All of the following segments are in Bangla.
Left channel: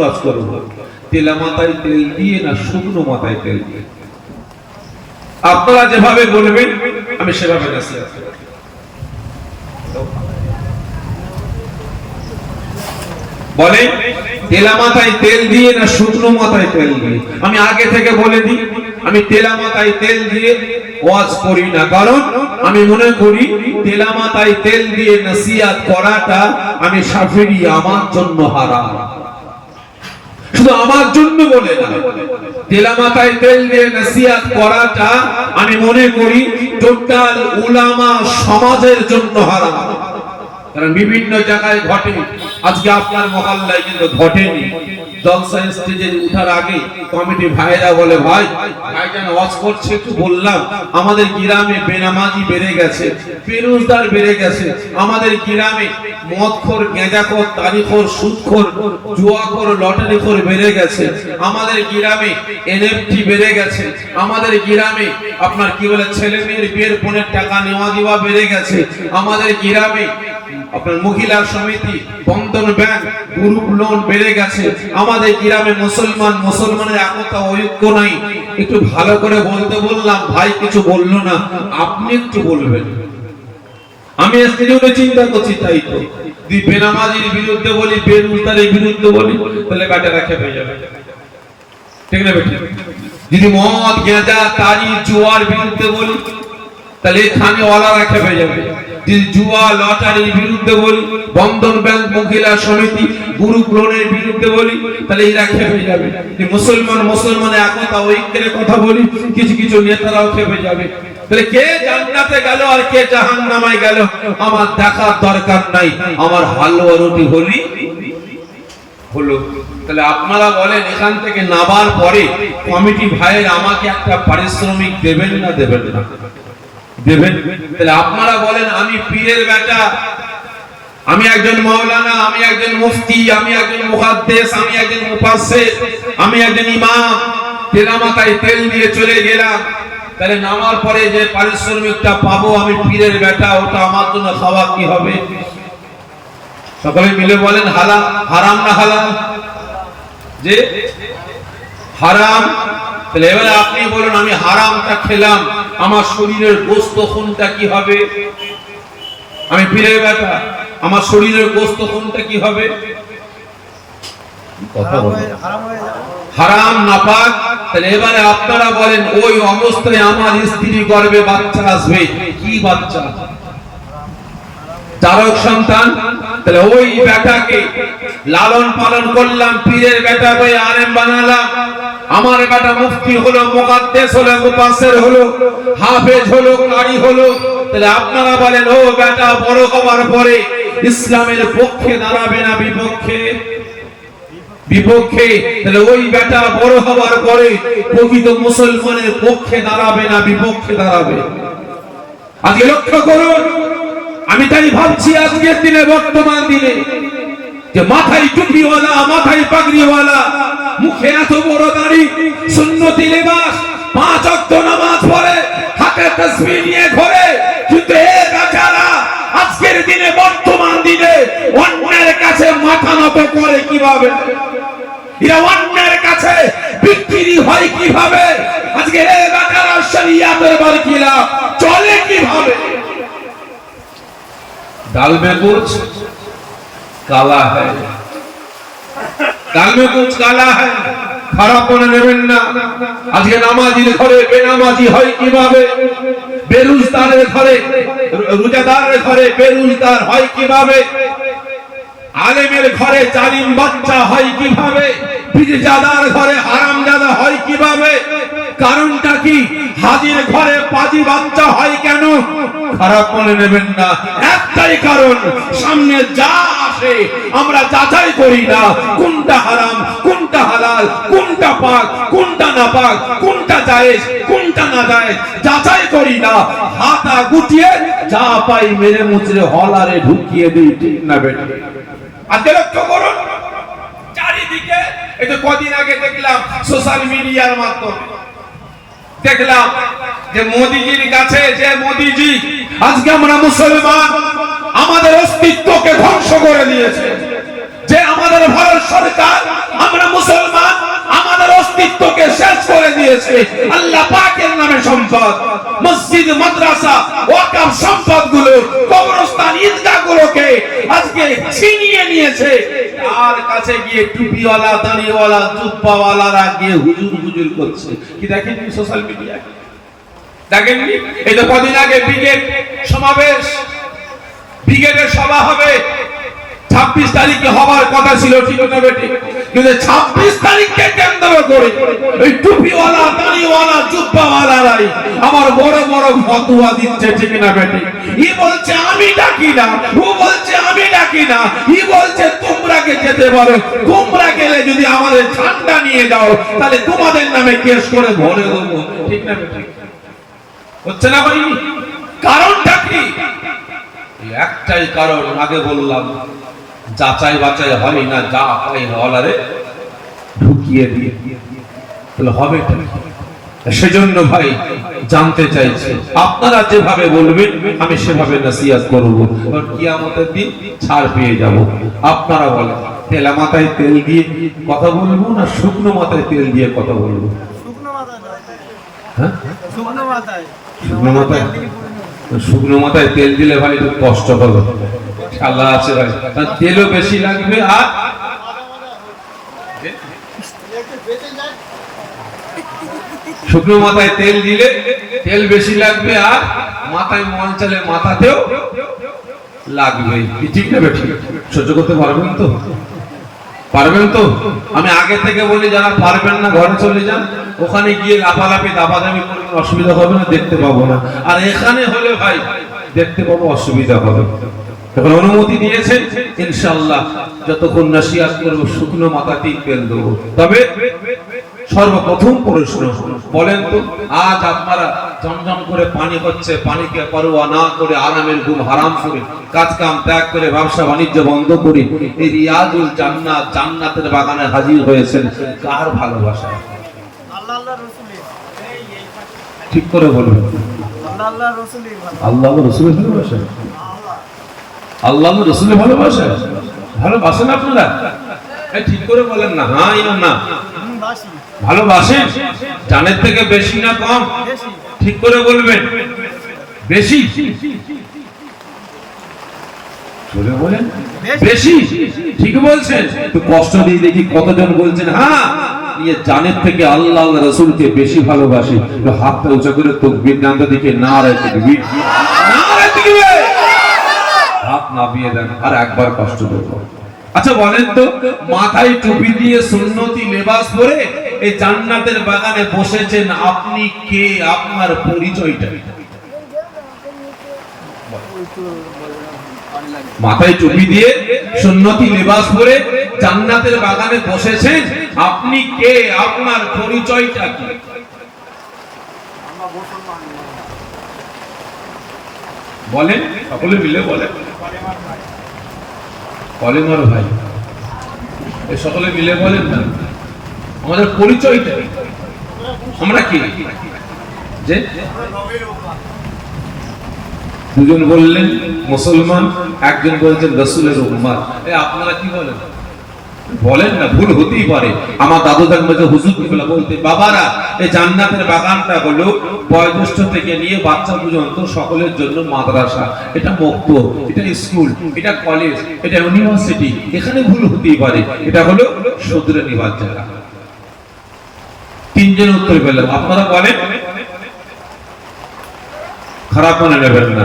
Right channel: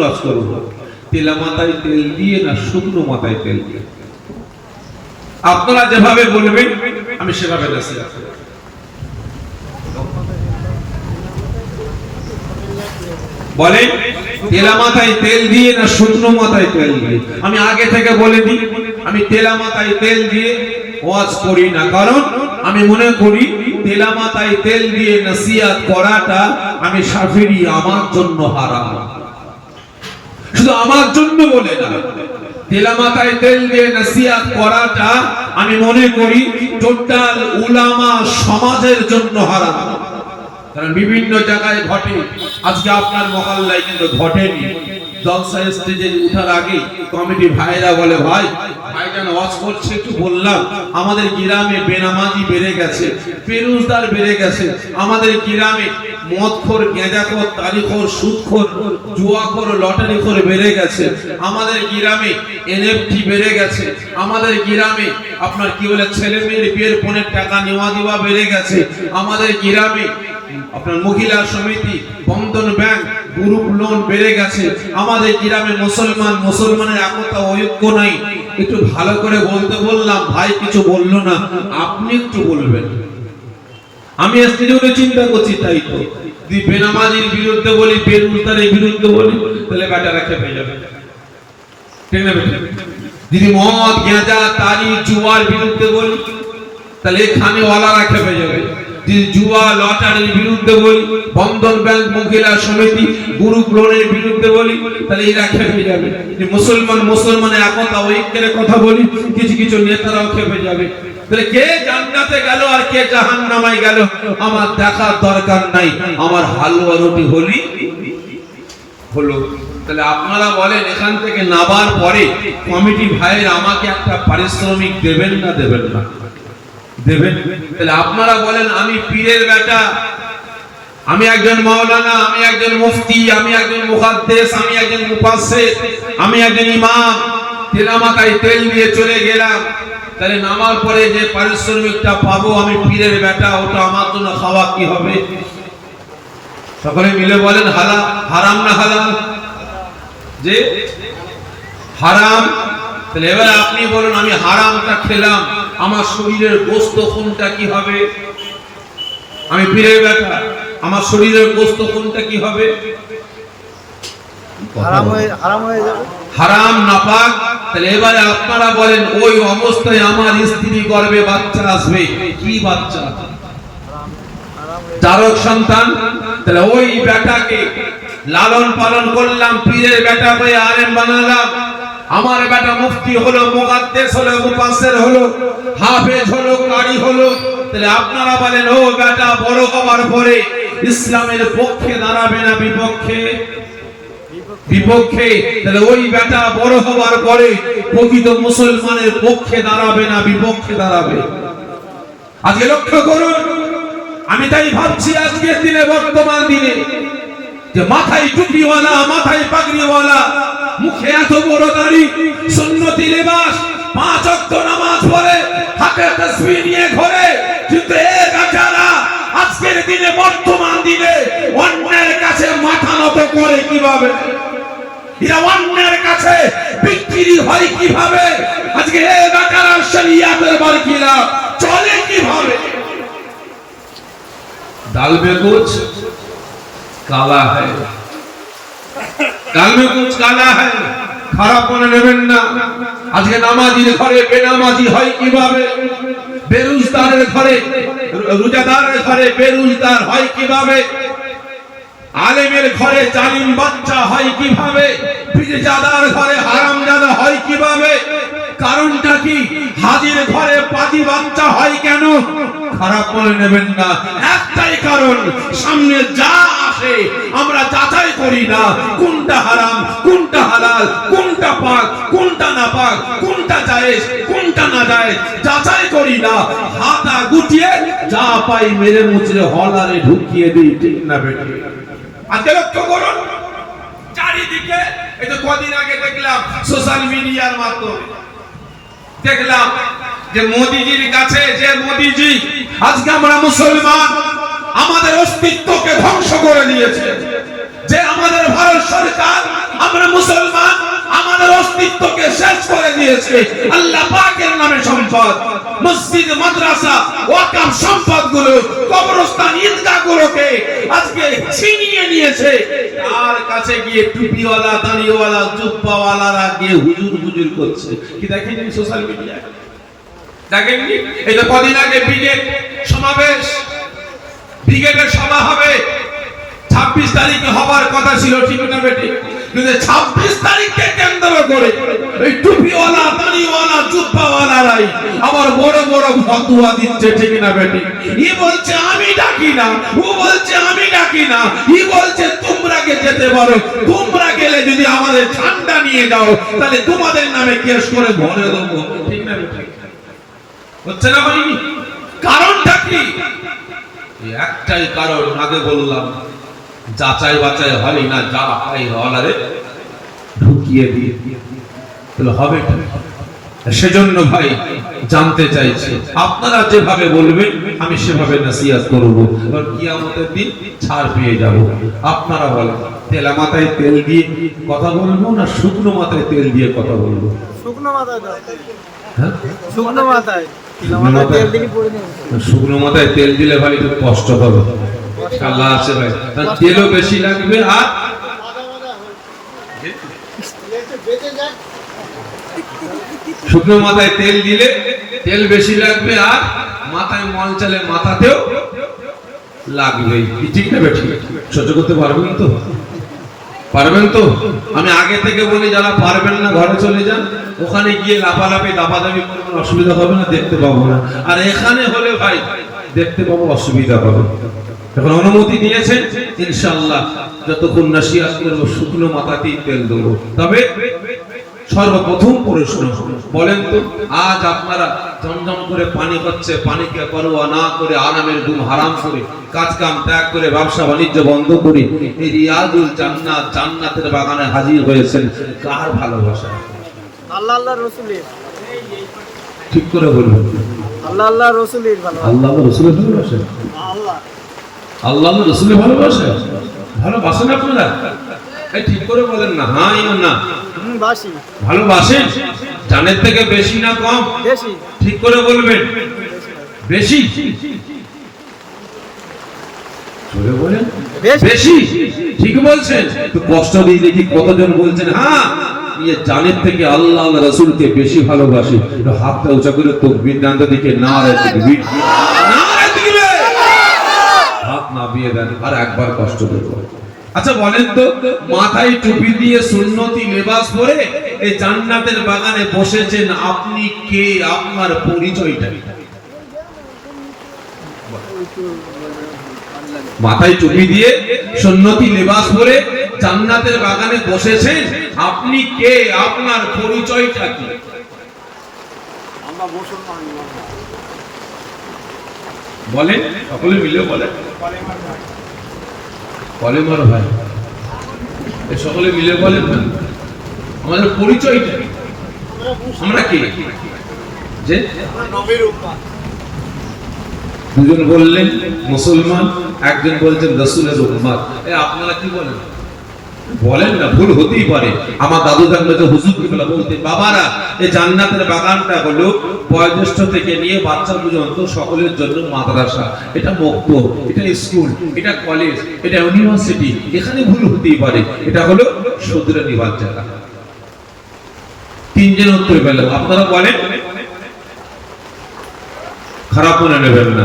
ওয়াজ করব, তেলা মাথায় তেল দিয়ে না শুকনো মাথায় তেল দিয়ে? আপনারা যেভাবে বলবেন আমি সেভাবে নসিহত করব। বলেন তেলা মাথায় তেল দিয়ে না শুকনো মাথায় তেল দিয়ে? আমি আগে থেকে বলে দিই, আমি তেলা মাথায় তেল দিয়ে ওয়াজ করি না, কারণ আমি মনে করি তেলা মাথায় তেল দিয়ে নসিহত করাটা আমি শাফিঈ, আমার জন্য হারাম। শুধু আমার জন্য বলে না, তেলা মাথায় তেল দিয়ে নসিহত করাটা আমি মনে করি টোটাল উলামা সমাজের জন্য হারাম। কারণ বিভিন্ন জায়গায় ঘটে, আজকে আপনার মহল্লায় কিন্তু ঘটেনি। জলসা স্টেজে উঠার আগে কমিটি ভাইরা বলে, ভাই ভাইজান ওয়াজ করছে, একটু বললাম আমাদের গ্রামে বেনামাজি বেড়ে গেছে, বেরোজগার বেড়ে গেছে, আমাদের গ্রামে মদখোর, গেঁজাখোর, তারিখোর, সুদখোর, জুয়াখোর, লটারিখোর বেড়ে গেছে, আমাদের গ্রামে এনএফটি বেড়ে গেছে, আমাদের গ্রামে আপনার কি বলে ছেলে মেয়ের বিয়ের ফোনের টাকা নেওয়া দেওয়া বেড়ে গেছে, আমাদের গ্রামে আপনার মহিলা সমিতি, বন্ধন ব্যাংক, গ্রুপ লোন বেড়ে গেছে, আমাদের গ্রামে মুসলমানের একতা ঐক্য নাই। একটু ভালো করে বলতে বললাম, ভাই কিছু বললো না, আপনি একটু বলবেন। আমি আজকে যে চিন্তা করছি, তাই তো যদি বেনামাজির বিরুদ্ধে বলি, বেরুজগারের বিরুদ্ধে বলি, তাহলে বেটারা খেপে যাবে, ঠিক না বেটা? যদি মদ, গাঁজা, তারি, জুয়ার বিরুদ্ধে বলি, তাহলে এখানে ওয়ালারা খেপে যাবে। যদি জুয়া, লটারির বিরুদ্ধে বলি, বন্ধন ব্যাংক, মহিলা সমিতি, গ্রুপ লোনের বিরুদ্ধে বলি, তাহলে এরা খেপে যাবে। যে মুসলমানের একতা ঐক্যের কথা বলি, কিছু কিছু নেতারাও খেপে যাবে। তাহলে কে জান্নাতে গেল আর কে জাহান্নামে গেল আমার দেখার দরকার নাই, আমার হালুয়া রুটি হলো। তাহলে আপনারা বলেন, এখান থেকে নাবার পরে কমিটি ভাইয়ের আমাকে একটা পারিশ্রমিক দেবেন না দেবেন না? দেবেন। তাহলে আপনারা বলেন, আমি পীরের বেটা, আমি একজন মাওলানা, আমি একজন মুফতি, আমি একজন মুহাদ্দিস, আমি একজন মুফাসসির, আমি একজন ইমাম, তেলা মাথায় তেল দিয়ে চলে গেলাম, তাহলে নামার পরে যে পারিশ্রমিকটা পাবো আমি পীরের বেটা, ওটা আমার জন্য খাওয়া কি হবে? সকলে মিলে বলেন হারাম না হালাল? যে হারাম। তাহলে এবার আপনি বলুন, আমি হারামটা খেলাম, আমার শরীরের গোশত কোনটা কি হবে? আমি পীরের বেটা, আমার শরীরের গোশত কোনটা কি হবে? হারাম, নাপাক। তাহলে এবারে আপনারা বলেন, ওই অবস্থায় আমার স্ত্রী গর্ভে বাচ্চা আসবে, কি বাচ্চা? চারক সন্তান। তাহলে ওই বেটাকে লালন পালন করলাম, পীরের বেটা ভাই আলেম বানালাম, আমার বেটা মুফতি হলো, মুকাদ্দেস হলো, মুফাসসির হলো, হাফেজ হলো, কারি হলো। তাহলে আপনারা বলেন, ও বেটা বড় হওয়ার পরে ইসলামের পক্ষে দাঁড়াবে না বিপক্ষে? বিপক্ষে। তাহলে ওই বেটা বড় হওয়ার পরে প্রকৃত মুসলমানের পক্ষে দাঁড়াবে না বিপক্ষে দাঁড়াবে? আজকে লক্ষ্য করুন, আমি তাই ভাবছি আজকের দিনে, বর্তমান দিনে, যে মাথায় টুপিওয়ালা, মাথায় পাগড়িওয়ালা, মুখে এত বড় দাড়ি, সুন্নতি লিবাস, 5 ওয়াক্ত নামাজ পড়ে, হাতে তাসবিহ নিয়ে ঘোরে, কিন্তু এই বেচারা আজকের দিনে, বর্তমান দিনে অন্যের কাছে মাথা নত করে কিভাবে? এরা অন্যের কাছে বিক্রি হয় কিভাবে? আজকে এই বেচারা শরিয়াতের বরখিলা চলে কিভাবে? दाल में कुछ काला है, दाल में कुछ काला है, খারাপ করে নেবেন না। আজকে নামাজির ঘরে বেনামাজি হয় কিভাবে? বেরোজগারের ঘরে, রোজাদারের ঘরে বেরোজগার হয় কিভাবে? আলেমের ঘরে জালিম বাচ্চা হয় কিভাবে? বিজাদার ঘরে হারামজাদা হয় কিভাবে? কারণটা কি? হাজির ঘরে পাজি বাচ্চা হয় কেন? খারাপ করে নেবেন না, একটাই কারণ, সামনে যা আসে আমরা যাচাই করি না, কোনটা হারাম, কোনটা হালাল, কোনটা পাক, কোনটা নাপাক, কোনটা জায়েজ, কোনটা না জায়েজ, যাচাই করি না। হাতা গুটিয়ে যা পাই মেরে মুচড়ে হলারে ঢুকিয়ে দিই, ঠিক না বেটা? আজকে লক্ষ্য করুন চারিদিকে, এই তো কদিন আগে দেখলাম সোশ্যাল মিডিয়ার মাধ্যমে, দেখলাম যে মোদিজির কাছে, যে মোদিজি আজকে আমরা মুসলমান, আমাদের অস্তিত্বকে ধ্বংস করে দিয়েছে, যে আমাদের ভারত সরকার আমরা মুসলমান আমাদের অস্তিত্বকে শেষ করে দিয়েছে। আল্লাহ পাকের নামে সম্পদ, মসজিদ, মাদ্রাসা, ওয়াকফ সম্পদগুলো, কবরস্থান, ঈদগাহগুলোকে আজকে ছিনিয়ে নিয়েছে। তার কাছে গিয়ে টুপিওয়ালা, দাড়িওয়ালা, জুব্বাওয়ালারা গিয়ে হুজুর হুজুর করছে। কি দেখেননি সোশ্যাল মিডিয়ায়? দেখেননি? এই তো কদিন আগে ব্রিগেড সমাবেশ, ব্রিগেডের সভা হবে, 26 তারিখে হওয়ার কথা ছিল, ঠিক না বেটি? কিন্তু 26 তারিখকে কেন্দ্র করে এই টুপিওয়ালা, দাড়িওয়ালা, জুব্বাওয়ালারাই আমার বড় বড় ফতোয়া দিচ্ছে, ঠিক না বেটি? ই বলছে আমি ডাকি না, ও বলছে আমি ডাকি না, ই বলছে তোমরা কে যেতে পারো, তোমরা গেলে যদি আমাদের ঠান্ডা নিয়ে যাও তাহলে তোমাদের নামে কেস করে ভরে দেবো, ঠিক না বেটি? হচ্ছে না ভাই? কারণটা কি? একটাই কারণ, আগে বললাম, যাচাই বাছাই হয় না, যা পাই হলারে ঢুকিয়ে দিয়ে তাহলে হবে। সেজন্য ভাই জানতে চাইছি, আপনারা যেভাবে বলবেন আমি সেভাবে নসিহত করব, কিয়ামতের দিন ছাড় পেয়ে যাব। আপনারা বলেন, তেলা মাথায় তেল দিয়ে কথা বলবো না শুকনো মাথায় তেল দিয়ে কথা বলবো? শুকনো মাথায় দাও। হ্যাঁ, শুকনো মাথায়। শুকনো মাথায় তেল দিলে ভাই একটু কষ্ট হবে, আল্লাহ আছে ভাই, তেলও বেশি লাগবে। আর শুকনো মাথায় তেল দিলে তেল বেশি লাগবে, আর মাথায় মল চলে মাথাতেও লাগবে, ঠিক না বেশি? সহ্য করতে পারবেন তো? পারবেন তো? আমি আগে থেকে বলি, যারা পারবেন না ঘরে চলে যান, ওখানে গিয়ে লাফালাফি দাপাদাপি করবেন, অসুবিধা হবে না, দেখতে পাবো না। আর এখানে হলে ভাই দেখতে পাবো, অসুবিধা হবে। এখন অনুমতি দিয়েছেন, ইনশাআল্লাহ যতক্ষণ নসিহত করব শুকনো মাথাতেই তেল দেবো। তবে সর্বপ্রথম প্রশ্ন বলেন তো, আজ আপনারা জমজম করে পানি হচ্ছে, পানিকে পরোয়া না করে, আরামের ঘুম হারাম করে, কাজ কাম ত্যাগ করে, ব্যবসা বাণিজ্য বন্ধ করে এই রিয়াদুল জান্নাত, জান্নাতের বাগানে হাজির হয়েছেন, কার ভালোবাসা? আল্লাহ আল্লাহ রাসূলের। ঠিক করে বলবেন, আল্লাহ আল্লাহ রাসূলের ভালোবাসা। আল্লাহ রাসূলের ভালোবাসা, আল্লাহ রাসূলের ভালোবাসা। ভালোবাসেন আপনারা? এই ঠিক করে বলেন না, হ্যাঁ না না। ভালোবাসেন? জানের থেকে বেশি না কম? বেশি। ঠিক করে বলবেন, বেশি। জোরে বলেন, বেশি। ঠিক বলছেন? তো কষ্ট দিয়ে দেখি কতজন বলছেন হ্যাঁ জানের থেকে আল্লাহ রাসূলকে বেশি ভালোবাসি। হাতটা উঁচা করে তাকবীর দেন তো দেখি, নারে তাকবীর, নারে তাকবীর, হাত নামিয়ে দেন, আর একবার কষ্ট দেব। আচ্ছা বলেন তো, মাথায় টুপি দিয়ে সুন্নতি লেবাস পরে এই জান্নাতের বাগানে বসেছেন, আপনি কে? আপনার পরিচয়টা? মাথায় টুপি দিয়ে সুন্নতি লেবাস পরে জান্নাতের বাগানে বসেছেন, আপনি কে? আপনার পরিচয়টা কি? বলেন, সকলে মিলে বলেন। কলেমার ভাই, সকলে মিলে বলেন না, আমাদের পরিচয়টা আমরা কি? যে দুজন বললেন মুসলমান, একজন বলছেন রাসূলের উম্মত। আপনারা কি বলেন? বলেন না, ভুল হতেই পারে। আমার দাদু থাকবে যে হুজুর কিবলা বলতে, বাবারা এই জান্নাতের বাগানটা হলো বয়োজ্যেষ্ঠ থেকে নিয়ে বাচ্চা পর্যন্ত সকলের জন্য মাদ্রাসা, এটা মক্তব, এটা স্কুল, এটা কলেজ, এটা ইউনিভার্সিটি। এখানে ভুল হতেই পারে, এটা হলো শুধরে নিবার জায়গা। তিনজন উত্তর পেলেন, আপনারা বলেন, খারাপ মনে নেবেন না।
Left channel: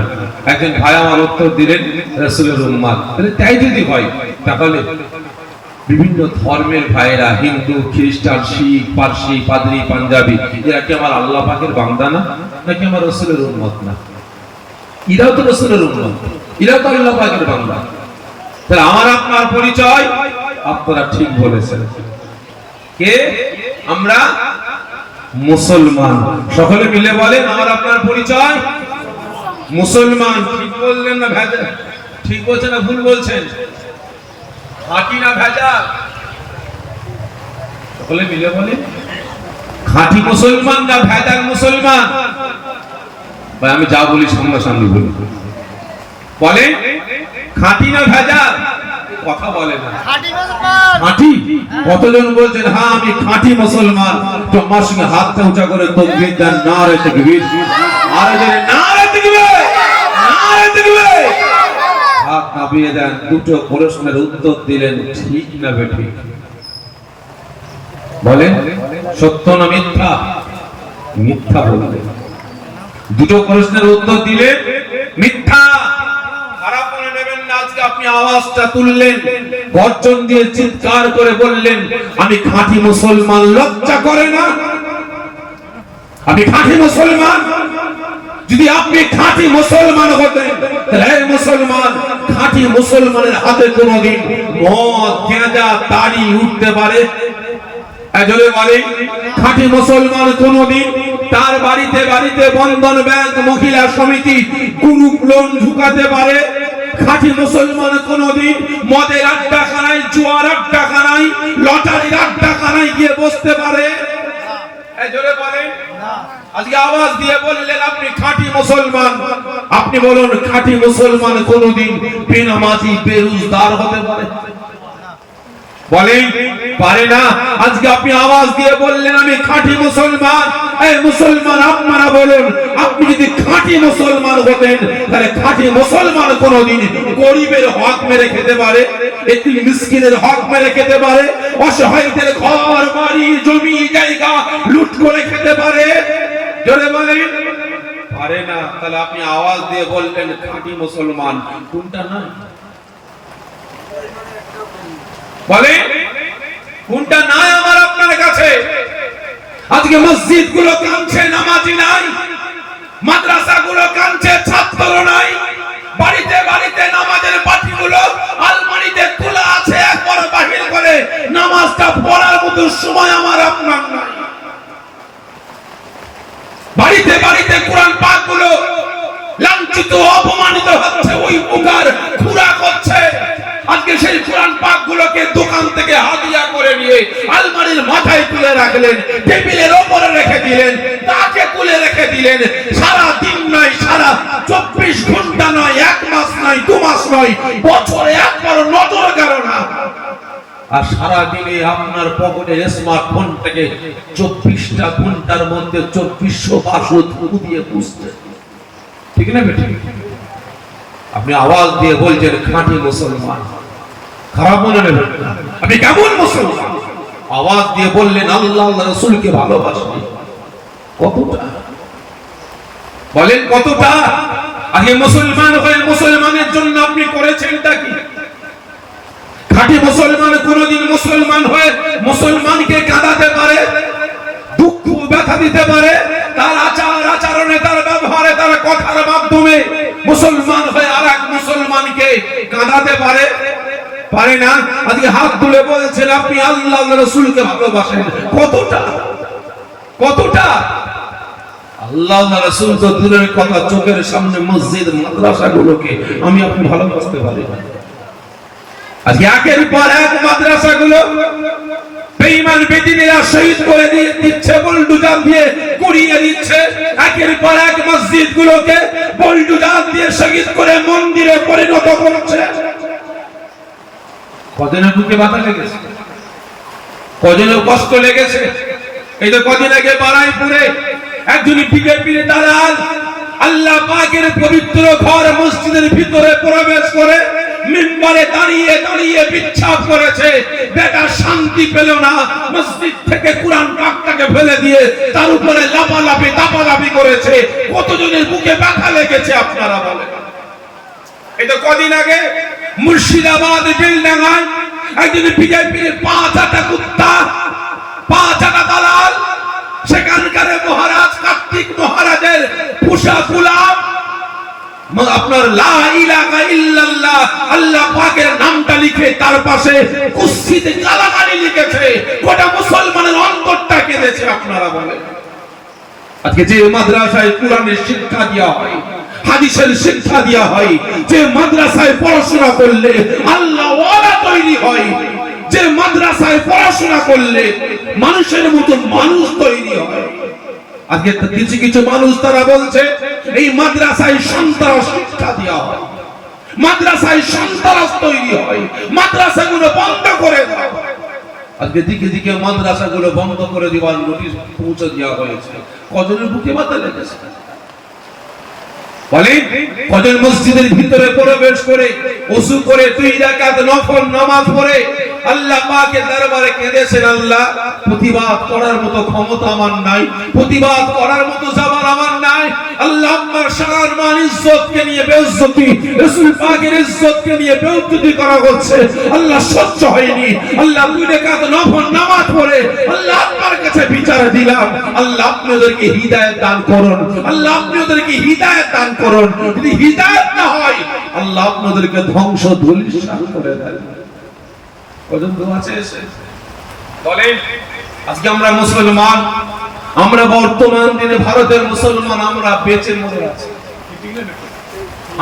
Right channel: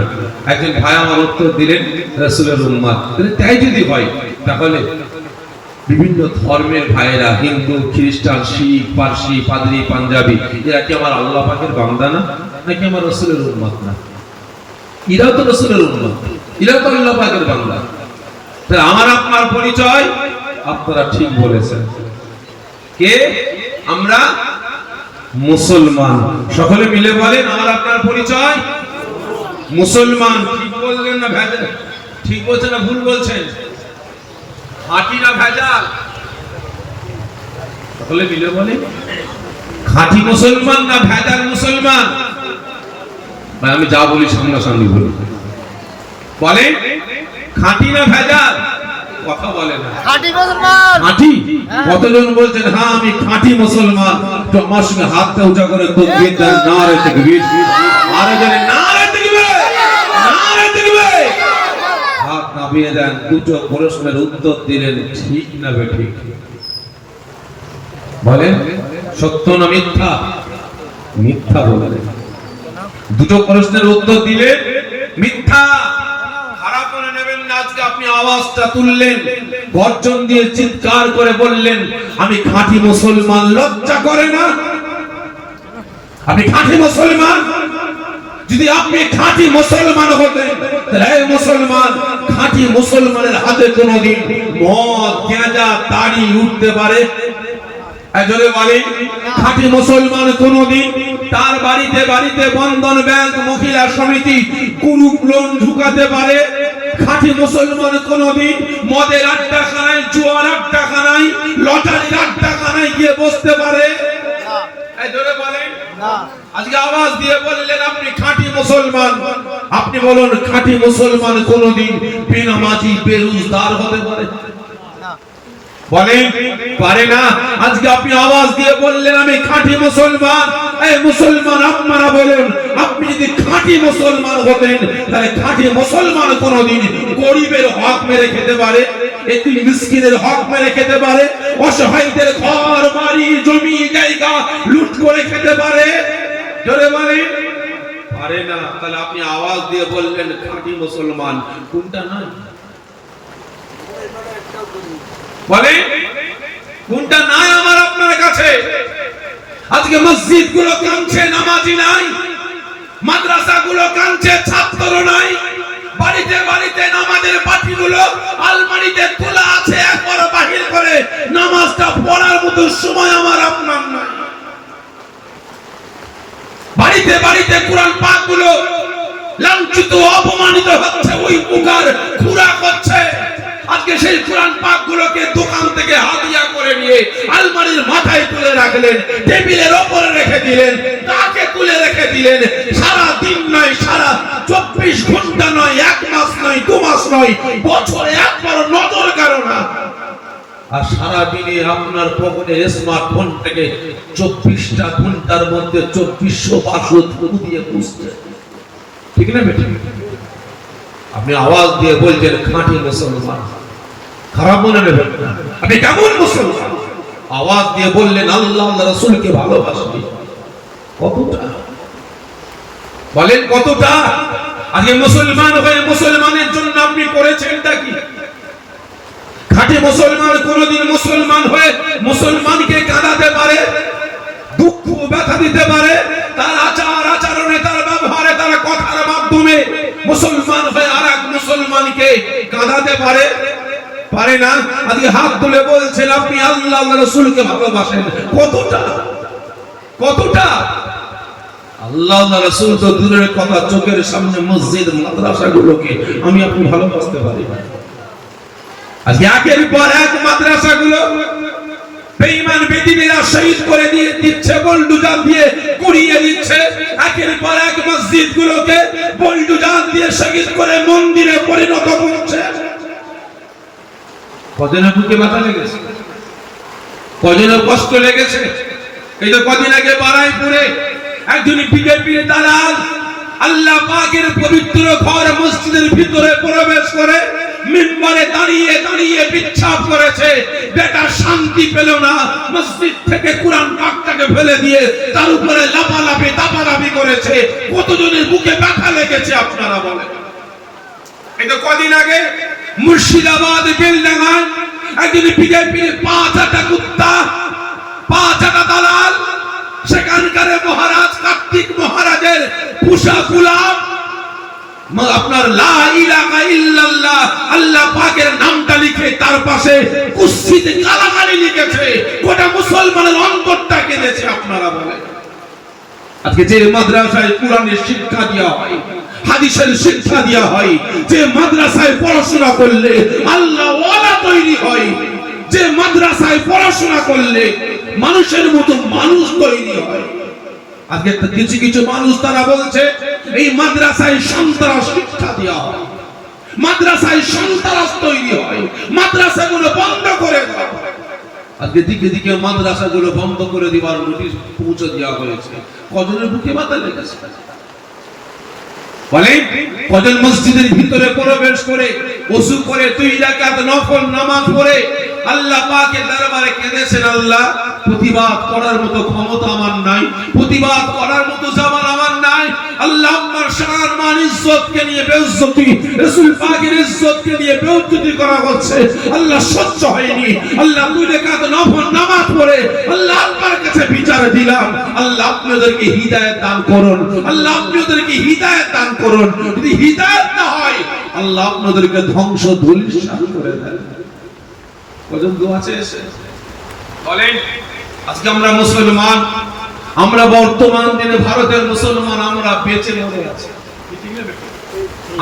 একজন ভাই আমার উত্তর দিলেন রাসূলের উম্মত। তাই যদি হয় তাহলে বিভিন্ন ধর্মের ভাইরা, হিন্দু, খ্রিস্টান, শিখ, পারসি, পাদ্রী, পাঞ্জাবি, এরা কি আমার আল্লাহ পাকের বান্দা না? নাকি আমার রাসূলের উম্মত না? এরাও তো রাসূলের উম্মত, এরাও তো আল্লাহ পাকের বান্দা। তাহলে আমার আপনার পরিচয়, আপনারা ঠিক বলেছেন, কে? আমরা মুসলমান। সকলে মিলে বলেন, আমার আপনার পরিচয় মুসলমান। ঠিক বললেন না ভেজাল? ঠিক বলছেন না ভুল বলছেন? খাঁটি না ভেজাল? সকলে মিলে বলেন, খাঁটি মুসলমান না ভেজাল মুসলমান? ভাই আমি যা বলি সামনাসামনি বলি, বলেন খাঁটি না ভেজাল? কথা বলে না। খাঁটি মুসলমান। খাঁটি? কতজন বলছেন হ্যাঁ আমি খাঁটি মুসলমান? তো আমার সঙ্গে হাতটা উঁচা করে তাকবীর দেন, নারে তাকবীর। আরো জোরে নারে তাকবীর, নারে তাকবীর। হাত নামিয়ে দেন। দুটো প্রশ্নের উত্তর দিলেন, ঠিক না বেঠিক? বলেন সত্য না মিথ্যা? মিথ্যা বললেন। দুটো প্রশ্নের উত্তর দিলে মিথ্যা। খারাপ মনে নেবেন না। আজকে আপনি আওয়াজটা তুললেন, গর্জন দিয়ে চিৎকার করে বললেন আমি খাঁটি মুসলমান, লজ্জা করে না? আমি খাঁটি মুসলমান। যদি আপনি খাঁটি মুসলমান হতেন তাহলে এই মুসলমান, খাঁটি মুসলমানের হাতে কোনোদিন মদ, গাঁজা, তাড়ি উঠতে পারে? জোরে বলেন। খাঁটি মুসলমান কোনদিন তার বাড়িতে বাড়িতে বন্ধন ব্যাংক, মহিলা সমিতি, কুনুক লোন ঢুকাতে পারে? খাঁটি মুসলমান কোনদিন মদের আড্ডাখানায়, জুয়ার আড্ডাখানায়, লটারির আড্ডাখানায় গিয়ে বসতে পারে? জোরে বলেন। আজকে আওয়াজ দিয়ে বললেন আপনি খাঁটি মুসলমান। আপনি বলুন খাঁটি মুসলমান কোনদিন বেনামাজি, বেরোজগার হতে পারে? বলেন পারে না। আজকে আপনি আওয়াজ দিয়ে বললেন আমি খাঁটি মুসলমান। এই মুসলমান আপনারা বলুন, আপনি যদি খাঁটি মুসলমান হতেন তাহলে খাঁটি মুসলমান কোনদিন গরিবের হক মেরে খেতে পারে? এতিম মিসকিনের হক মেরে খেতে পারে? অসহায়দের ঘর বাড়ি জমি জায়গা লুট করে খেতে পারে? জোরে বলেন পারে না। তাহলে আপনি আওয়াজ দিয়ে বললেন খাঁটি মুসলমান কোনটা? না বলে কোনটা নাই আমার আপনার কাছে? আজকে মসজিদ গুলো কাঁদছে, নামাজি নাই। মাদ্রাসা গুলো কাঁদছে, ছাত্র নাই। বাড়িতে বাড়িতে নামাজের পাঠিগুলো আলমারিতে তোলা আছে, একবার বাহির করে নামাজটা পড়ার মতো সময় আমার আপনার নাই। বাড়িতে বাড়িতে কোরআন পাক গুলো লাঞ্ছিত, অপমানিত হচ্ছে, ওই প্রকার খুরাক হচ্ছে। আজকে সেই কোরআন পাক গুলোকে দোকান থেকে হাদিয়া করে নিয়ে আলমারির মাথায় তুলে রাখলেন, টেবিলের উপরে রেখে দিলেন, তাকে তুলে রেখে দিলেন। সারা দিন নয়, সারা 24 ঘন্টা নয়, 1 মাস নয়, 2 মাস নয়, বছরে একবার নজর কারো না। আর সারা দিনে আপনার পকেটে স্মার্টফোন থেকে 24টা ঘন্টার মধ্যে 2400 পাসওয়ার্ড দিয়ে খুঁজছে। ঠিক না বেটা? আপনি আওয়াজ দিয়ে বলছেন খাঁটি মুসলমান। খারাপ মনে নেবেন না। আপনি কেমন মুসলমান? আওয়াজ দিয়ে বললেন আল্লাহ আল্লাহ রাসূলকে ভালোবাসি। কতটা বলেন, কতটা? আগে মুসলমান হয়ে মুসলমানের জন্য আপনি করেছেনটা কি? খাঁটি মুসলমান কোনদিন মুসলমান হয়ে মুসলমানকে কাঁদাতে পারে, দুঃখ ব্যথা দিতে পারে? তার আচার আচরণে, তার ব্যবহারে, তার কথার মাধ্যমে মুসলমান হয়ে আরেক মুসলমানকে কাঁদাতে পারে? পারে না। আজকে হাত তুলে বলছেন আপনি আল্লাহ আল্লাহ রাসূলকে ভালোবাসেন। কতটা? কতটা? আল্লাহ আল্লাহ রাসূল তো দূরের কথা, চোখের সামনে মসজিদ মাদ্রাসাগুলোকে আমি আপনি ভালোবাসতে পারি। আজকে একের পর এক মাদ্রাসাগুলো বেঈমান বেদিনেরা শহীদ করে দিয়ে দিচ্ছে, বুলডোজার দিয়ে গুড়িয়ে দিচ্ছে। একের পর এক মসজিদগুলোকে বুলডোজার দিয়ে শহীদ করে মন্দিরে পরিণত করছে। কজনের বুকে ব্যথা লেগেছে, কজনের কষ্ট লেগেছে। এই তো কদিন আগে বারাইপুরে একজন বিজেপির দালাল আল্লাহ পাকের পবিত্র ঘর মসজিদের ভিতরে প্রবেশ করে মিম্বরে দাঁড়িয়ে দাঁড়িয়ে বিচ্ছাপ করেছে। বেটা শান্তি পেল না, মসজিদ থেকে কোরআন পাকটাকে ফেলে দিয়ে তার উপরে লাফালাফি দাপাদাপি করেছে। কতজনের বুকে ব্যথা লেগেছে আপনারা বলেন? এই তো কদিন আগে মুর্শিদাবাদ বেলডাঙ্গায় একজন বিজেপির 5 কুত্তা, 5 দালাল, সেখানকার মহারাজ কার্তিক মহারাজের পোষা গোলাম আপনার লা ইলাহা ইল্লাল্লাহ আল্লাহ পাকের নামটা লিখে তার পাশে কুস্তিতে কালামানি লিখেছে। গোটা মুসলমানের অন্তরটা কেঁদেছে। আপনারা বলেন আজকে যে মাদ্রাসায় কোরআনের শিক্ষা দেওয়া হয়, হাদিসের শিক্ষা দেওয়া হয়, যে মাদ্রাসায় পড়াশোনা করলে আল্লাহ ওয়ালা তৈরি হয়, যে মাদ্রাসায় পড়াশোনা করলে মানুষের মতো মানুষ তৈরি হয়, আজকে কিছু কিছু মানুষ তারা বলছে এই মাদ্রাসায় সন্ত্রাস শিক্ষা দেওয়া হয়, মাদ্রাসায় সন্ত্রাস তৈরি হয়, মাদ্রাসাগুলো বন্ধ করে দাও। আজকে দিকে দিকে মাদ্রাসাগুলো বন্ধ করে দেওয়ার নোটিশ পৌঁছে দেওয়া হয়েছে। কজনের বুকে মাথা লেগেছে বলেন? কজন মসজিদের ভিতরে প্রবেশ করে ওযু করে 2 রাকাত নফল নামাজ পড়ে আল্লাহ পাকের দরবারে কেঁদেছেন, আল্লাহ প্রতিবাদ করার মতো ক্ষমতা আমার নাই, প্রতিবাদ করার মতো জবান আমার নাই। আল্লাহ আপনার শান মান ইজ্জতকে নিয়ে বেইজ্জতি, রাসূল পাকের ইজ্জতকে নিয়ে বেইজ্জতি করা হচ্ছে। আল্লাহ সহ্য হয়নি। আল্লাহ 2 রাকাত নফল নামাজ পড়ে আল্লাহ আপনার কাছে বিচার দিলাম, আল্লাহ আপনি ওদেরকে হিদায়াত দান করুন, আল্লাহ আপনি ওদেরকে হিদায়াত দান করুন। যদি হিদায়াত না হয় আল্লাহ আপনাদেরকে ধ্বংস ধূলিসাৎ করে দেন। কজন দোয়া চেয়েছে বলেন? আজকে আমরা মুসলমান, আমরা বর্তমান দিনে ভারতের মুসলমান, আমরা বেঁচে মরে আছি।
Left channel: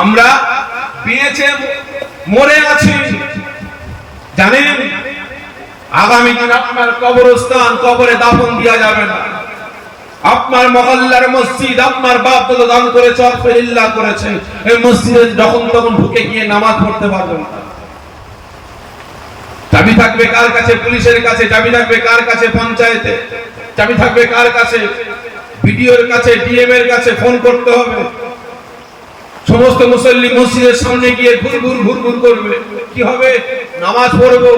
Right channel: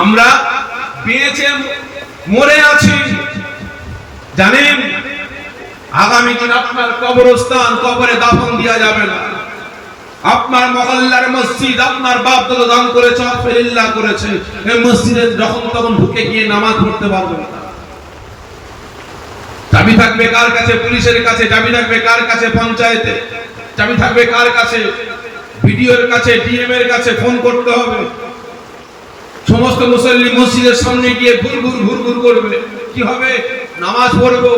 আমরা বেঁচে মরে আছি। জানেন আগামী দিন আপনার কবরস্থান, কবরে দাফন দেওয়া যাবে না। আপনার মহল্লার মসজিদ আপনার বাপ দাদা দান করেছে, আলহামদুলিল্লাহ করেছেন, এই মসজিদে যখন তখন ঢুকে গিয়ে নামাজ পড়তে পারবেন না। চাবি থাকবে কার কাছে? পুলিশের কাছে। চাবি থাকবে কার কাছে? পঞ্চায়েতে। চাবি থাকবে কার কাছে? বিডিওর কাছে, ডিএম এর কাছে ফোন করতে হবে। সমস্ত মুসল্লি মসজিদের সামনে গিয়ে ঘুরঘুর করবে। কি হবে? নামাজ পড়বো।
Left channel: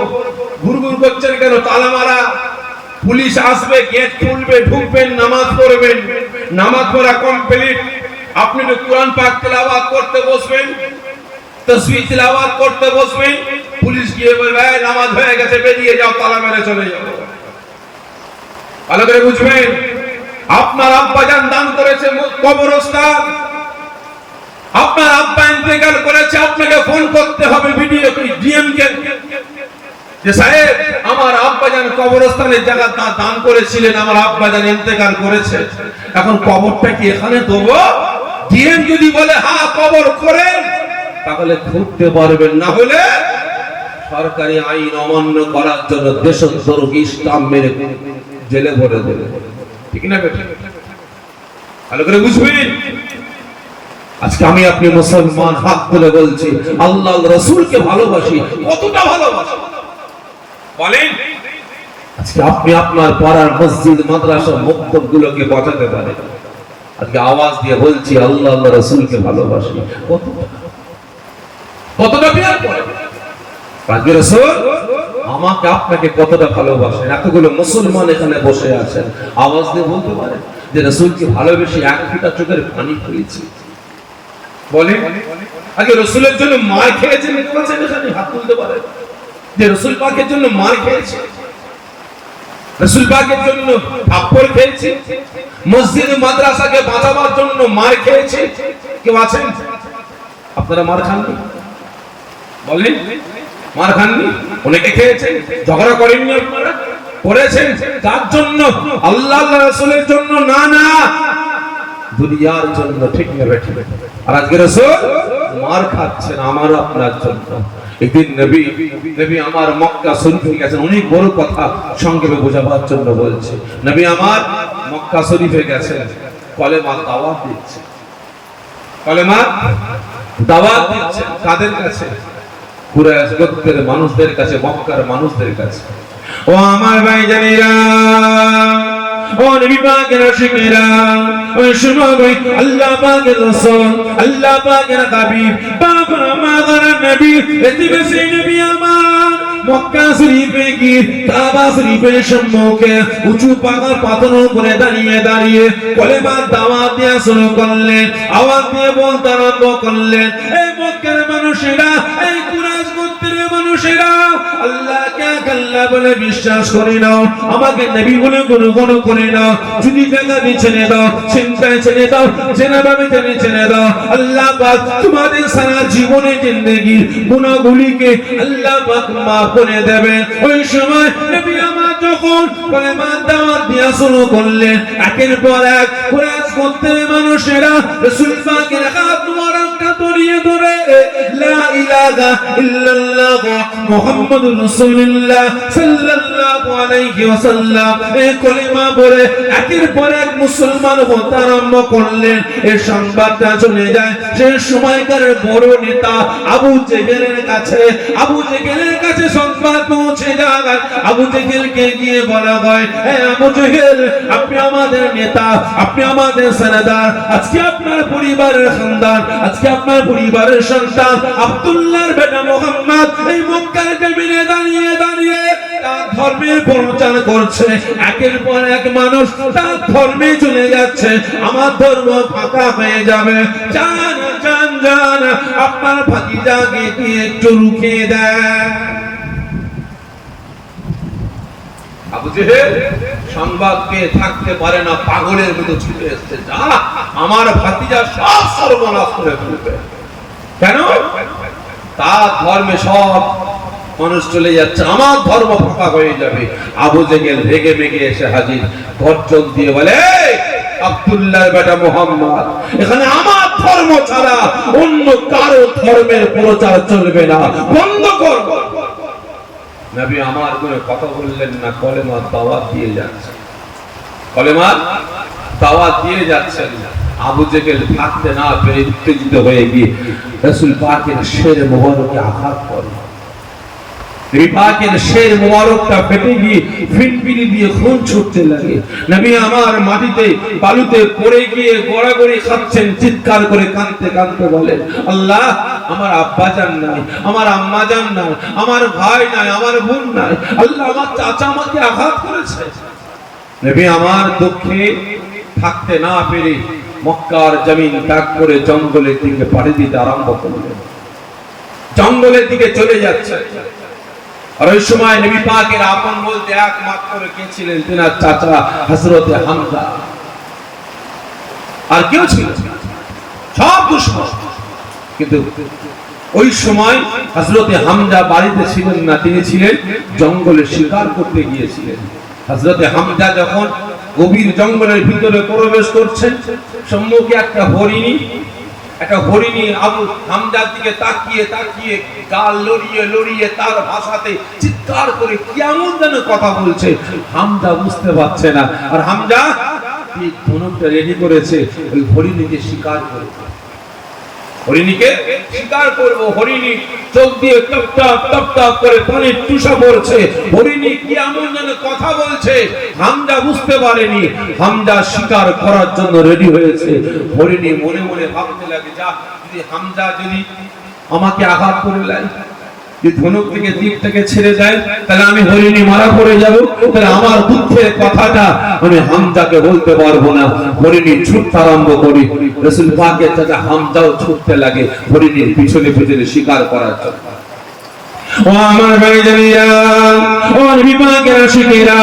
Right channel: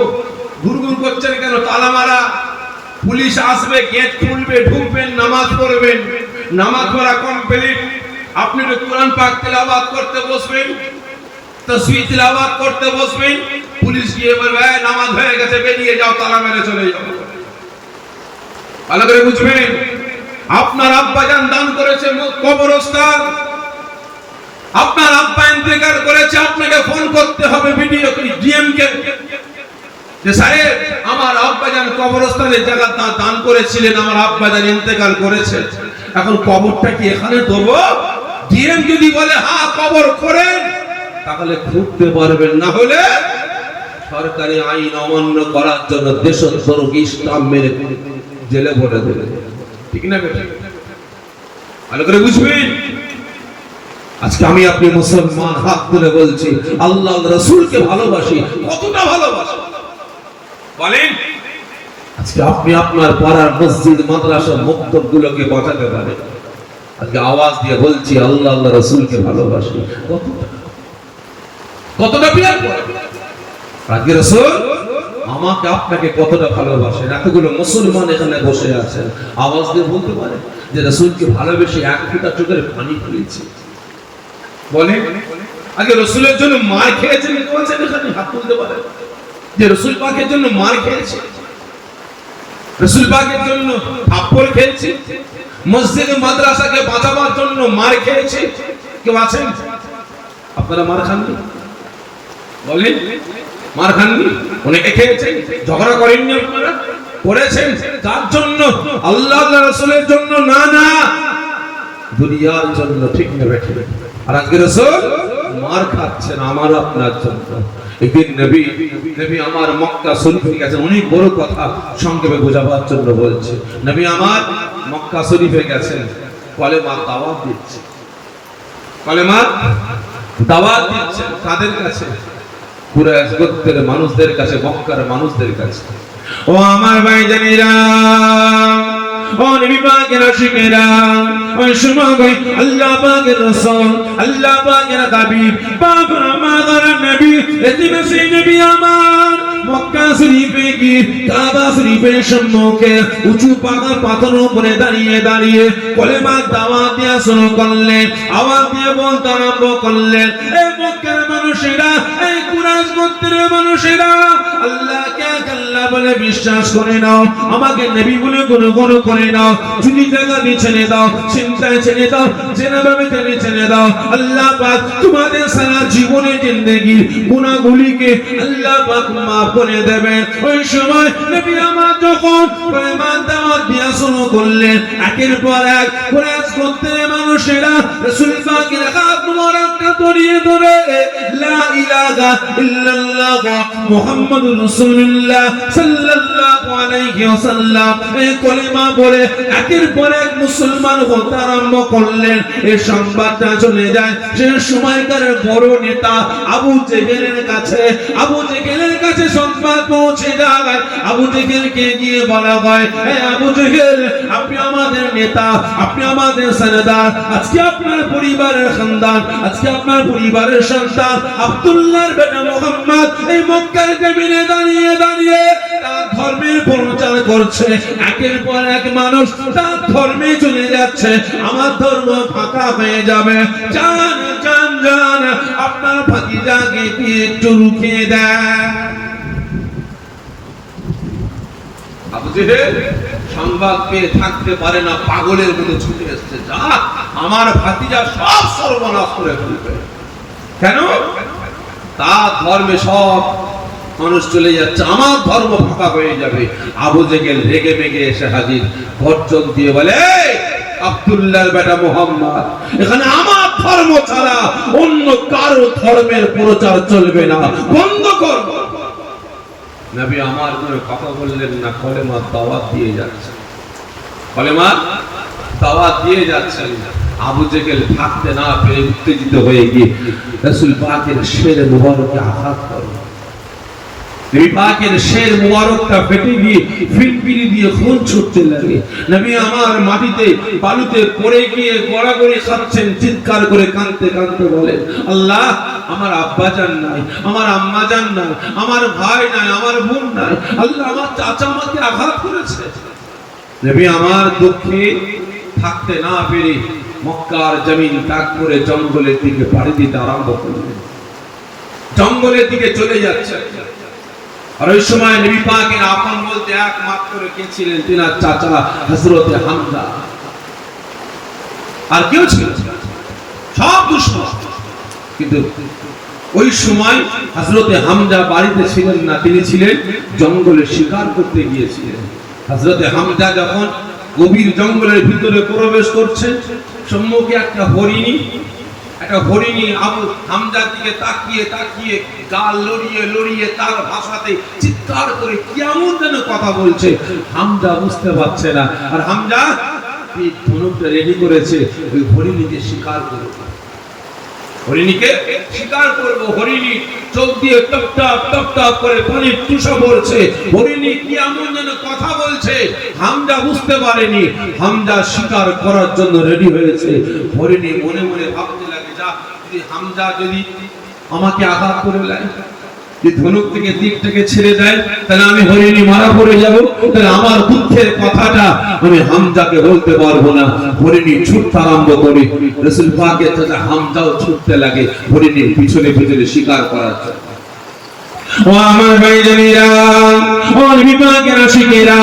ঘুরঘুর করছেন কেন? তালা মারা। পুলিশ আসবে, গেট খুলবে, ঢুকবেন, নামাজ পড়বেন। নামাজ পড়া কমপ্লিট। আপনি তো কোরআন পাক তেলাওয়াত করতে বসবেন, তাসবিহ তেলাওয়াত করতে বসবেন, পুলিশ গিয়ে বলবে নামাজ হয়ে গেছে, বেরিয়ে যাও, তালা মেরে চলে যাও। ভালো করে বুঝবেন, আপনার আব্বা জান দান করেছে কবরস্থান, আপনার আব্বা ইন্তেকাল করেছে, আপনাকে ফোন করতে হবে ভিডিও ডিএম কে যে সাহেব আমার আব্বা জান কবরস্থানের জায়গা দান করেছিলেন, আমার আব্বা জান ইন্তেকাল করেছে, এখন কবরটা কি এখানে দেব? ডিএম যদি বলে হ্যাঁ কবর করেন তাহলে খুঁজতে পারবেন, না হলে সরকারি আইন অমান্য করার জন্য দেশদ্রোহী ইসলাম মেরে জেলে ভরে দেবে। ঠিক না বেটা? ভালো করে বুঝবেন। আজকে আমি আপনি মুসলমান, হাত তুলে বলছি আল্লাহ রাসূলকে ভালোবাসি। কতটা ভালোবাসি বলেন? আজকে আপনি আপনার পাড়ার মসজিদ, মাদ্রাসা, মক্তবগুলোকে বাঁচাতে পারেন। আজকে আওয়াজ দিয়ে বলছি আল্লাহ রাসূলকে ভালোবাসি। কতটা প্রেম করেন আজকে রাসূল আমাকে আপনাকে কতটা ভালোবাসেন। এতগুলো মুসলমান এখানে বসে আছেন, আওয়াজ দিয়ে বলতে পারেন যে রাসূলকে ভালোবেসে এক ফোঁটা চোখের পানি ফেলেছি বলেন? আগে রাসূলের জন্য মার খেয়েছেন, বলছেন এখানে হাত তুলতে পারেন যে রাসূল পাকের জন্য মার খেয়েছে, রাসূল পাকের জন্য থাপ্পড় খেয়েছে, মসজিদ মাদ্রাসাকে বাঁচাবার জন্য মার খেয়েছে। কেউ আছেন? আপনারা মার খাননি বলেন? মার খাননি? অনেকে খেয়েছেন, ঝগড়া করেননি আপনারা? করেছেন। তার জন্য আল্লাহ রাসূলের জন্য না, না দুনিয়ার জন্য। ঠিক না বেঠে? আর আজকে রাসূল মার খাচ্ছেন আমার আপনার জন্য। একদিন নবী আমার মক্কা শরীফে গেছেন, অনেক বড় কথা সংক্ষেপে বোঝাবার জন্য বলছে। নবী আমার মক্কা শরীফে গেছেন, কলেমার দাওয়াত দিচ্ছে। কলেমার দাওয়াত দিচ্ছে কাদের কাছে? কুরাইশ গোত্রের মানুষদের কাছে, মক্কার মানুষদের কাছে। ও আমার ভাইজানেরা, ও নবী পাকের আশিকেরা, ও শুনো ভাই, আল্লাহ পাকের রাসূল, আল্লাহ পাকের হাবিব, বাবা মাদার নবী, এদিকে সেই নবী আমার মক্কা শরীফে গিয়ে কাবা শরীফের সম্মুখে উঁচু পাথরের উপরে দাঁড়িয়ে কলেমার দাওয়াত দেওয়া শুরু করলেন। আওয়াজ দিয়ে বলতে আরম্ভ করলেন, এ মক্কার মানুষেরা, এই কুরাইশ গোত্রের মানুষেরা, আল্লাহকে আল্লাহ বলে বিশ্বাস করে নাও, আমাকে নবী বলে গ্রহণ করে নাও। যদি জায়গায় ছেড়ে দাও, চিন্তায় ছেড়ে দাও, জেনাভাবে ছেড়ে দাও, আল্লাহ পাক তোমাদের সারা জীবনের জিন্দেগির গুনাহগুলিকে আল্লাহ পাক মাফ করে দেবেন। ওই সময় নবী আমার যখন কলেমার দাওয়াত দেওয়া শুরু করলেন, একের পর এক কুরাইশ গোত্রের মানুষেরা রাসূল পাকের হাত মুবারক জড়িয়ে ধরে লা ইলাহা ইল্লাল্লাহ মুহাম্মাদুর রাসূলুল্লাহ সাল্লাল্লাহু আলাইহি ওয়াসাল্লাম এই কলিমা বলে একের পর এক মুসলমান হতে আরম্ভ করলেন। এই সংবাদটা চলে যায় সে সময়কার বড় নেতা আবু জেহেলের কাছে সংবাদ পৌঁছে যায়। আবু জেহেলকে গিয়ে বলা হয়, হে আবু জেহেল, আপনি আমাদের নেতা, আপনি আমাদের সরদার, আজকে আপনার পরিবারের খানদান, আজকে আপনার পরিবারের সন্তান আব্দুল্লাহর বেটা মুহাম্মদ এই মক্কার জমিনে দাঁড়িয়ে তার ধর্মের প্রচার করছে। একের পর এক মানুষ তার ধর্মে চলে যাচ্ছে, আমার ধর্ম ফাঁকা হয়ে যাবে। জান আপনার ভাতিজাকে কি একটু রুখে দেয়। আবু জেহেল সংবাদকে থাকতে পারে না, পাগলের মতো ছুটে এসেছে, যা আমার ভাতিজা সব সর্বনাশ করে ফেলবে। কেন? তার ধর্মে সব মানুষ চলে যাচ্ছে, আমার ধর্ম ফাঁকা হয়ে যাবে। আবু জেহেল রেগে মেগে এসে হাজির, গর্জন দিয়ে বলে, আব্দুল্লাহর বেটা মুহাম্মদ, এখানে আমার ধর্ম ছাড়া অন্য কারো ধর্মের প্রচার চলবে না, বন্ধ কর। নবী আমার কোনো কথা বললেন না, কলেমা দাওয়াত দিয়ে যাচ্ছেন। আবু জেহেল থাকতে না পেরে উত্তেজিত হয়ে গিয়ে রাসূল পাকের শের মোবারকে আঘাত করে। নবী পাকের শের মোবারকটা ফেটে গিয়ে ফিনফিনি দিয়ে খুন ছুটতে লাগে। নবী আমার মাটিতে বালুতে পড়ে গিয়ে গড়াগড়ি খাচ্ছেন, চিৎকার করে কাঁদতে বলেন, আল্লাহ, আমার আব্বা জান নাই, আমার আম্মা জান নাই, আমার ভাই নাই, আমার বোন নাই, আল্লাহ আমার চাচা আমাকে আঘাত করেছে। নবী আমার দুঃখে থাকতে না পেরে মক্কার জমিন ত্যাগ করে জঙ্গলের দিকে পাড়ি দিতে আরম্ভ করলেন। জঙ্গলের দিকে চলে যাচ্ছে। আর ওই সময় নবী পাকের আপন বলতে একমাত্র কে ছিলেন? তিনার চাচা হযরত হামজা। আর কেউ ছিল? সব দুশমন। কিন্তু ওই সময় হযরত হামজা বাড়িতে ছিলেন না, তিনি ছিলেন জঙ্গলে শিকার করতে গিয়েছিলেন। হযরত হামজা যখন গভীর জঙ্গলের ভিতরে প্রবেশ করছেন, সম্মুখে একটা হরিণী আবু হামজার দিকে তাকিয়ে গাল লড়িয়ে তার ভাষাতে চিৎকার করে কেমন যেন কথা বলছে। হামজা বুঝতে পারছে না। আর হামজা এই ধনুকটা রেডি করেছে ওই হরিণীকে শিকার করবে। হরিণী চোখ দিয়ে টপ করে পানির টুসা পড়ছে। হরিণী কেমন যেন কথা বলছে, হামজা বুঝতে পারেনি। হামজা শিকার করার জন্য রেডি হয়েছে। হরিণী মনে মনে ভাবতে লাগে, যা, যদি হামজা যদি আমাকে আঘাত করে দেয়, ধনুক থেকে দিকটাকে ছেড়ে দেয়, তাহলে আমি হরিণী মারা পড়ে যাব, তাহলে আমার দুঃখের কথাটা আমি হামজাকে বলতে পারবো না। হরিণী ছুটতে আরম্ভ করে, রাসূল পাকের চাচা হামজাও ছুটতে লাগে হরিণীর পিছনে শিকার করার জন্য। ও আমার ভাইজানেরা, ও নবী পাকের আশিকেরা,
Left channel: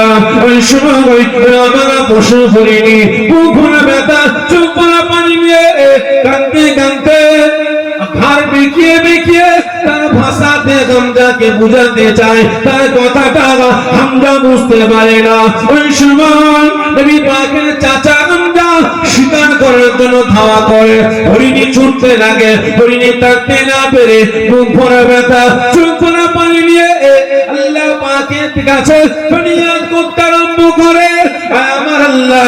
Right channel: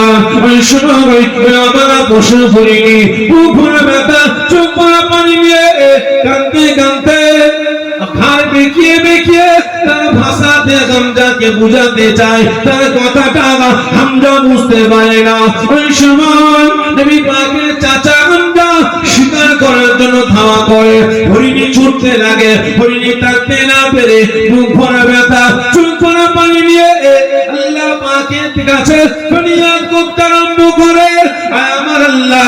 ওই সময় আমার পশু হরিণী বুক ভরা ব্যথা, চোখ ভরা পানি নিয়ে কাঁদতে ঘাড় বেঁকিয়ে তার ভাষাতে হামজাকে বুঝাতে চায়, তার কথাটা হামজা বুঝতে পারে না। ওই সময় নবী পাকের চাচা হামজা শিকার করার জন্য ধাওয়া করে। হরিণী ছুটতে লাগে, হরিণী থাকতে না পেরে বুক ভরা ব্যথা, চোখ ভরা পানি নিয়ে আল্লাহ পাকের কাছে ফরিয়াদ করতে আরম্ভ করে, আমার আল্লাহ,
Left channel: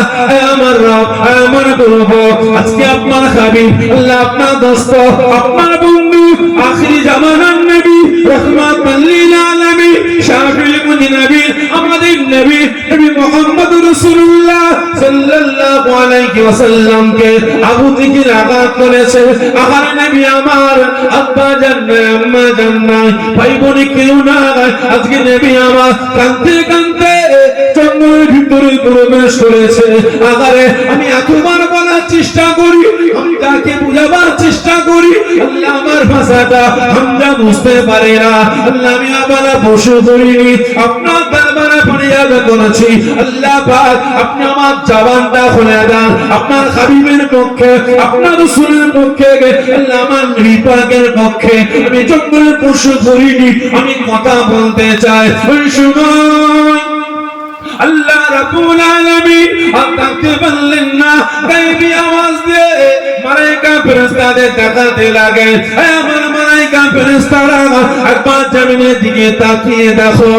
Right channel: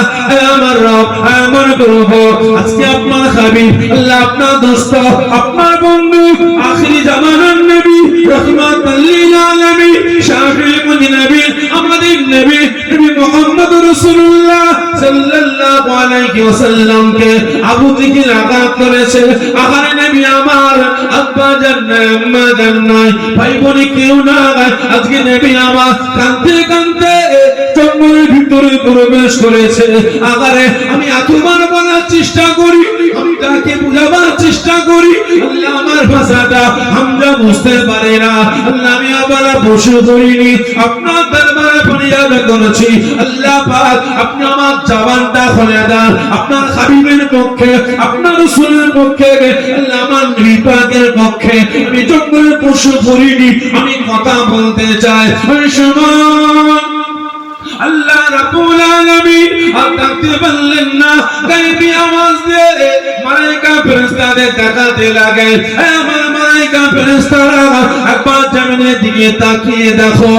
আমার রব, আমার প্রভু, আজকে আপনার হাবিব, আল্লাহ আপনার দোস্ত, আপনার বন্ধু, আখিরি জামানার নবী, রাহমাতুল লিল আলামিন, শাফিউল নবী, আমাদের নবী মুহাম্মদুর রাসূলুল্লাহ সাল্লাল্লাহু আলাইহি ওয়াসাল্লামকে আবু জেহেল আঘাত করেছে। আহারে নবী আমার, আব্বা জান নাই, আম্মা জান নাই, ভাই বোন কেউ নাই। আজকে নবী আমার কাঁদতে জঙ্গলের ভিতরে প্রবেশ করেছে। আহারে আমি এতবার বলার চেষ্টা করি, আমি তাকে বুঝাবার চেষ্টা করি, আল্লাহ আমার ভাষাটা হামজা বুঝতে পারে না। আল্লাহ আমি আবার বসে করিনি, আপনার দরবারে ফরিয়াদ করেছি, আল্লাহ পাক আপনি আমার জবানটা খুলে দেন, আপনার হাবিবের পক্ষে, আপনার রাসূলের পক্ষে, আল্লাহ আমার নবী পাকের পক্ষে আমি জঙ্গলে পশু করিনি, আমি কথা বলতে চাই। ওই সময় আল্লাহ রাব্বুল আলামিন আর থাকতে পারলেন না, গায়েবী আওয়াজ দিয়ে মালাইকা ফেরেশতাদের দেখাতে লাগে, আমার মালাইকা ফেরেশতারা একবার জমিনের দিকে তাকিয়ে দেখো,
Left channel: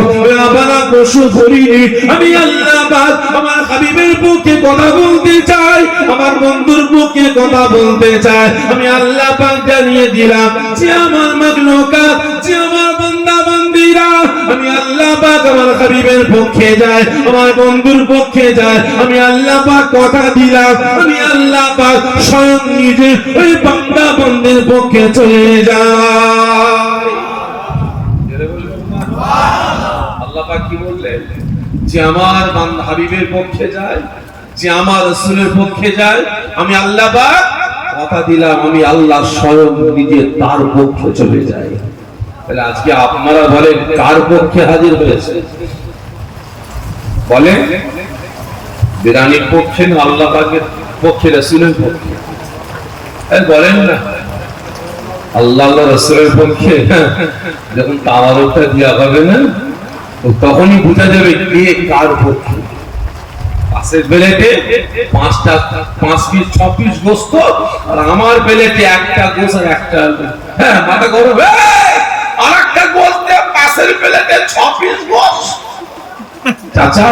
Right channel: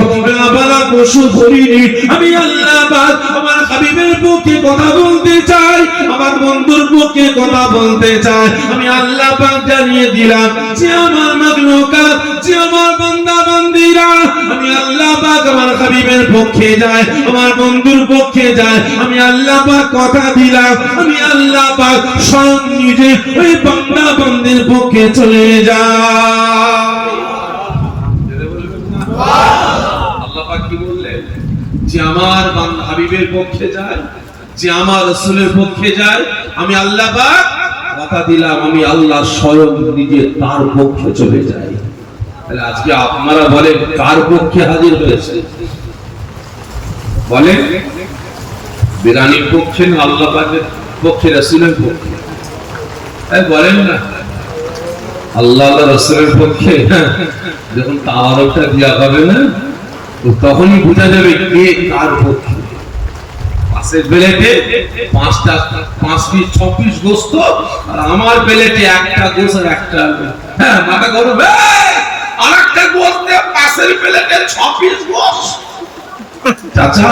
আমরা পশু করিনি, আমি আল্লাহ পাক আমার হাবিবের পক্ষে কথা বলতে চাই, আমার বন্ধুর পক্ষে কথা বলতে চাই। আমি আল্লাহ পাক জানিয়ে দিলাম যে আমার মাখলুকাত, যে আমার বান্দা বান্দীরা, আমি আল্লাহ পাক আমার হাবিবের পক্ষে যাই, আমার বন্ধুর পক্ষে যাই। আমি আল্লাহ পাক কথা দিলাম, আমি আল্লাহ পাক স্বয়ং নিজে ওই বান্দা বান্দির পক্ষে চলে যাই। আল্লাহ পাক কি বললেন? যে আমার বান্দা হাবিবের পক্ষে যায়, যে আমার রাসূলের পক্ষে যায়, আমি আল্লাহ পাক কথা দিলাম, আমি আল্লাহ স্বয়ং নিজে তার পক্ষে চলে যাই। তাহলে আজকে আপনারা বলেন কার পক্ষে হাজির হয়েছে? বলেন বিরানির পক্ষে না আল্লাহ পাকের পক্ষে, রাসূলের পক্ষে? বলেন না আল্লাহ রাসূলের পক্ষে। যখন তাওয়ারটা দেওয়া হবে না, তখনই বোঝা যাবে কে কার পক্ষে। পাশের প্লেটে 5 পিস 6 পিস গোশত, আর আমার প্লেটে একটা গোশত আর একটা আলু। হ্যাঁ, মাথা গরম, আরেকটা গোশত দিয়ে পাশের প্লেটে 6 পিস গোশত। চাচা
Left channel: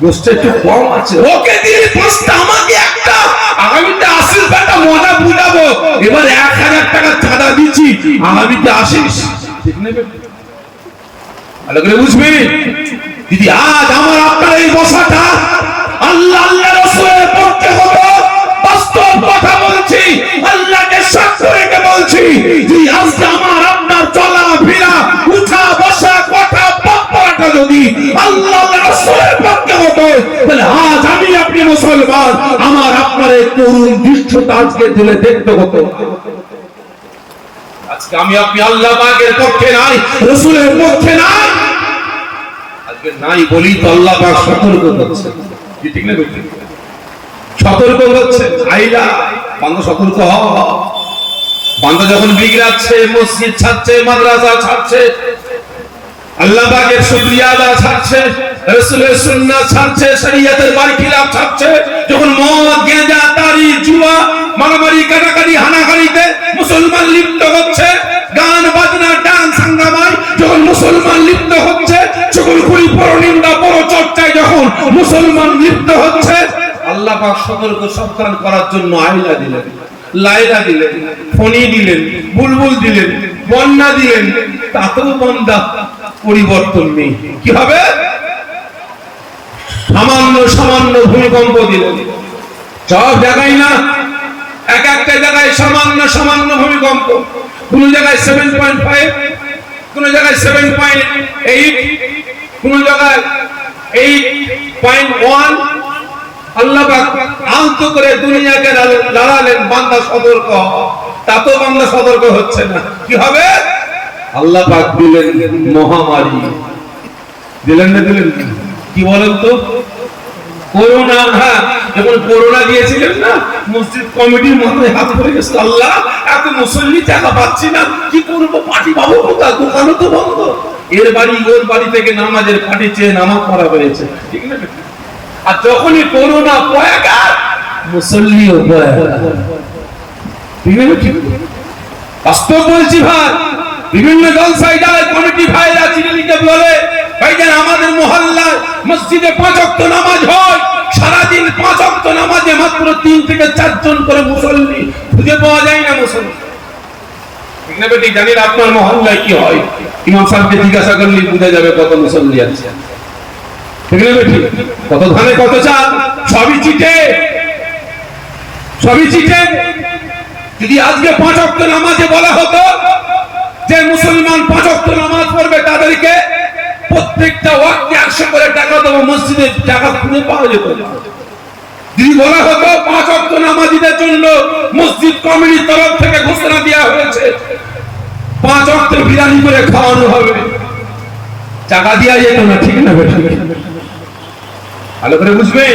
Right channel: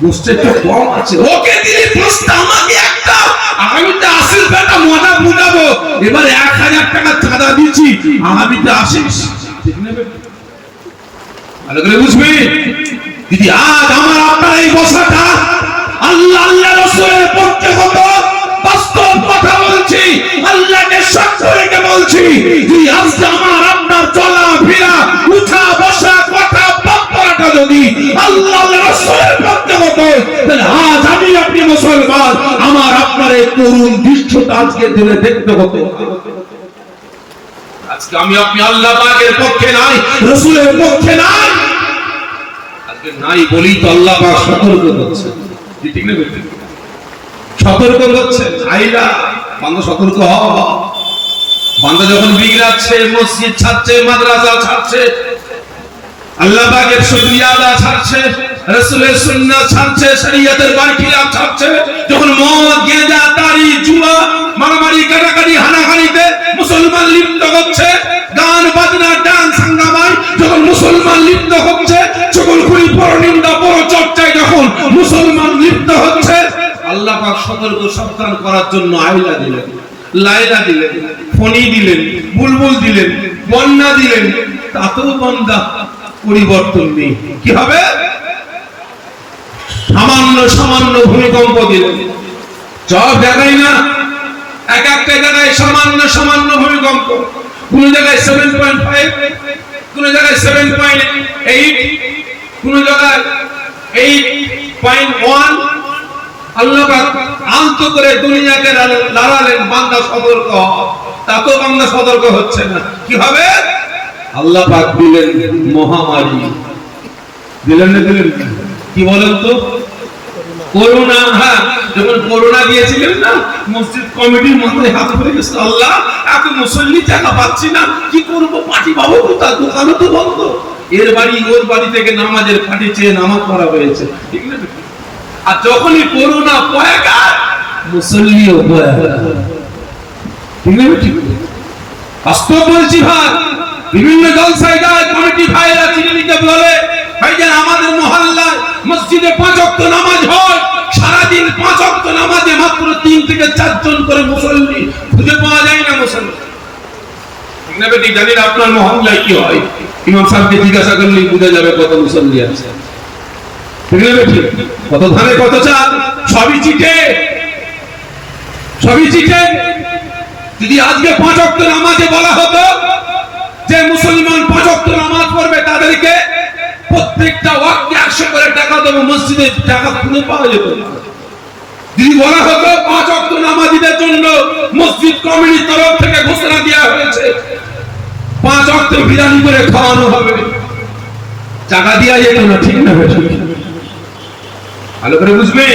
গোশত একটু কম আছে, ওকে দিলি 5টা, আমাকে একটা, আগামীতে আসিস বেটা, মজা বুঝাবো। এবার 1000 টাকা চাঁদা দিচ্ছি, আগামীতে আসিস, ঠিক না বেটা? ভালো করে বুঝবি। যদি আজ আমার আপনার এই বসাটা আল্লাহ আল্লাহ রাসূলের পক্ষে হতো, বাস্তব কথা বলছি, আল্লাহকে সাক্ষ্য রেখে বলছি, যদি আজকে আমার আপনার চলা ফেরা উঠা বসা কথা বক্তব্যটা যদি আল্লাহ রাসূলের পক্ষে হতো, তাহলে আজ আমি আপনি মুসলমান, আমার আপনার এই করুণ দৃশ্যটা আজকে দিলে দেখতে হতো। আজকে আমি আপনি আল্লাহ পাকের পক্ষে নাই, রাসূলের পক্ষে নাই, আজকে নাই বলি তো আল্লাহ পাক সতর্ক করছে, ঠিক না? সতর্ক করছে, আইলা বান্দা সতর্ক হও। বান্দা যখন বিগড়াচ্ছে, মসজিদ ছাড়ছে, মাদ্রাসা ছাড়ছে, আল্লাহ পাকের শুকরিয়া আদা ছাড়ছে, রাসূলের সুন্নাহ ছাড়ছে, শরীয়তের বারখিলাফ ছাড়ছে, যখন মদ গেঁজা তারি জুয়া মারামারি কাটাকাটি হানাহানিতে মুসলমান লিপ্ত হচ্ছে, গান বাজনা ডান্স হাঙ্গামায় যখন মুসলমান লিপ্ত হচ্ছে, চগলখুরি পরনিন্দা পরচর্চায় যখন মুসলমান লিপ্ত হচ্ছে, আল্লাহ পাক সতর্ক সাবধান করার জন্য আইলা দিলেন, লাইলা দিলেন, ফণি দিলেন, বুলবুল দিলেন, বন্যা দিলেন, তাতেও বান্দা পরিবর্তন নেই। কি হবে? সামান্য ভূমিকম্প দিলেন, সব জায়গায় না, এক একটা জায়গায় সামান্য ভূমিকম্প, কোন জায়গায় 7.5, কোন জায়গায় 7.8, কোন জায়গায় 8.1। আল্লাহ পাক আলতো করে দুনিয়াকে লড়ালেন, বান্দা সতর্ক, তাতেও বান্দা সতর্ক হচ্ছে না। কি হবে? আল্লাহ পাক দিলেন মহামারী, দিলেন না? দিলেন কি বলেন তো? করোনা। হ্যাঁ, যখন করোনা দিয়েছিলেন না, মসজিদ কমিটির মাথায় হাত পড়ে গেছে, আল্লাহ এত মুসল্লি টাকা পাচ্ছি না, কি করবো, পার্টি পাবো কোথা, দোকানও তো বন্ধ, এর বাড়ি ওর বাড়ি থেকে নামাজের পার্টি চেয়ে নামাজ পড়া হয়েছে, ঠিক না? আর যখনই করোনা পয়াগা, মুসল্লিও পয়াগা, ঠিক না? ঠিক বাস্তব বলছি ভাই, বিভিন্ন জলসায় যায়, কমিটি ভাইরা চিঠি লিখে বলে, ভাইজান আমাদের মহল্লায় মসজিদে 5 ওয়াক্ত নামাজ হয়, সারাদিন 5 ওয়াক্ত নামাজে মাত্র 3 থেকে 4 জন করে মুসল্লি, খুঁজে পাওয়া যায় না মুসল্লি, ঠিক না বেটি? জানেন আপনার মহল্লায় কি হয়? ইমাম সাহেবকে জিজ্ঞাসা করলে বোঝা যাবে কত মুসল্লি আছে, ঠিক না বেটি? কত ধানে কত চাল, সবই চিঠে, সবই চিঠে। যদি আজকে 5 ওয়াক্ত নামাজে বলা হতো যে মুসলমান 5 ওয়াক্ত নামাজ পড়বে, তাদেরকে প্রত্যেকটা ওয়াক্তে 100 করে টাকা দেবো, মসজিদে টাকা খুঁজে পাওয়া যেত। যদি বলা হতো 5 ওয়াক্ত নামাজীদের জন্য মসজিদ কমিটির তরফ থেকে ঘোষণা দেওয়া হয়েছে, 5 ওয়াক্ত বিরিয়ানি করে খাওয়ানো হবে, টাকা দেওয়া যেত না, ঠিক না? ভালো করে বুঝবে।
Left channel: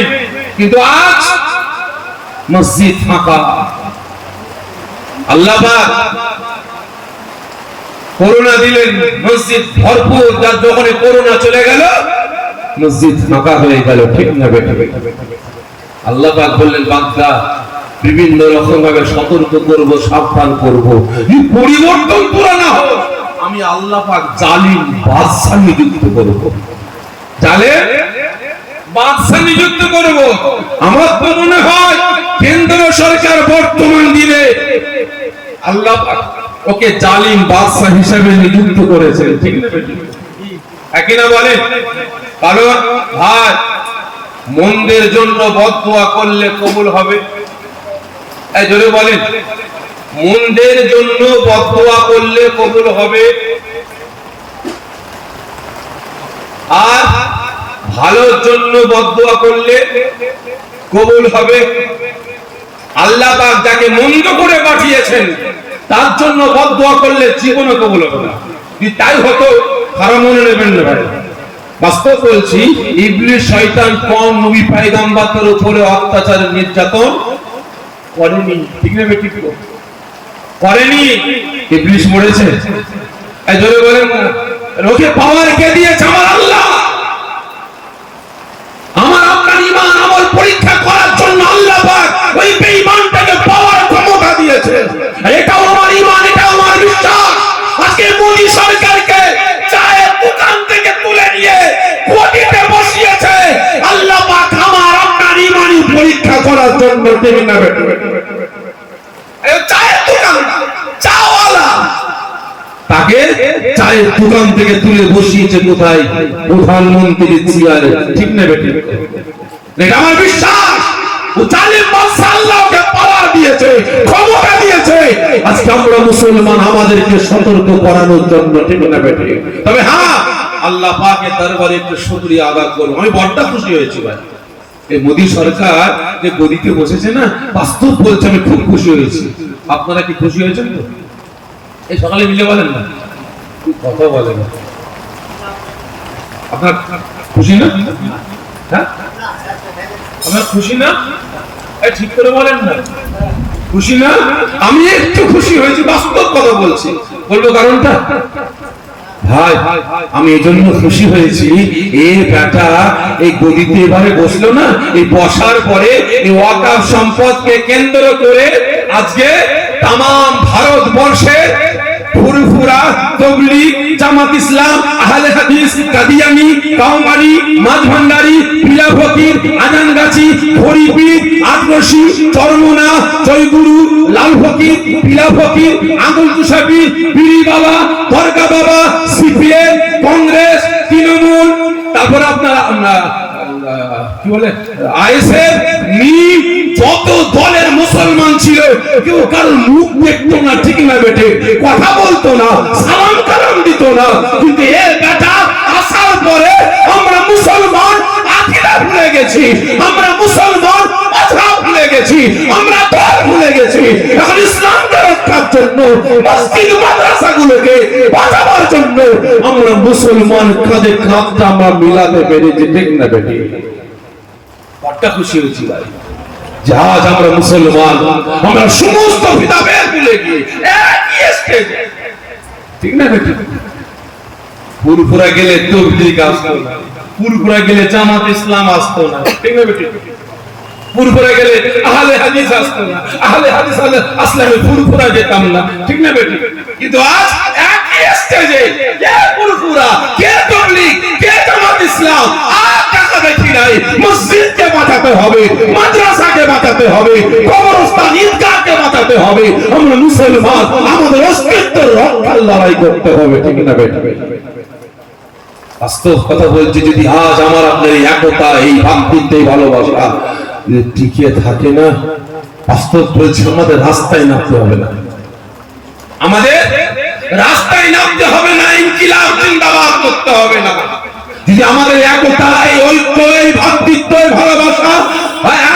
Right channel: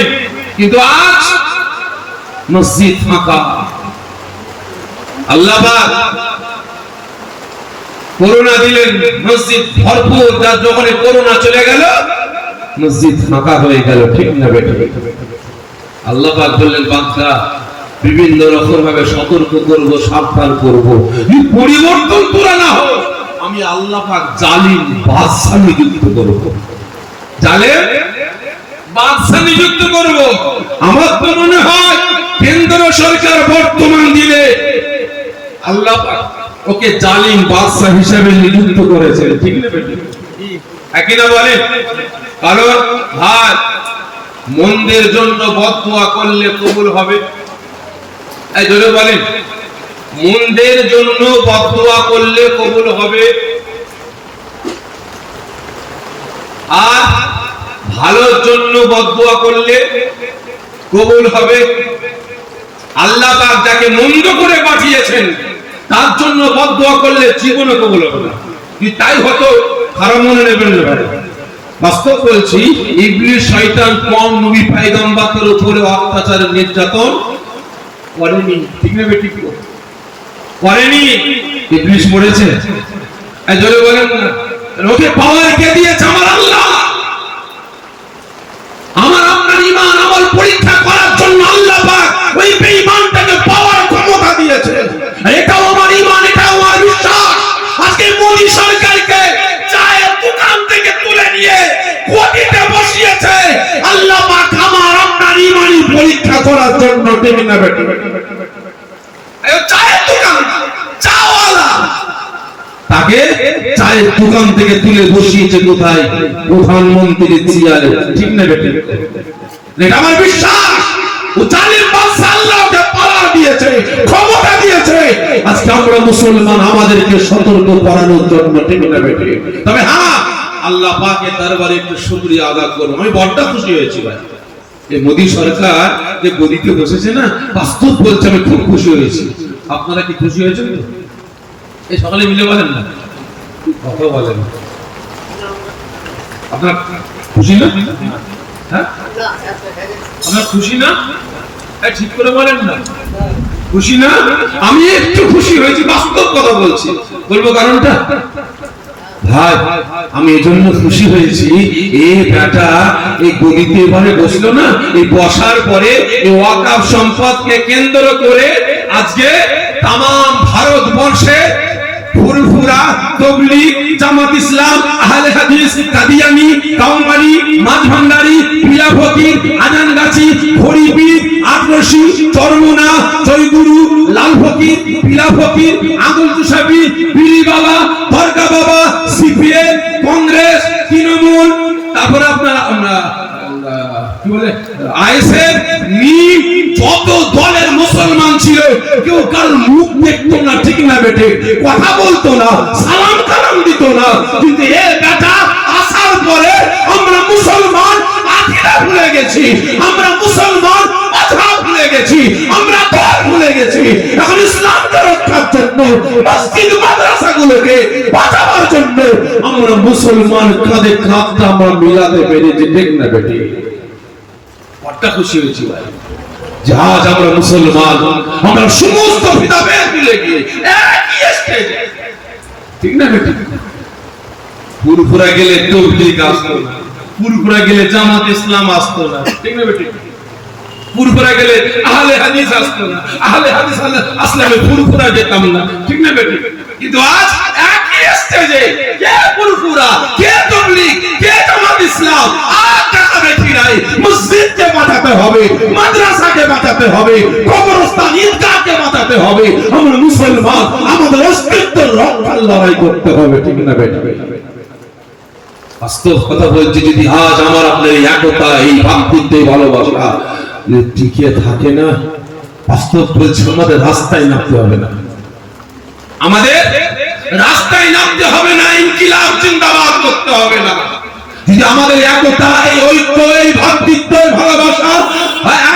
কিন্তু আজ মসজিদ ফাঁকা। আল্লাহ পাক করোনা দিলেন, মসজিদ ভরপুর, যার যখন করোনা চলে গেল মসজিদ ফাঁকা হয়ে গেল, ঠিক না বেটা? আল্লাহ পাক বললেন, বান্দা বিভিন্ন রকম ভাবে সতর্ক করব, সাবধান করব। পরিবর্তন পুরা না হোক, আমি আল্লাহ পাক জালিম বাদশা নিযুক্ত করব, জালেম বাদশা নিযুক্ত করব। আমার তো মনে হয় কেন্দ্র সরকার বর্তমান দিনে আল্লাহ পাক ওকে জালিম বাদশা হিসেবে নিযুক্ত করেছে, ঠিক না? একই না বলেন? কারণ ভাই, মন্দের জন্য বদদুয়া করলে কবুল হবে? এই জোরে বলেন, মন্দের জন্য বদদুয়া করলে কবুল হবে? আর ভালোর জন্য বদদুয়া করলে কবুল হবে? আল্লাহ পাক যাকে মন্দ করে পাঠিয়েছেন তার জন্য বদদুয়া করলে জীবনে কবুল হবে না। তাই হতো, খারাপ মনে নেবেন না ভাই, বাস্তব বলছি। ইবলিস শয়তান কম নবী পয়গম্বরদের উপরে অত্যাচার নির্যাতন করেনি, ঠিক না বেটি? করেনি। ইবলিস মরেছে? এই জোরে বলেন না। ওকে পাওয়ার কে দিয়েছে? আমার আল্লাহ। আমার আপনার ঈমান আমল পরীক্ষা করার জন্য আল্লাহ পাক ওই বেঈমানটাকে পাওয়ার ক্ষমতা দিয়েছে। এটাও আমার ঈমান, এটাও আমার বিশ্বাস। আজকে মোদি সরকারকে চায়ের দোকান থেকে তুলে নিয়ে কোটিতে বসিয়েছে আল্লাহ পাক আমার আপনার ঈমানি পরীক্ষা করার জন্য, ঠিক না বেটি? এই চায়ের দোকান, চাওয়ালা, তাকে চায়ের দোকান থেকে তুলে বসিয়েছে কোথায়? প্রধানমন্ত্রীর চেয়ারে, ঠিক না বেটি? এটা আমার বিশ্বাস। ও জালিম বাদশা আল্লাহ ওকে পাওয়ার দিয়েছে, ক্ষমতা দিয়েছে। আজকে আমরা মুসলমান, আমাদেরকে সতর্ক করানোর জন্য, ঠিক না বেটি? তবে হ্যাঁ, আল্লাহ পাকের দরবারে একটু শুকরিয়া আদায় করব। আমি বড় খুশি হয়েছি ভাই, এই মোদী সরকার যে গদিতে বসেছে না, বাস্তব বলছে আমি খুব খুশি হয়েছি। আপনারা কি খুশি হয়েছেন? এই সকালে মিলে বলেন না, কথা বলেন। আপনার খুশি না? হ্যাঁ, আপনার খুশি না? ঠিক করে বলেন না, খুশি না? আমি একটু খুশি হয়েছি, বাস্তব কথা বলছি। বলবো কারণটা? ভাই, আমি এজন্য খুশি হয়েছি, এই বেটা এই গদিতে এভাবে বসলো না, এই বসার পরে এই ওয়াকাফ সম্পদকে কেন্দ্র করে আজকে তামাম ভারতবর্ষে ফুরফুরা, তবলিগ, জামাত ইসলাম, আহলে হাদিস, কাদিয়ানী, কাউমারি, মাঝভান্ডারি, পীরা ফকির, আজানগাছি, হরিপীর, আটরশি, চরমুনা, জয়গুরু, লাল ফকির, পীরা ফকির, আদল তুষাবি, পীরি বাবা, দরগা বাবা, সিপিএম, কংগ্রেস, তৃণমূল, তারপর আপনার কি বলে আইএসএফ, যত দলের মুসলমান ছিল কেউ কার মুখ দেখতো না, ঠিক না বেটে? কথা বলতো না, সালাম কালাম দিত না। কিন্তু এ বেটা আসার পরে আমরা মুসলমান আকিদা ভুলে গেছি, আমরা মুসলমান কথা ভুলে গেছি, আমরা ঘর ভুলে গেছি। এখন ইসলামকে রক্ষার জন্য, মসজিদ মাদ্রাসাগুলোকে বাঁচাবার জন্য আমরা মুসলমান কাঁধে কাঁধটা আমরা মিলাতে পেরেছি, ঠিক না বেটে? বড় খুশি হয়েছি ভাই, আজ আমরা মুসলমান, আমরা সমস্ত ভেদাভেদ ভুলে গিয়ে একই স্টেজে, ঠিক না বেটি? ফুরফুরা গেলে তবলিগ আসতো না, ফুরফুরা গেলে জামাত ইসলাম আসতো না, ঠিক না বেটি? ফুরফুরা গেলে আহলে হাদিস আসতো না, আহলে হাদিস আসলে ফুরফুরা যেতাম না, ঠিক না বেটি? কিন্তু আজ একই স্টেজে কে ফুরফুরা, কে তবলিগ, কে জামাত ইসলাম, মসজিদকে বাঁচাতে হবে, মাদ্রাসাকে বাঁচাতে হবে, কবরস্থান, ঈদগাহকে বাঁচাতে হবে। আমরা মুসলমান, আমাদের অস্তিত্বের রক্ষার লড়াই করতে হবে, ঠিক না বেটা? বাস্তব কথা বলছি, যদি আজ আমার আপনার এই একতা, এই ভাতৃত্ব, এই ভালোবাসা টিকে থাকে না, বাস্তব বলছি আমাদের রাস্তায় নামতে হবে না, আমাদের রাস্তায় নামতে হবে না, ইনকিলাব জিন্দাবাদ করতে হবে না। যদি আমাদের একতা, এই ঐক্য, এই ভাতৃত্ব, এই ভালোবাসা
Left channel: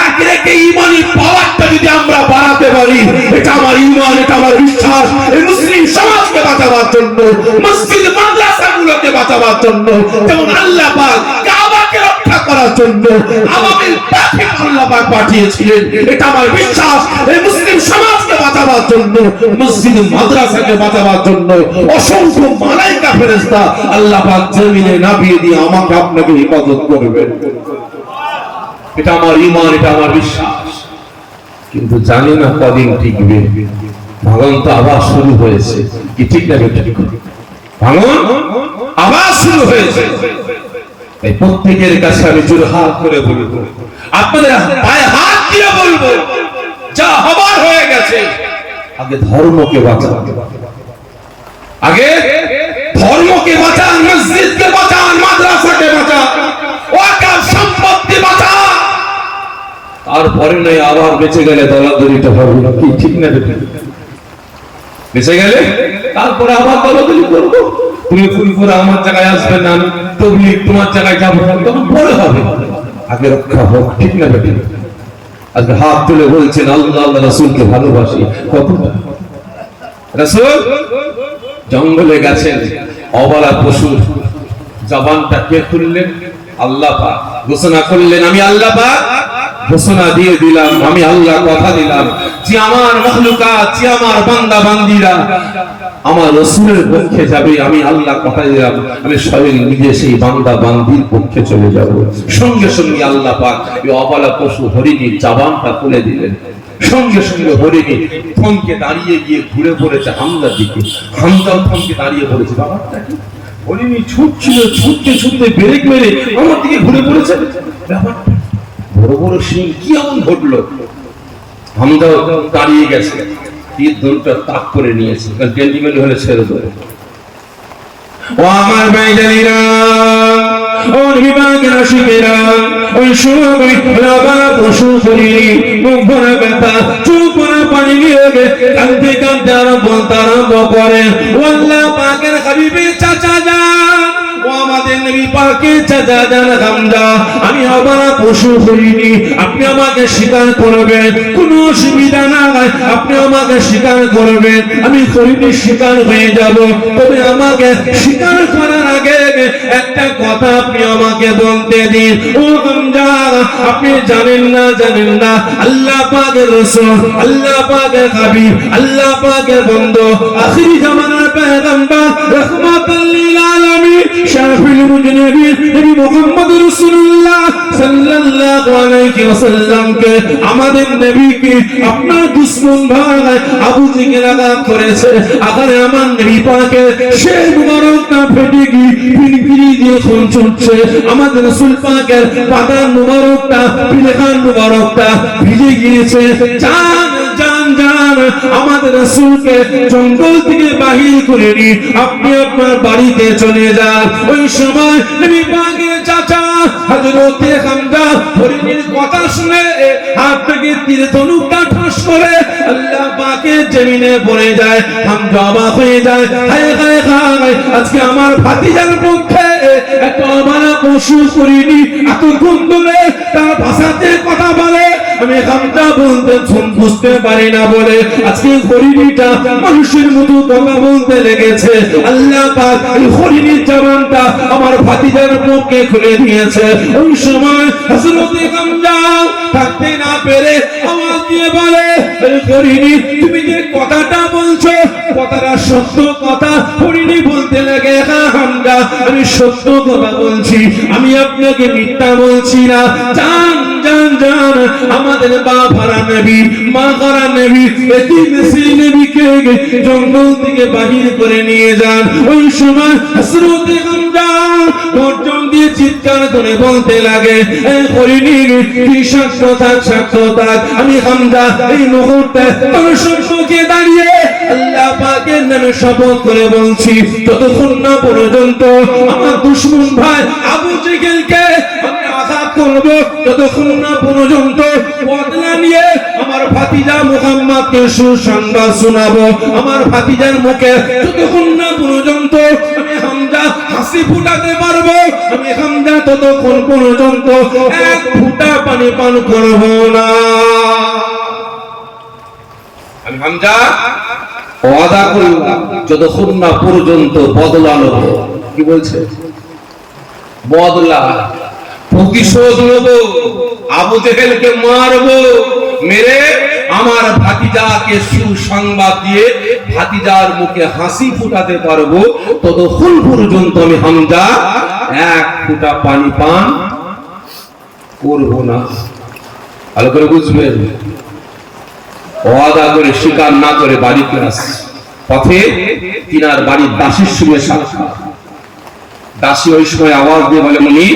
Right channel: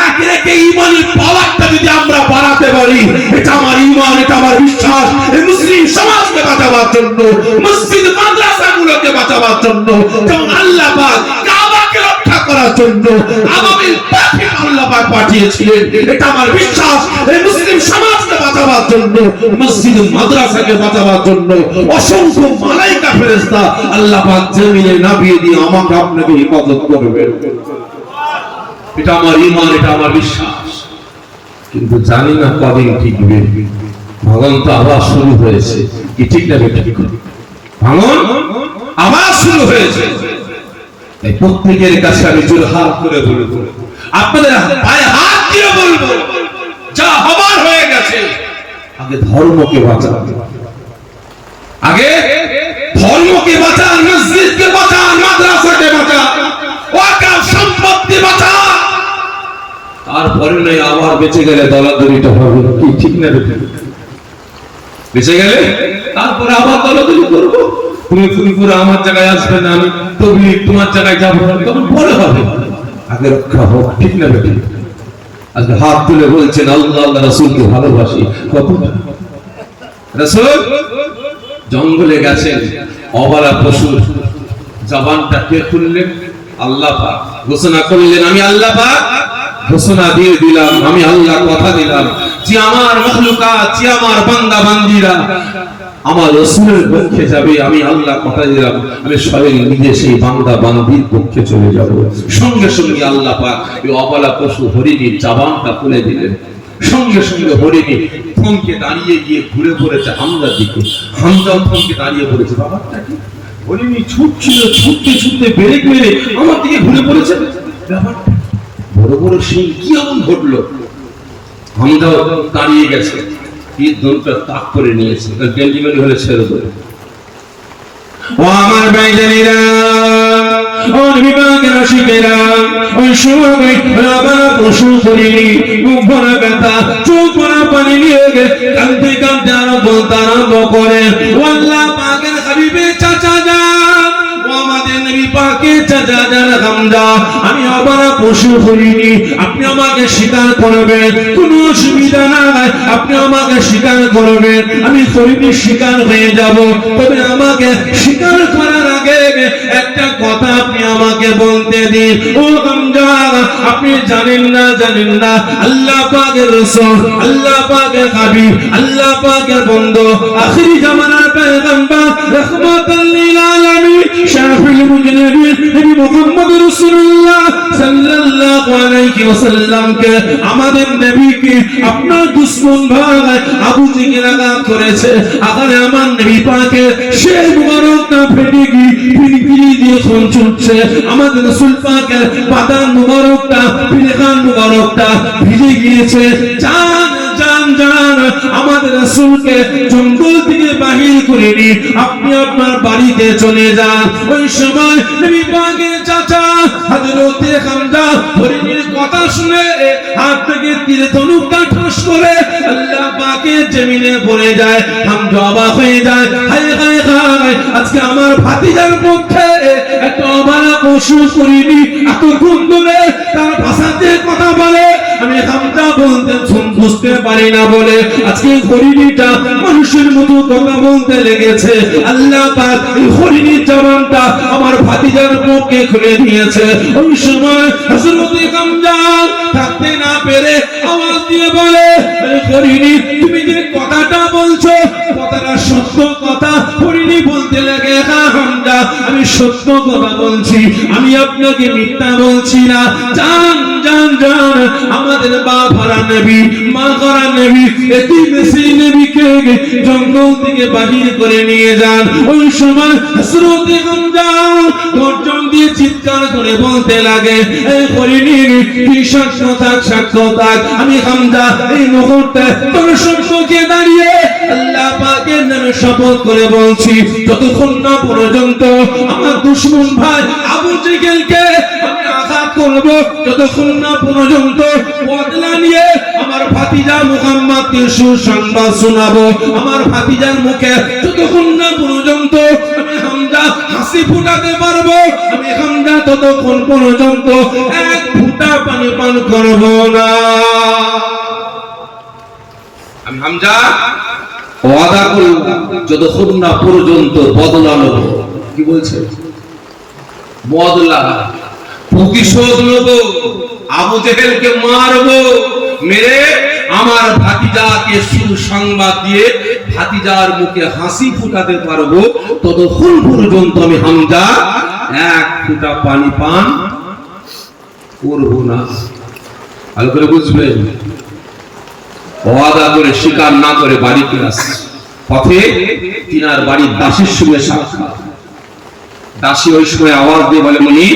এক রেখে ঈমানি পাওয়ারটা যদি আমরা বাড়াতে পারি, এটা আমার ঈমান, এটা আমার বিশ্বাস। এই মুসলিম সমাজকে বাঁচাবার জন্য, মসজিদ মাদ্রাসাগুলোকে বাঁচাবার জন্য, যেমন আল্লাহ পাক কাবাকে রক্ষা করার জন্য আমাদের পথে আল্লাহ পাক পাঠিয়েছিলেন, এটা আমার বিশ্বাস। এই মুসলিম সমাজকে বাঁচাবার জন্য, মসজিদ মাদ্রাসাকে বাঁচাবার জন্য অসংখ্য মালায়েকা ফেরেশতা আল্লাহ পাক জমিনে নামিয়ে দিয়ে আমাকে আপনাকে হেফাজত করবে। এটা আমার ঈমান, এটা আমার বিশ্বাস। কিন্তু জানি না কদিন টিকবে। ভাঙন তো আবার শুরু হয়েছে, কি ঠিক না বেঠিক? ভাঙন আবার শুরু হয়েছে। তাই প্রত্যেকের কাছে আমি জোরহাত করে বলবো, আপনাদের পায়ে হাত দিয়ে বলবো, যা হবার হয়ে গেছে, আগে ধর্মকে বাঁচান, আগে ধর্মকে বাঁচান, মসজিদকে বাঁচান, মাদ্রাসাকে বাঁচান, ওয়াকফ সম্পত্তি বাঁচান। তারপরে নয় আবার বেঁচে গেলে দলাদলিটা হবে, কি ঠিক না বেঠিক? বেঁচে গেলে তারপরে আবার দলাদলি করবো, তুমি ফুলপুরে আমার জায়গায় আসবে না, আমি তবলিগ তোমার জায়গায় যাবো, তখন পরে হবে। আগে রক্ষা হোক, ঠিক না বেঠিক? আজকে হাত তুলে বলছেন আল্লাহ আল্লাহ রাসূলকে ভালোবাসি, কতটা? রাসূল জঙ্গলে গেছেন, অবলা পশুর জবানটা কে খুললেন? আল্লাহ পাক। ঘোষণা করলেন, আমি আল্লাহ পাক ঘোষণা দিয়ে দিলাম, আমি আল্লাহ কথা দিলাম যে আমার মাখলুকাত, যে আমার বান্দা বান্দীরা আমার রাসূলের পক্ষে যাবে, আমি আল্লাহ কথা দিলাম আমি স্বয়ং নিজে সেই বান্দা বান্দীর পক্ষে চলে যাব। সঙ্গে সঙ্গে আল্লাহ পাক এই অবলা পশু হরিণীর জবানটা খুলে দিলেন। সঙ্গে সঙ্গে হরিণী থমকে দাঁড়িয়ে গিয়ে ঘুরে পড়েছে হামজার দিকে। হামজা থমকে দাঁড়িয়ে পড়েছে, ব্যাপারটা কি? হরিণী ছুটছিল, ছুটতে ছুটতে ব্রেক মেরে আমার দিকে ঘুরে পড়েছে, ব্যাপারটা বড় বড় সিং কি এমন ঘটলো? হামজা দাঁড়িয়ে গেছে, তীর ধনুটা তাক করে নিয়েছে, গেঞ্জিমেল হলে ছেড়ে দেবে। ও আমার ভাইজানেরা, ও বিভাগের আশিকেরা, ওই সময় বাবা পশু করিনি, মুখ ভরা ব্যথা, চোখ ভরা পানি নিয়ে কাঁদতে কাঁদতে আরম্ভ করে, ও আল্লাহ পাকের হাবিবের চাচা যান, ও আমাদের নবী পাকের চাচা যান হামজা, আমি অবলা পশু করিনি, আপনি আমাকে স্বীকার করবেন, কোনো অসুবিধা নাই, আপনি আমাকে স্বীকার করবেন, আমি হরিণী স্বীকার হয়ে যাব। তবে আমাকে স্বীকার করার আগে একটা কথা আপনি আমাকে বলতে দিন। ও হামজা, আপনি জানেন না আল্লাহ পাকের রাসূল, আল্লাহ পাকের হাবিব, আল্লাহ পাকের বন্ধু, আখিরি জামানার পয়গম্বর, রাহমাতুল লিল আলামিন, শাফিউল মুজনিবিন, নবী মুহাম্মদ রাসূলুল্লাহ সাল্লাল্লাহু আলাইহি ওয়াসাল্লামকে, আমাদের নবীকে আপনার দুশমন ভাই আবু জেহেল আঘাত করেছে। আগে আমার নবী পাকের সেই মুবারকটা ফেটে গিয়ে পিলপিলি দিয়ে খুন ছুটছে। আমাদের রাসূল পাকের বাদান মুবারকটা, পিলখান মুবারকটা ভিজে গিয়েছে। জান জান জান, আমাদের রাসূলকে জঙ্গল থেকে বাহির করে নিয়ে আপনি আপনার বাড়িতে চলে যান। ওই সময় নবী পাকের চাচা হযরতে হামজা হরিণীর কথা শুনে হাত থেকে তীর ধনুকটা ঠাস করে আল্লাহ পাকের জমিনে পড়ে যায়। হামজা অবাক হয়ে যায়, হায় হায় হায়, আজকে আমার ভাতিজার পক্ষে এত অবলা পশু করিনি, এতক্ষণ ধরে তার ভাষাতে কথা বলে আমি হামজা বলতে বুঝতে পারি না বলে আজকে হরিণীটা মানুষের মতো কথা বলতে লেগেছে। আল্লাহ পাক এই হরিণীর জবানটা আমার ভাতিজার পক্ষে খুলে দিয়েছে। ওই সময় হযরতে হামজা থাকতে না পেরে আওয়াজ দিয়ে বলে, হরিণী তুমি যে কথাটা বলছো কথাটা সত্য কথা? হরিণী বলতে লাগে, হ্যাঁ হামজা আমি সত্য কথা বলছি, আমি আপনাকে মিথ্যা বলছি না। জান জান জান, আমাদের বাবারা নবী, মা করা নবী, এতিম সেই নবীকে জঙ্গল থেকে বাহির করে নিয়ে যান। ওই সময় হযরতে হামজা গর্জন দিয়ে চিৎকার করে বলতে লাগে, এই হরিণী কি সাক্ষ্য থাক, আমি হামজা এই মুহূর্তে তোমার সম্মুখে দাঁড়িয়ে আল্লাহ পাকের নামে শপথ করে বলছি, যতক্ষণ না পর্যন্ত আমার দুশমন ভাই আবু জেহেলকে আমি আঘাত করব, যতক্ষণ না পর্যন্ত বদলা নিয়ে আমার ভাতিজা মুহাম্মদকে সুসংবাদ শোনাবো, আমার ভাতিজার মুখে যতক্ষণ না পর্যন্ত আমি হামজা হাসি ফুটাতে পারবো, আমি হামজা ততক্ষণ পর্যন্ত এক ফুটা পানি পান করব না। আমি হামজা ওয়াদা করলাম যতক্ষণ না পর্যন্ত বদলা নেব। কি বলছে? বদলা, প্রতিশোধ নেব, আবু জেহেলকে মারবো, মেরে আমার ভাতিজাকে সুসংবাদ দিয়ে ভাতিজার মুখে হাসি ফুটাতে পারবো, ততক্ষণ পর্যন্ত আমি হামজা এক ফুটা পানি পান করব না। ভালো করে বুঝবেন, ওয়াদা করে স্বীকার না করে বাড়িতে আসছে। পথে তিনার বাড়ির দাসীর সঙ্গে সাক্ষাৎ। দাসী ওই সময় আওয়াজ দিয়ে বলে, মুনি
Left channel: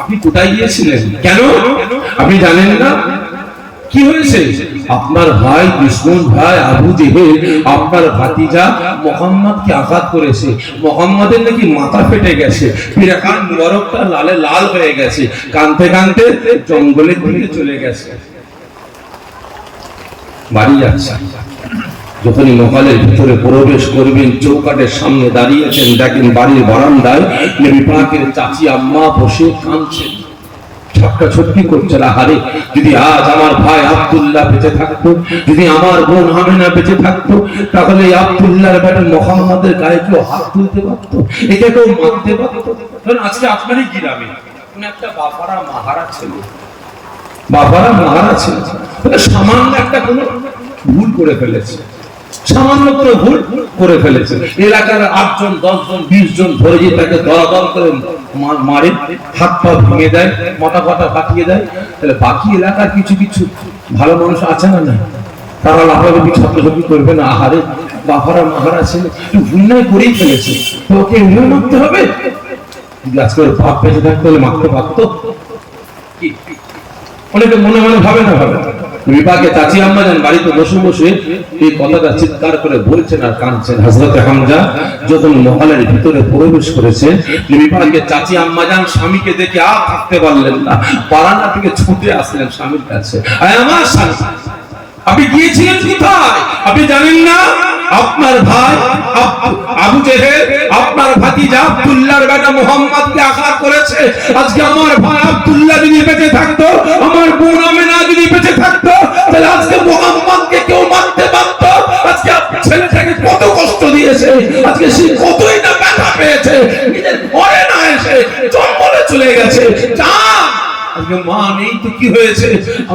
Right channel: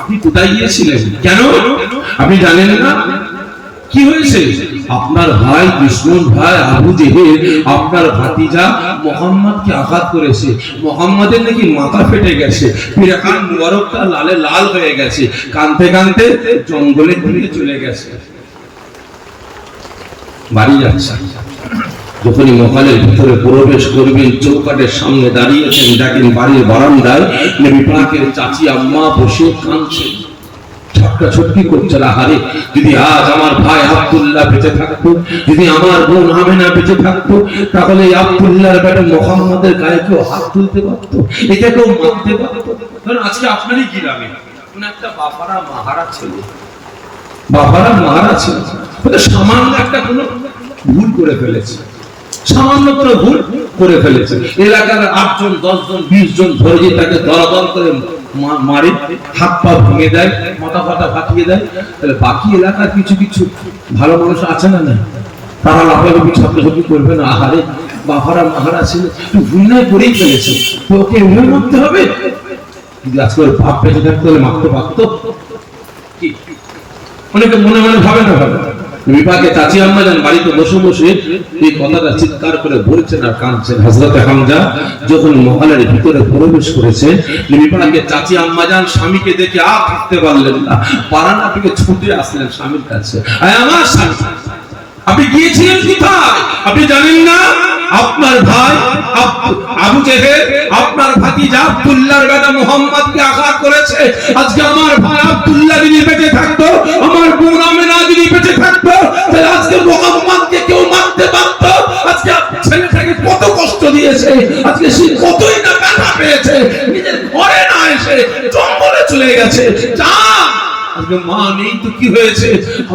আপনি কোথায় গিয়েছিলেন? কেন আপনি জানেন না? কি হয়েছে? আপনার ভাই দুশমন ভাই আবু জেহেল আপনার ভাতিজা মুহাম্মদকে আঘাত করেছে। মুহাম্মদের নাকি মাথা ফেটে গেছে, পিরাকান মুবারকটা লালে লাল হয়ে গেছে, কাঁদতে কাঁদতে জঙ্গলের দিকে চলে গেছে। বাড়ি যাচ্ছে। যখনই মহলের ভিতরে প্রবেশ করবেন, চৌকাটের সামনে দাঁড়িয়েছেন, দেখেন বাড়ির বারান্দায় নবী পাকের চাচি আম্মা বসে কাঁদছেন, ছটকি করছে। আহারে, যদি আজ আমার ভাই আব্দুল্লাহ বেঁচে থাকতো, যদি আমার বোন আমেনা বেঁচে থাকতো, তাহলে আব্দুল্লাহর বেটা মুহাম্মদের গায়ে কেউ হাত তুলতে পারতো, এটা কেউ মানতে পারতো। কারণ আজকে আপনারই গ্রামে একটা বাবারা মাহারা ছেলে, বাবারা মাহারা ছেলে সামান্য একটা কোনো ভুল করে ফেলেছে, সামান্য করে ভুল করে ফেলেছে। এলাকার 8 জন 10 জন 20 জন ধরে যে তাকে দলাদল করে মারে, হাত পা ভেঙে দেয়, মাথা ফাটা ফাটিয়ে দেয়, তাহলে বাকি এলাকার কিছু কিছু ভালো মানুষ আছে না? না, তারা লাফালাফি ছাত্রছাত্রী করবে না? আহারে, বাবারা মাহারা ছেলে ভুল নাই করেই ফেলেছে, ওকে ভুল মানতে হবে। যদি আজকে বাপ বেঁচে থাকতে হলে মারতে পারতো কি? অনেকে মনে মনে ভাবে না ভাবে। বিভাগে চাচি আম্মা যান বাড়িতে বসে বসে এই কথাটা চিৎকার করে বলছেন আর কাঁদছেন। হযরত হামজা যখন মহলের ভিতরে প্রবেশ করেছেন, বিভাগে চাচি আম্মা যান স্বামীকে দেখে আর থাকতে পারলেন না, বারান্দা থেকে ছুটে আসলেন স্বামীর কাছে। আমার স্বামী, আপনি গিয়েছিলেন কোথায়? আপনি জানেন না আপনার ভাই আবু জেহেল আপনার ভাতিজা আব্দুল্লাহর বেটা মুহাম্মদকে আঘাত করেছে। আজকে আমার ভাই আব্দুল্লাহ যদি বেঁচে থাকতো, আমার বোন আমেনা যদি বেঁচে থাকতো, তাহলে আজকে মুহাম্মদকে কেউ মারতে পারত? আজকে আপনার ছেলেটাকে কত কষ্ট দিয়েছে, আজকে সে কতই না ব্যথা পেয়েছে, নিজের ঘরে না এসে জঙ্গলে চলে গেছে। মা নেই তো কি হয়েছে?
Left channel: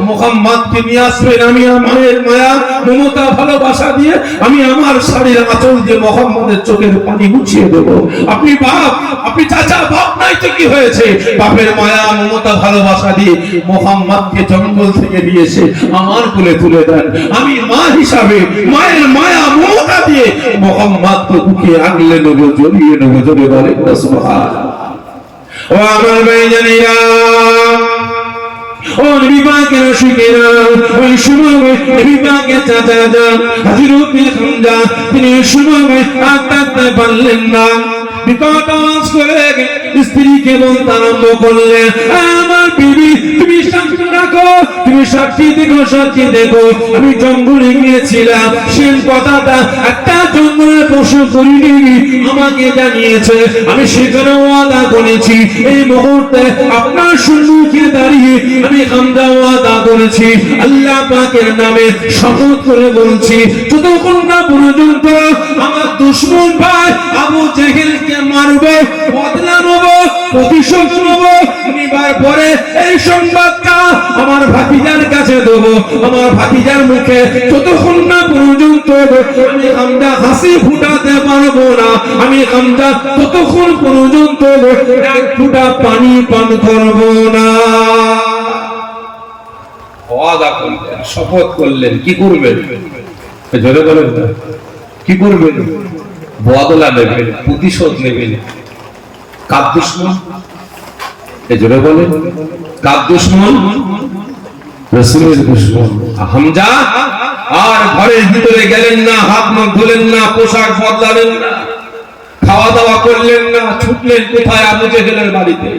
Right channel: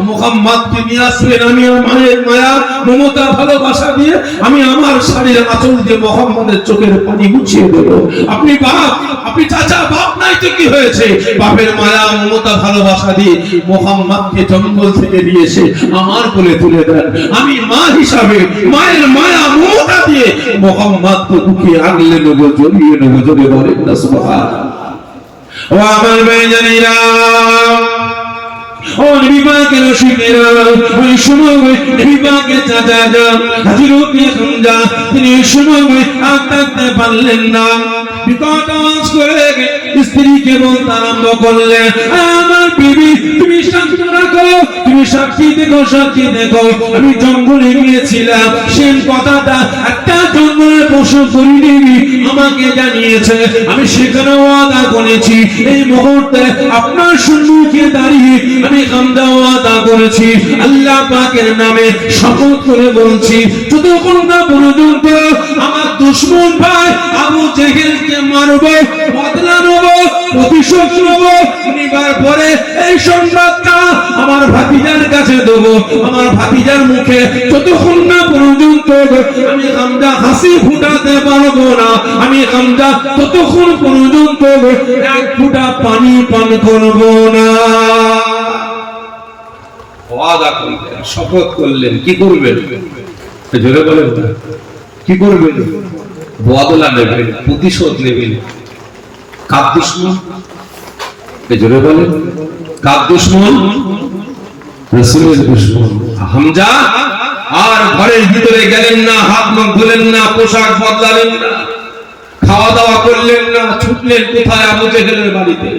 মুহাম্মদকে নিয়ে আসবেন, আমি আমার মায়ের মায়া মমতা ভালোবাসা দিয়ে আমি আমার শাড়ির আঁচল দিয়ে মুহাম্মদের চোখের পানি মুছিয়ে দেব। আপনি বাপ, আপনি চাচা, বাপ নাই তো কি হয়েছে? বাপের মায়া মমতা ভালোবাসা দিয়ে মুহাম্মদকে জঙ্গল থেকে নিয়ে এসে আমার কোলে তুলে দেন। আমি মা হিসাবে মায়ের মায়া মমতা দিয়ে মুহাম্মদকে বুকে আগলে নেব, জড়িয়ে নেব। জড়িয়ে বলেন না সুবহানাল্লাহ। ও আমার ভাইজানেরা, ও নবী পাকের আশিকেরা, ওই সময় নবী পাকের চাচা হযরত হামজা তিনি সময় আর থাকতে পারলেন না, বিকট আওয়াজ করে স্ত্রীকে বলতে আরম্ভ করলেন, আমার বিবি তুমি সাক্ষী রাখো, তুমি সাক্ষী দেখো, সাক্ষী দেখো, আমি জঙ্গলে গিয়েছিলাম, সেই কথাটা একটা জঙ্গলে পশু করিনি আমাকে জানিয়েছে, আমি সেখানে ওয়াদা করেছি, এই মুহূর্তে আপনার সম্মুখে দাঁড়িয়ে আমি হামজা ওয়াদা করেছি, আল্লাহ পাকের নামে শপথ করে বলছি, যতক্ষণ না পর্যন্ত আমার দুশমন ভাই আবু জেহেলকে মারবো, বদলা নেব, প্রতিশোধ নেব, নিবার পরে এই সংবাদটা আমার ভাতিজার কাছে দেবো। আমার ভাতিজার মুখে যতক্ষণ না পর্যন্ত আমি হামজা হাসি ফুটাতে পারবো না, আমি হামজা ততক্ষণ পর্যন্ত এক ফোঁটা পানি পান করবো না। ওয়াদা করলেন, শপথ করলেন। কি করবেন? জোরে বলেন, কি করবেন? বদলা নেবেন, প্রতিশোধ নেবেন। কার দুশমন? জোরে বলেন, কার দুশমন? রাসূলের দুশমন হামজা। আর ঘরের ভিতরে গেলেন না, হাত মুখ ধুলেন না, পোশাক বদলালেন না, খাওয়া দাওয়া করলেন না, ছুটলেন কোথায়? আবু জেহেলের বাড়িতে।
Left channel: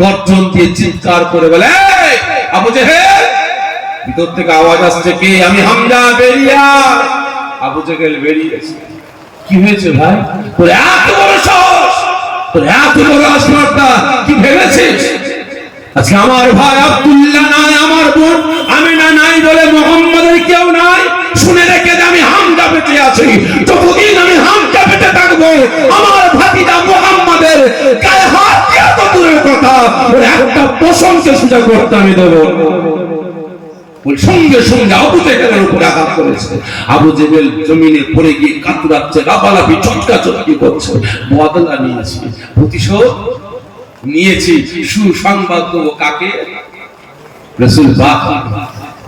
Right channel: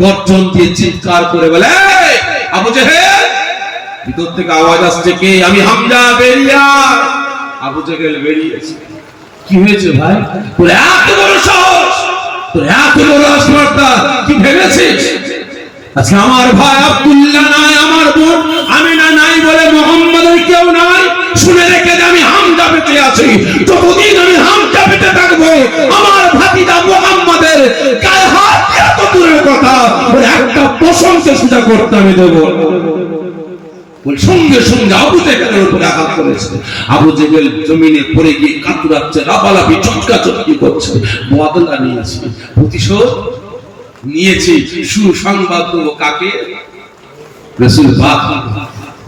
গর্জন দিয়ে চিৎকার করে বলে, এই আবু জেহেল! ভিতর থেকে আওয়াজ আসছে, কে? আমি হামজা, বেরিয়ে আয়। আবু জেহেল বেরিয়েছে। কি হয়েছে ভাই? বলে, এত বড় সাহস, তোর এত বড় আসমানটা কি ভেবেছিস? আজকে আমার ভাই আব্দুল্লাহ নাই, আমার বোন আমিনা নাই বলে মুহাম্মদের কেউ নাই। শুনে রেখে যে আমি হামজা বেঁচে আছি, যতদিন আমি হামজা বেঁচে থাকবো আমার ভাতিজা মুহাম্মদের গায়ে হাত দিয়ে তো দূরের কথা, একটা প্রশংসা সোজা করতে আমি দেবো। সঙ্গে সঙ্গে আবু জেহেলের উপরে আঘাত করেছে। আবু জেহেল জমিনে পড়ে গিয়ে কাতরাচ্ছে, লাফালাফি, চটকা চটকি করছে। বদলা নিয়েছি, প্রতিশোধ নিয়েছি। সুসংবাদ দেবো কাকে? রাসূল পাক